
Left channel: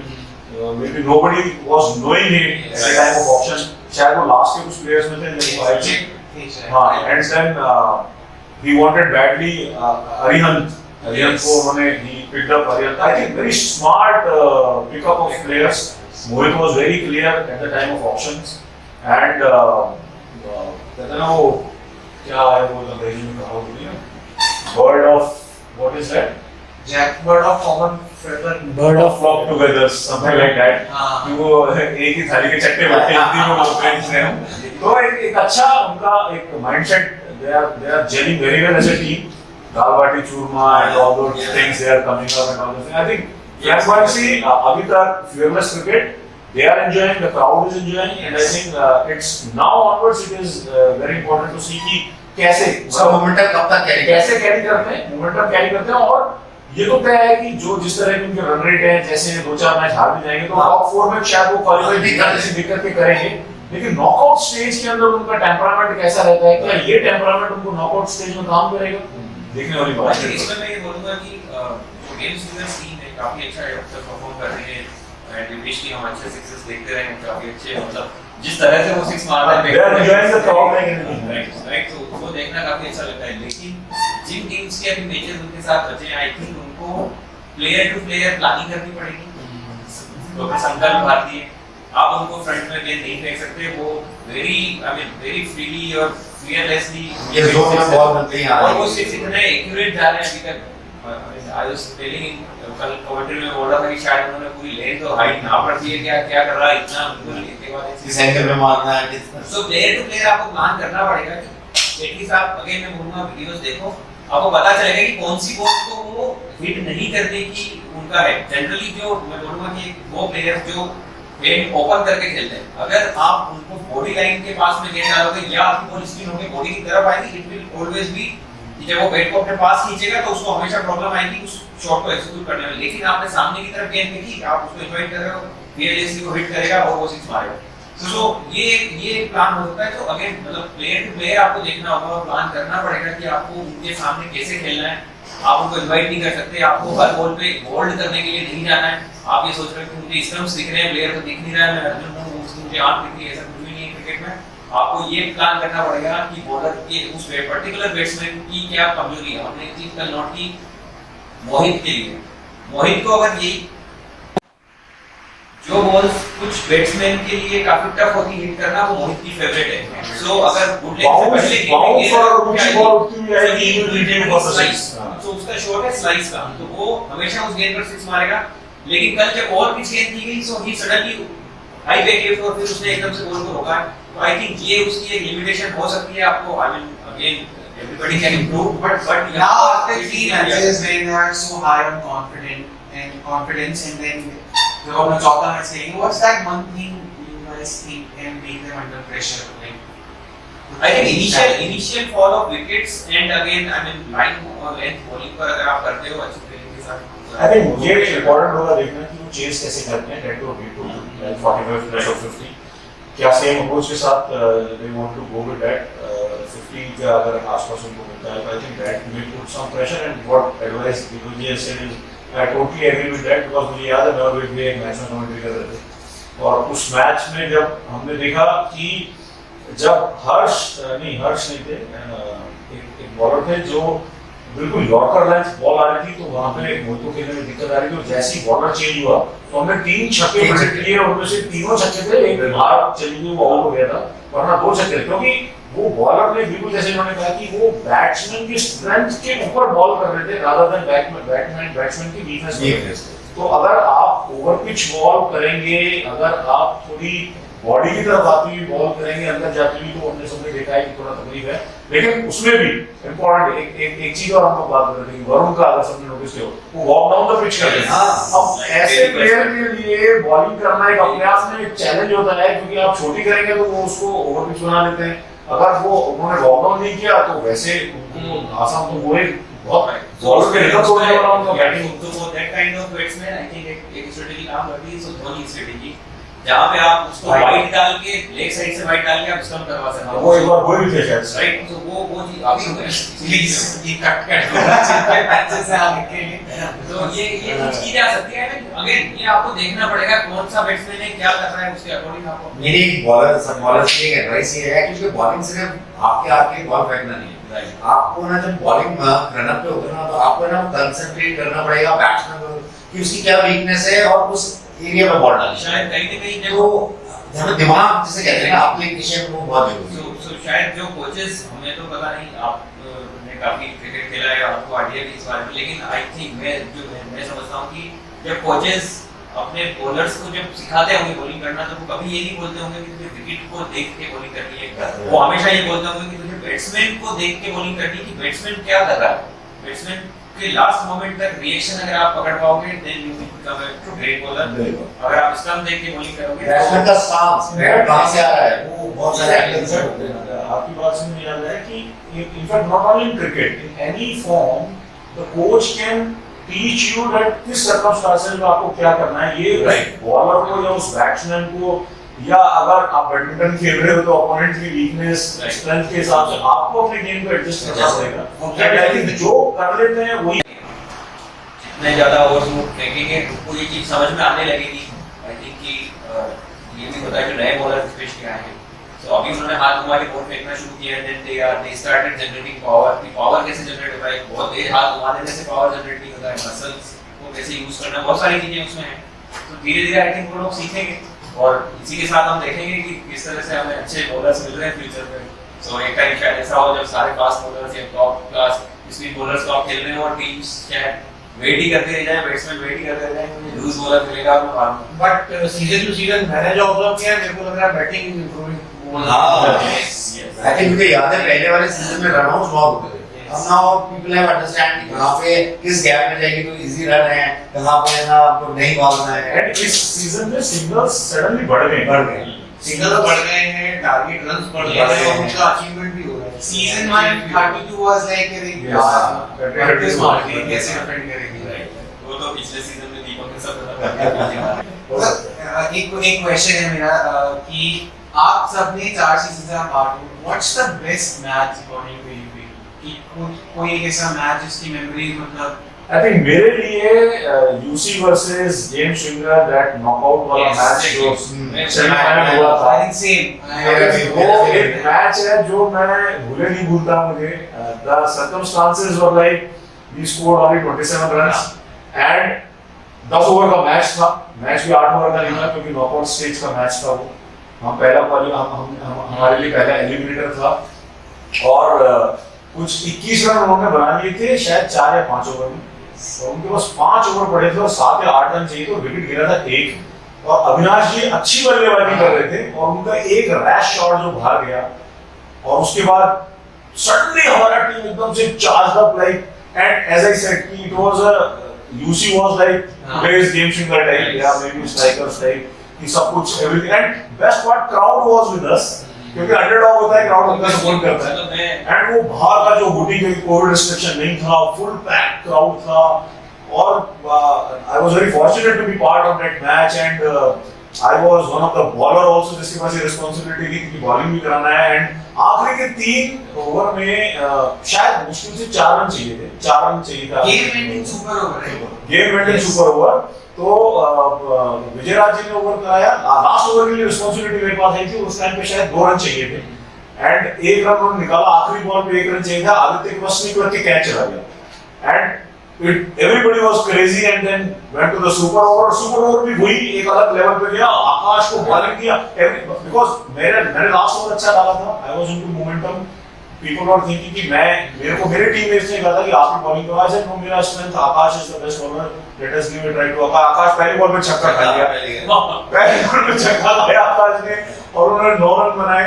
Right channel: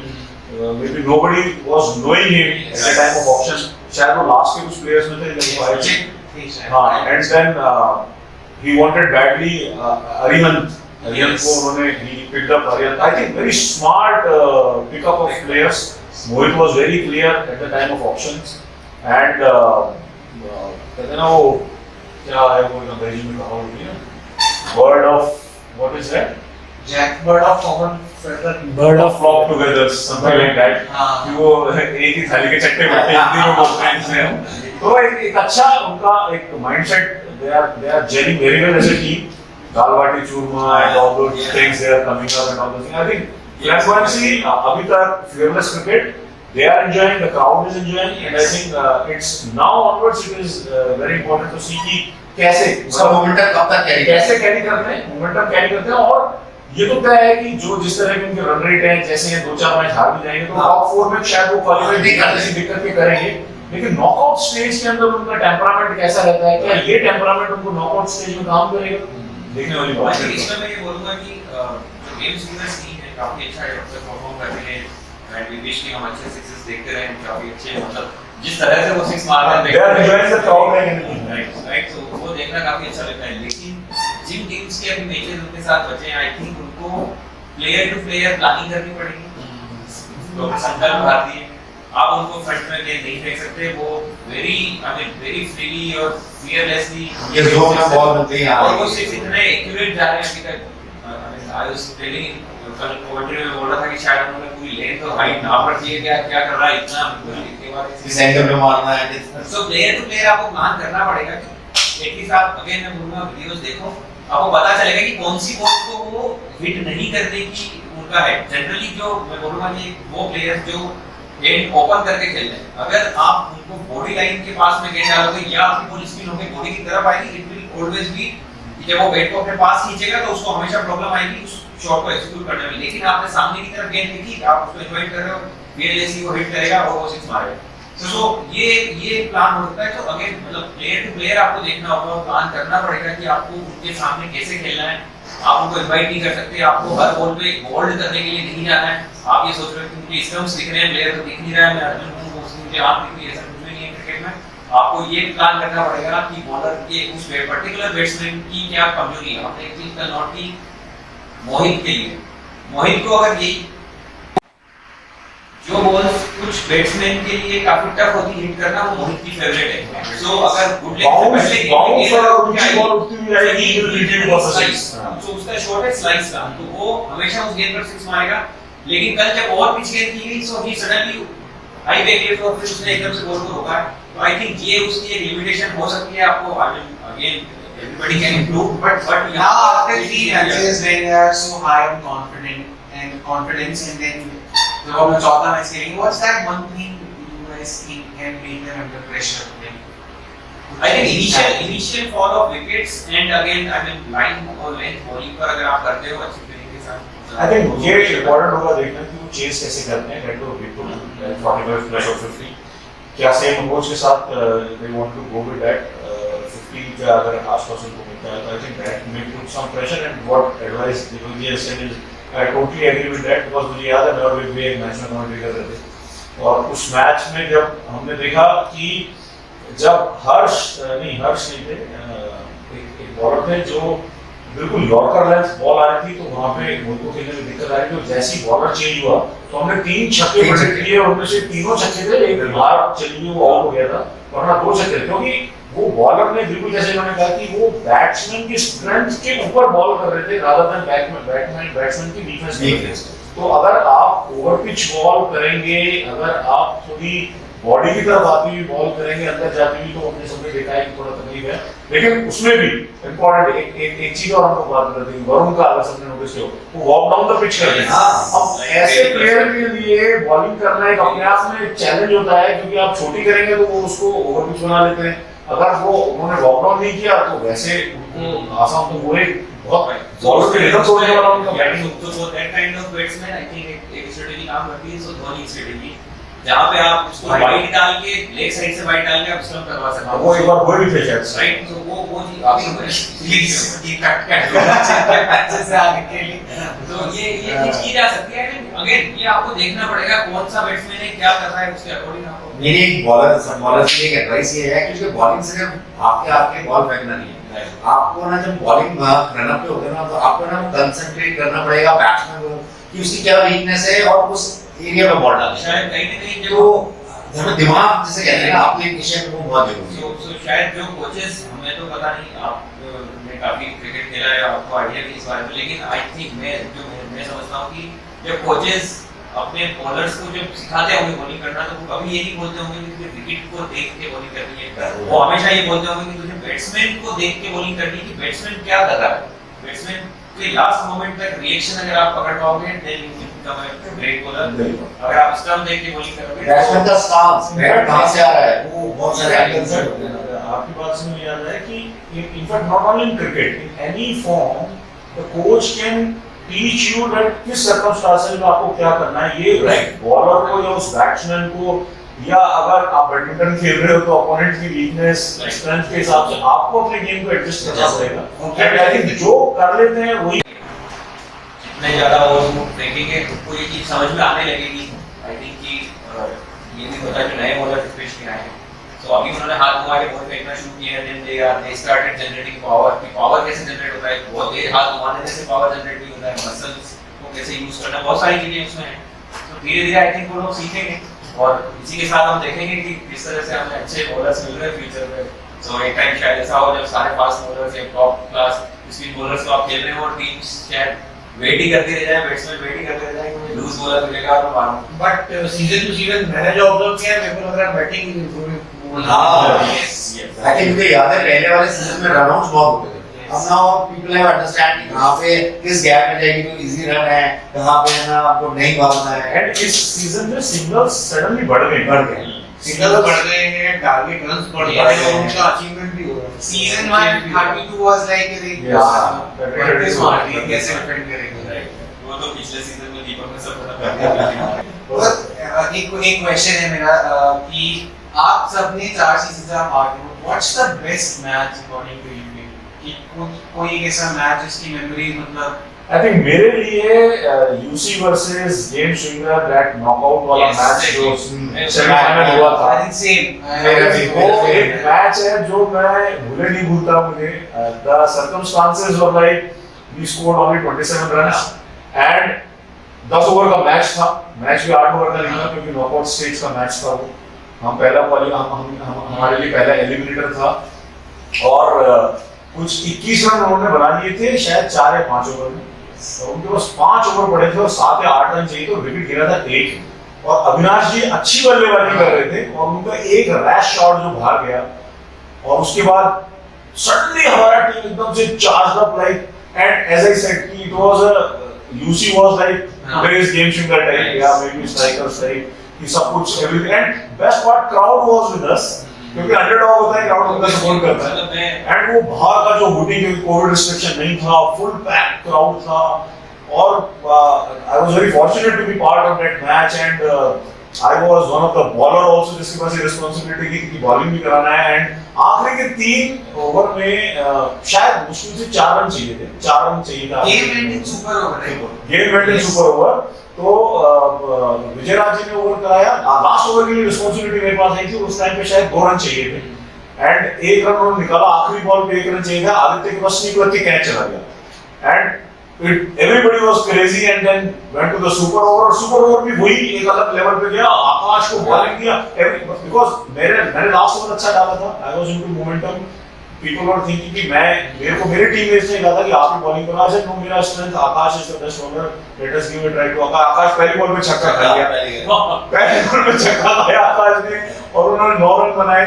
Maybe nobody was knowing him at the time of auction. शायद वो last के कुछ players में थे जो आए थे. हाँ, and then he wanted badly Arihant. Arihant को उन्होंने he picked up Arihant. I think very smart pickup of players. Mohit was very clear at the time of auctions. And कहते हैं ना वो क्या है वो अंग्रेजी में कहा होती है bird of what is that? bird of common feather. Bird of flock together, something like that. कि वो एक ही थाली के चट्टे बट्टे हिंदी में बोलते हैं इसमें. तो एक अच्छा उनका एक mindset. They are gelling very well as a team. Dal baati churma and all those things they are coming up and all those things. I think flamboyancy अभी तक fearless cricket. They are enjoying, the crowd is enjoying, and I think it's now onwards it is very important to see कि कैसे उसका momentum कब तक कैसे carry करते हैं, मोमेंटम कैरी करते हैं. और ये तो तय है कि जो जिस तरह के उनके रन रेट है, जैसे 2-4 मैच हार भी जाएंगे तो टॉप 4 में शायद वो क्वालिफाई नहीं कर किसी दिक्कत के करेंगे. लेकिन नॉकआउट स्टेज के अंदर उनका टेम्परामेंट कैसा रहता है, क्या ये टेम्परामेंट उनको नॉकआउट स्टेज में काम करेगा, देखने वाली बात है. इसमें मैं ये बोलूंगा कि जो गेम सीक्वेंस टीम है काफी अच्छा परफॉर्म कर रहे हैं. एंड वी विश कि हम अच्छे सिक्सेस देखते रहें, काफी अच्छे मतलब जिस तरह से वो सिक्स मार रहे हैं, they are enjoying the crowd like anything. Right. तो वो देखना काफी अच्छा लगता है. लेकिन जिन टीम्स के अभी मैचेस उनके साथ बचे, आई थिंक उनको प्लेयर टू प्लेयर प्लानिंग करनी पड़ेगी. तो संकल्प भारतीय आप उनको फ्रंट में गेंद नहीं फेंक सकते. वो वेरी फ्रीली और फियरलेसली ये जोन में बॉल बनते हैं और वो सिर्फ इतने एक्यूरेट जा रहे हैं अभी तक. आई वाज टेलिंग कल कमेंट्री में बोल रहा था कि शायद उन्होंने पूरी लेंथ और हाइट नाप रखी है. क्या कर रहा है इतना बिल्कुल लिखने वाले इस एंगल में मारना है. सो प्लेयर टू प्लेयर आपको प्लान करना पड़ेगा. एटलीस्ट आप अगेन मैं बोलूंगा वीडियोस देखो, आपको पता चलेगा कि कौन सी बॉल को वो हिट नहीं करने की उनका है. जनरली जो मैं बोलूंगा कि वो प्लेयर जो गेंद ओपन करके खेलते हैं, अगर आप उनको बॉडी लाइन के पास में गेंद डालोगे या आपकी बॉल स्पिन होकर बॉडी की तरफ आएगी, इट विल ऑलवेज बी जब वो बैट को अपने पास खींचेगा तो उसको हमेशा प्रॉब्लम आएगी उस शॉट को एक्जीक्यूट करने में. लेकिन आपने सामने की तरफ गेंद देखी, आप उसको इन्वाइट कर रहे हो, fearlessly वो हिट करेगा और वो सिक्स मारेगा. सो ये प्लान हो सकता है. तो अगेन मतलब प्लेयर टू प्लेयर आपको देखना होगा और प्लान करना पड़ेगा कि आपको उनके सामने कैसे खेलना है. आप उनको इन्वाइट नहीं कर सकते, आपको हर बॉल पे होल्ड करने के लिए नहीं जाना है. आप ये सोच रहे हो कि मुझे स्टंप्स दिख रहे हैं, प्लेयर तो दिख नहीं रहा है, मैं अर्जुन हूं, मुझे आंख दिख रही है, ऐसा कुछ भी नहीं है क्रिकेट में. आपको ये प्लान करना पड़ेगा कि बॉलर के उस पर्टिकुलर बैट्समैन की क्या कमजोरी है. हमने एक चीज कल नोट की मोहित के लिए. मोहित को अगर यही जो बॉल्स कुछ बैट्समैन के लिए काफी टफ होती है हिट करना, वो मोहित की फेवरेट है. सो अगर गुड लेग से पहले तो उसका शॉट है स्लाइस का, तो वो हमेशा उस गेंद पर सिक्स मारेगा. लेकिन कल जब और पिच गेंद की गई सो he suddenly high back lift और फिर उसने एकदम से बॉल को रोका. तो आई थिंक ये उसकी एक लिमिटेशन हो सकती है. आपको I mean again everybody can improve, but now after 3 matches when they are so high on confidence and then जब हम लोग चौथा मैच खेलेंगे, what's that one thing you guys think can make them under pressure? I think initial fall of wickets and again I mean line और length bowling पर अगर आप करते हो अच्छी तरीके से. I think ये important होगा देखना कि वो चेस कैसे करते हैं. That would be good. 45 plus or 50. क्या सेम अप्रोच के साथ they want to go with that 50 के अगर आसपास उनको मिलता है तो I think that may put some pressure. And what advice Dinuji has said is I totally agree with that because मुझे याद है नॉर्वे में एक मैच में कमेंट्री कर रहे थे और उस मैच में जब हमने देखा कि जब हर्ष नहीं थे, एक बॉलर थे जो बिल्कुल यॉर्कर लेंथ बॉल आ रही थी तो वहां पे मोहित को खेलने में दिक्कत आ रही थी. और जैसे ही बॉलर चेंज हुआ तो हमने 3 छक्के प्रेडिक्ट किए, उनमें से तीनों छक्के थे. एक बाहर चली गई वो आउट हो गया था, वरना 2 छक्के थे. क्योंकि वो बॉलर ने बिल्कुल जैसे इन्होंने कहा कि वो बैट्समैन की स्ट्रेंथ के ऊपर बॉल कर रहे थे रादर देन बैट्समैन की डिफेंस. तो अगर आप ओवर पिच बॉल करेंगे, अगर आप थोड़ी बॉडी की तरफ आती हुई बॉल करेंगे, अंदर जाती हुई, तो हमने सबने देखा है कि थोड़ा तकलीफ है. लेकिन उसमें भी इम्पोर्टेंट एक चीज और हम लोग बात करते हैं वरुण का. अगर सबने नोटिस किया वो वॉक डाउन द पिच करते हैं. अब ऐसे प्लेयर के लिए बॉलिंग करना एक अपने आप में चैलेंज होता है क्योंकि आप छोटी करेंगे तो वो उसको ओवर पिच बना लेते हैं. अगर वो उन्होंने लॉकडाउन नहीं किया तो वैसे उनको आसाम तो वो एक बहुत जोर से रिकॉर्ड तोड़ने वाला उनका बैटिंग। तो वो that kind of batsman I think एक स्ट्रेटजी काम करती है, सो धोनी स्ट्रेटजी, जहां पे आप उसको वाइड डाल के लेग साइड से वाइड डाल के आप स्टंप करवा सकते हो। वो एक बार हुए भी थे शायद, राइट, तो वो जी अभी प्लीज ये कट अच्छे से आगे के लिए। तो ये चीज की जा सकती है। अगेन ये आपको देखना पड़ेगा कौन सा बैट्समैन है, क्या कर रहा है, उसके अकॉर्डिंग आपको। मेरी एक बॉलर की एक एडवाइस ये है क्योंकि बॉलिंग सिर्फ आपके बॉल फेंकना नहीं है, आपको ना जब बॉलिंग रन अप पे होगा ना तो आपको ना कंसंट्रेट करना पड़ेगा बैट्समैन को कि उसकी क्या वीकनेस है और उस एरिया में बॉल डालना। शायद कहीं ना कहीं तो जब दिमाग जिसे कहते हैं ना एप्लीकेशन वो बहुत जरूरी है। सो शायद जो कोचेस, हमें तो पता नहीं, आपने काफी क्रिकेट खेला है, आपको आइडिया भी इस बारे में, लेकिन आई थिंक मैं समझता हूँ कि जब कोचेस अपने बॉलर्स को जब सिखाते होंगे बॉलिंग करना तो वो कभी ये नहीं बोलते होंगे कि तुझे विकेट को देख के बॉलिंग करनी है, वो हमेशा ये बोलते होंगे कि तुझे बैट्समैन को देख के बॉलिंग करनी है कि बैट्समैन क्या कर रहा है। बैट्समैन के लास्ट मोमेंट तक रिएक्शन अगर आप पकड़ पाओगे then you will become a great bowler. अगर आप स्टंप देख के बॉलिंग करोगे बैट्समैन का स्टांस बैट कहां से आ रहा है वो बहुत सारे एंगल से होते हैं। आपकी बात से मुझे याद आया कि in fact not only in cricket, in any form the coach can teach you that किस सर्कमस्टेंसेस में आपको क्या करना है। ये बॉलर को या उस बैट्समैन को, या अगर आप बैडमिंटन खेल रहे हो तो अपोनेंट की वीकनेस स्ट्रेंथ के हिसाब से आपको अपने गेम को एडजस्ट करना पड़ेगा। एंड आई थिंक जो कर लेते हैं वही जितने ज्यादा ओवर फेंकेंगे तो ये चीज समझ में आने लगेगी। आई थिंक कि ये भी पता है जो नए बॉलर स्पेशली आए हैं, तो अभी उन्होंने हाथ घुमा के बॉल फेंकना शुरू किया, then they started generating power. कि पावर कैसे जनरेट होता है, बहुत देर हाथ घुमा देने से पावर जनरेट नहीं होता है, मसल्स को कैसे यूज करना, बहुत सारी चीजें उसमें हैं। तो धीरे धीरे आई थिंक वो लोग सीखेंगे और इसी के साथ हम देखेंगे कि किस तरह से हमें अच्छे बॉलर्स मिल रहे हैं फ्यूचर में। सो एक टाइम शायद ऐसा हो जब सारे फास्ट बॉलर्स या टॉप क्लास स्पिन बॉलर्स को आप खेल रहे हो और टीम्स शायद वेट ही करते रह जाए, बैट्समैन वेट ही करते रह जाए कि लूज बॉलर मिलेगा तो मारूंगा। बट सीजन टू सीजन मैंने जो ऑब्जर्व किया है, मेरे को लग रहा है बैटिंग इंप्रूविंग। हां यस यस, आई थिंक मुझे याद है पहले वाले सीजन में रनआउट्स बहुत होते थे। अब नाउ पीपल हैव अंडरस्टैंड कि कहां पे किस गैप में जाएगी तो इजी रन है, कहां पे ना आपको नहीं भागना है। एंड इस सीजन में सिंगल्स सडनली बढ़ गए। सिंगल बढ़ गए हैं, टारगेट रन्स बढ़ गए हैं और उनका अचीवमेंट भी हो रहा है। सीजन 1 32 वाज लाइक अरे Yes. कैसे डिफेंड करेंगे। वो तो पिछले सीजन में दीपक ने सब बता बस एक क्वेश्चन है मेरा कि आप सबने 4 सीजन आप आगे हो, what's the best match according to you कि कोई एक ऐसा मैच जिसकी मेमोरी मतलब आई थिंक मेरे लिए UC versus James swinger that knockout वाला Yes, मैच जो exactly. सेमीफाइनल हुआ था, आई थिंक सेम मेरा भी। वो एक मैच है जो मैं भूले नहीं भूलता मुझे। The circumstances were like we scored only 27 runs and 10 over का मैच था। मैच भी 8 ओवर का नहीं था क्योंकि नॉकआउट स्टेज का मैच था वो। हम पहला हमारे लिए पहला एलिमिनेटर था और कुछ 21 रन उन्होंने बना लिए थे शायद 4 या 5 ओवर में, और उनके पास 5 ओवर पड़े थे और 7 या 8 रन चाहिए तो विकेट गिरा था 1। और अविनाश जी अच्छी बल्लेबाजी कर रहे थे और उनका एक रैश शॉट जो भाग गया और उसके बाद सडनली हमारा टीम एकदम से charge up like, and as I said कि it was a you see was like today's game swinger type या मे बी स्ट्राइकर्स टाइप कि सब कुछ everything. And best part crowd was with us क्योंकि underdog होता है, क्राउड उनका support करता है। एंड वो बाहर का जो हुटिंग, क्योंकि कोविड रिस्ट्रिक्शन नहीं था, फुल पैक क्राउड था और I was very fortunate to be part of that match and I was one of the bowler also जिसके पास ये रिस्पांसिबिलिटी की बॉलिंग भी कराना है। एंड आखिरी के 3 ओवर में शायद मुश्किल से 4 रन चाहिए थे, 4 रन चाहिए था। गेम एंडिंग सुपर ओवर है, गेम एंडिंग सुपर ओवर। तो विजयराज जी ने ओवर कराया, लास्ट ओवर के लिए रिस्पांसिबिलिटी मेरे पास आई थी। उस टाइम पे शायद 2 रन चाहिए थे एंड 1 रन उन्होंने निकाला, आखिरी बॉल पे 1 रन चाहिए था, आदित्य के पास स्नीक करके कैच चला गया and everybody was crazy and then went to the super over। और सुपर ओवर भी वही एक अलग लेवल पे गया, आकाश को बॉलिंग दिया बिकॉज़ मैंने लास्ट ओवर अच्छा डाला था, I was into momentum. People were thinking कि मेरे को मेरी टीम ने इसने कहा था कि आप ही बॉलिंग करो। आई सेड नो, मेरा strength Akash is the best bowler, let us give it try to Akash. Akash पहली बॉल पे छक्का खा गया, पहली बॉल पे छक्का खाया आकाश ने और उन्होंने 9 रन बनाए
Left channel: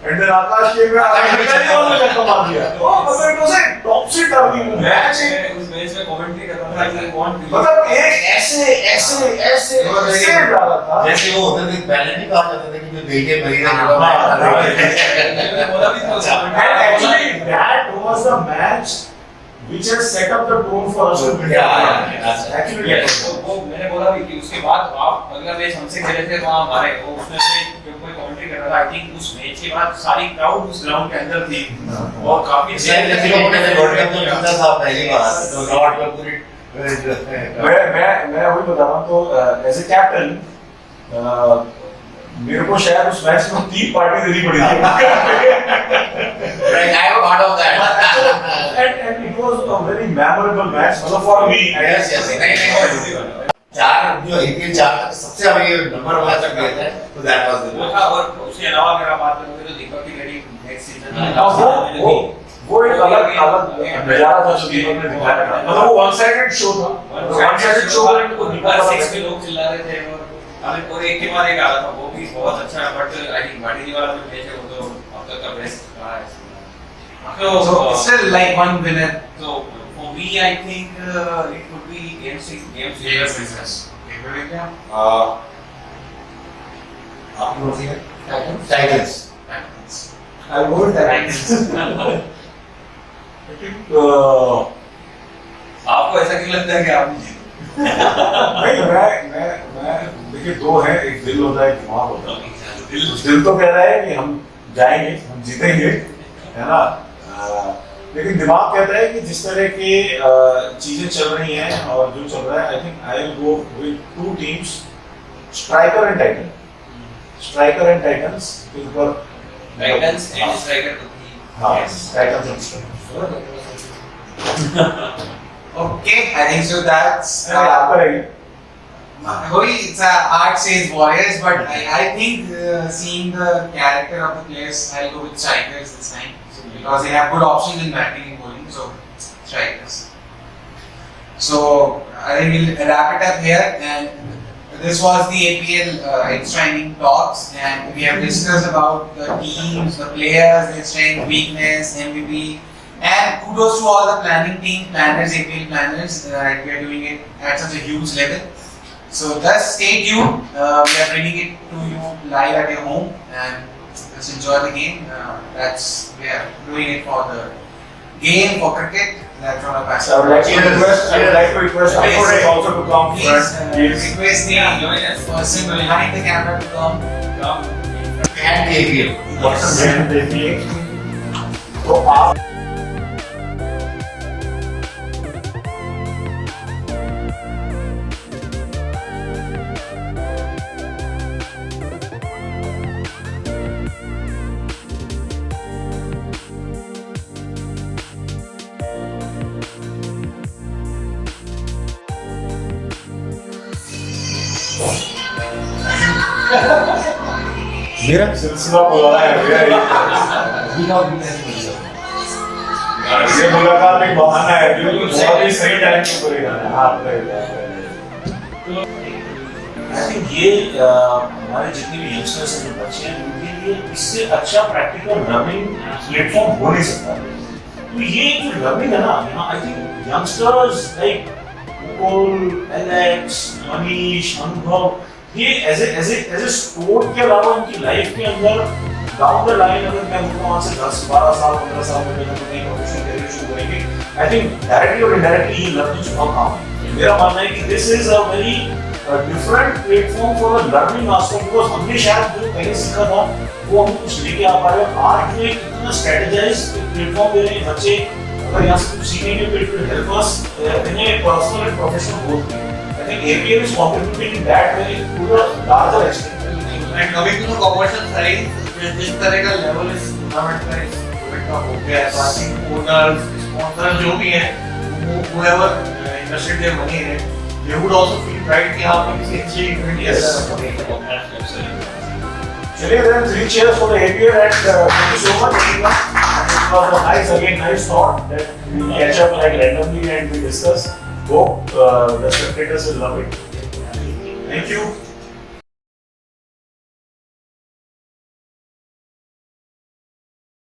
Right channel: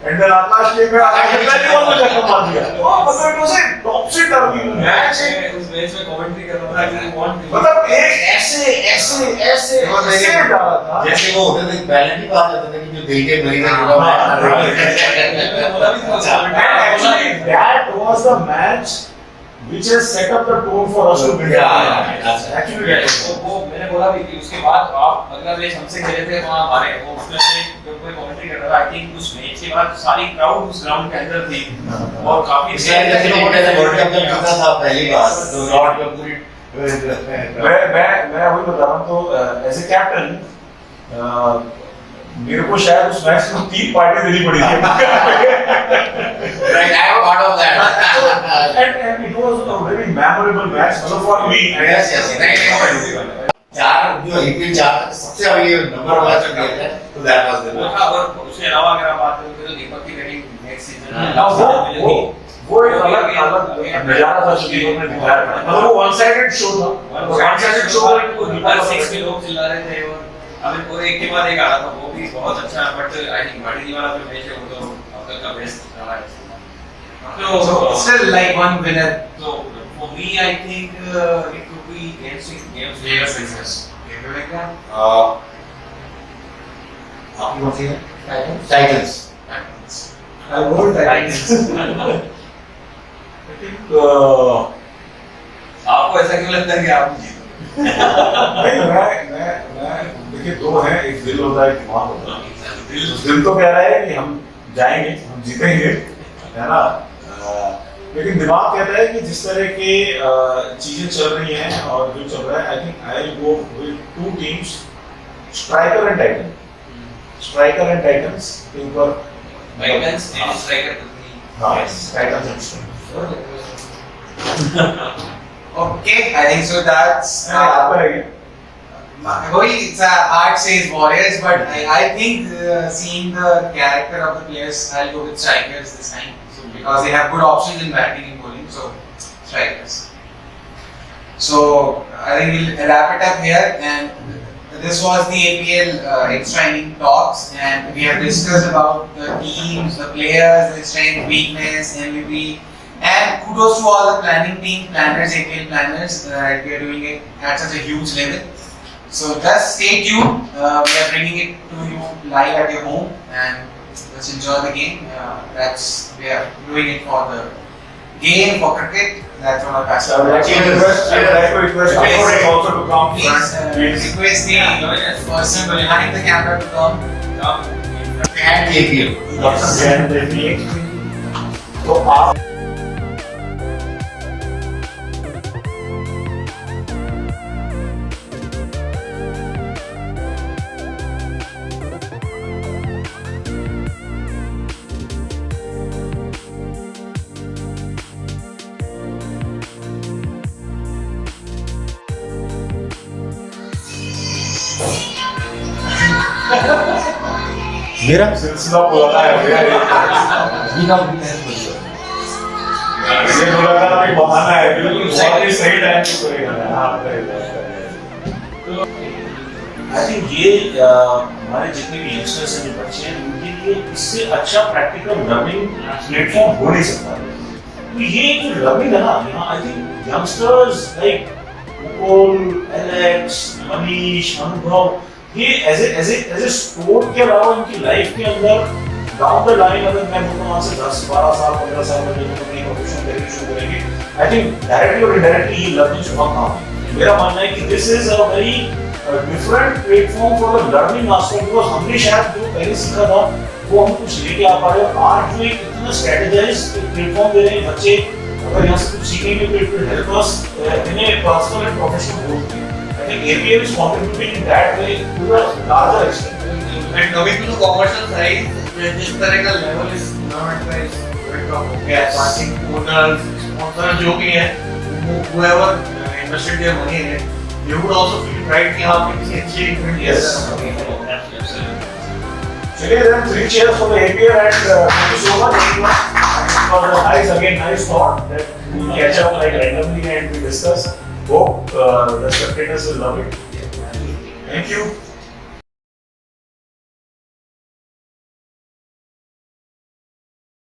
And then Akash came in, Akash ने पहले बॉल में छक्का मार दिया। तो मतलब it was a topsy turvy match। उस मैच में कमेंट्री कर रहा था कि कौन मतलब एक ऐसे डाला था। जैसे वो होते थे पहले नहीं कहा जाता था कि जो देखे मरी ना Actually, that was the match which has set up the tone for us to win. Actually, वो मैंने बोला भी कि उसके बाद आप अगला मैच हमसे खेले थे वहाँ हमारे वो उसमें से जब कोई कमेंट्री कर रहा था आई थिंक उस मैच के बाद सारी क्राउड उस ग्राउंड के अंदर थी और काफी जैसे लोगों ने वर्ल्ड कप में जीता था पहली बार तो नॉट का पूरी मैं वही बता रहा हूँ तो एज ए कैप्टन मेरे को शायद उस मैच में 3 पार्टी देनी पड़ी थी। Right, I am part of that. And it was a very memorable match मतलब for me. Yes, yes. नहीं, चार जो IPL चार सबसे अभी नंबर 1 तक गए थे तो that was वो the था और उसके अलावा अगर आप बात करें तो दीपक की मेरी नेक्स्ट सीजन वो एक अलग नजारा था जो दीपक ने दिखाया था मतलब वो वन साइडेड शो था वन साइडेड शो हर 6 में लोग चिल्ला रहे थे और हमें और एक के बाद एक आ रहा था वो भी बहुत अच्छा है बट आई थिंक भाटी वाला जो मैच है वो तो अब तक का बेस्ट रहा है So still like one winner. So for me, I think it could be game 6, game 6. Player business. Favorite क्या? आपकी कौन सी है? Titans. Titans. I vote Titans. I think आपको ऐसा क्यों लगता है कि आप जीतो? नहीं मैं देखिए दो हैं एक दिल होता है एक दिमाग होता है दिल तो कह रहा है कि हम जाएंगे हम जीतेंगे है ना लेकिन दिमाग कहता है कि जिस तरह की चीजें चल रही हैं और जो चल रहा है I think I will go with 2 teams striker end Titans के ऊपर टाइटंस एंड स्ट्राइकर हाँ Titans and striker Okay, I think so. That's आपका रहेगा it's art says Warriors, but I think seeing the character of the players, I'll go with strikers this time. So because they have good options in batting and bowling, so strikers. So I think we'll wrap it up here, and this was the APL extra inning talks, and we have discussed about the teams, the players, their strength, weakness, MVP. And kudos to all the planning team, planners, APL planners, that we are doing it at such a huge level. So just stay tuned. We are bringing it to you live at your home, and let's enjoy the game. We are doing it for the game, for cricket. That's what our passion. I would like to request Aporex also to come Please front. request the person behind the camera to come. And APL. What's the name of the team? तो आप मेरा सिलसिला पुराना है मेरा ये मुलाकात एक बहाना है बिल्कुल बहुत ही सही टाइम पे कोई हाँ आई थिंक ये हमारे जितने भी यंगस्टर्स हैं जो बच्चे हैं उनके लिए इससे अच्छा प्रैक्टिकल लर्निंग प्लेटफॉर्म हो नहीं सकता तो ये जो लर्निंग है ना यहाँ I think youngsters like Mukul Alex Manish अनुभव ये एज ए स्पोर्ट के अलावा उनकी लाइफ के अंदर डाउन द लाइन अगर मैं बोलूँ वहाँ से 10-12 साल 15 साल में जब अपनी प्रोफेशनल करियर शुरू करेंगे आई थिंक डायरेक्टली और इनडायरेक्टली ये लर्निंग बहुत काम है मेरा मानना है कि this is a very different platform for the learning aspect because हमने शायद जो पहले सीखा था वो हम कुछ लेके आ पा रहे हैं आज जो एक इतना स्ट्रेटेजाइज प्लेटफॉर्म दे रहे हैं बच्चे अगर यहाँ से कुछ सीखेंगे तो it will help us in A personal and professional growth में I think APL is contributing in that way to a larger extent. And coming to the commercial side, जिस तरह का level इस tournament का इस tournament का हो गया है, I think owners, sponsors जो भी हैं, whoever invested their money in it, they would also feel pride कि हाँ हमने किसी अच्छी event के अंदर चलिए then 3 cheers for the APL and thank you so much everyone. And it was a nice thought that we catch up like randomly and we discuss. Hope the spectators will love it. Thank you.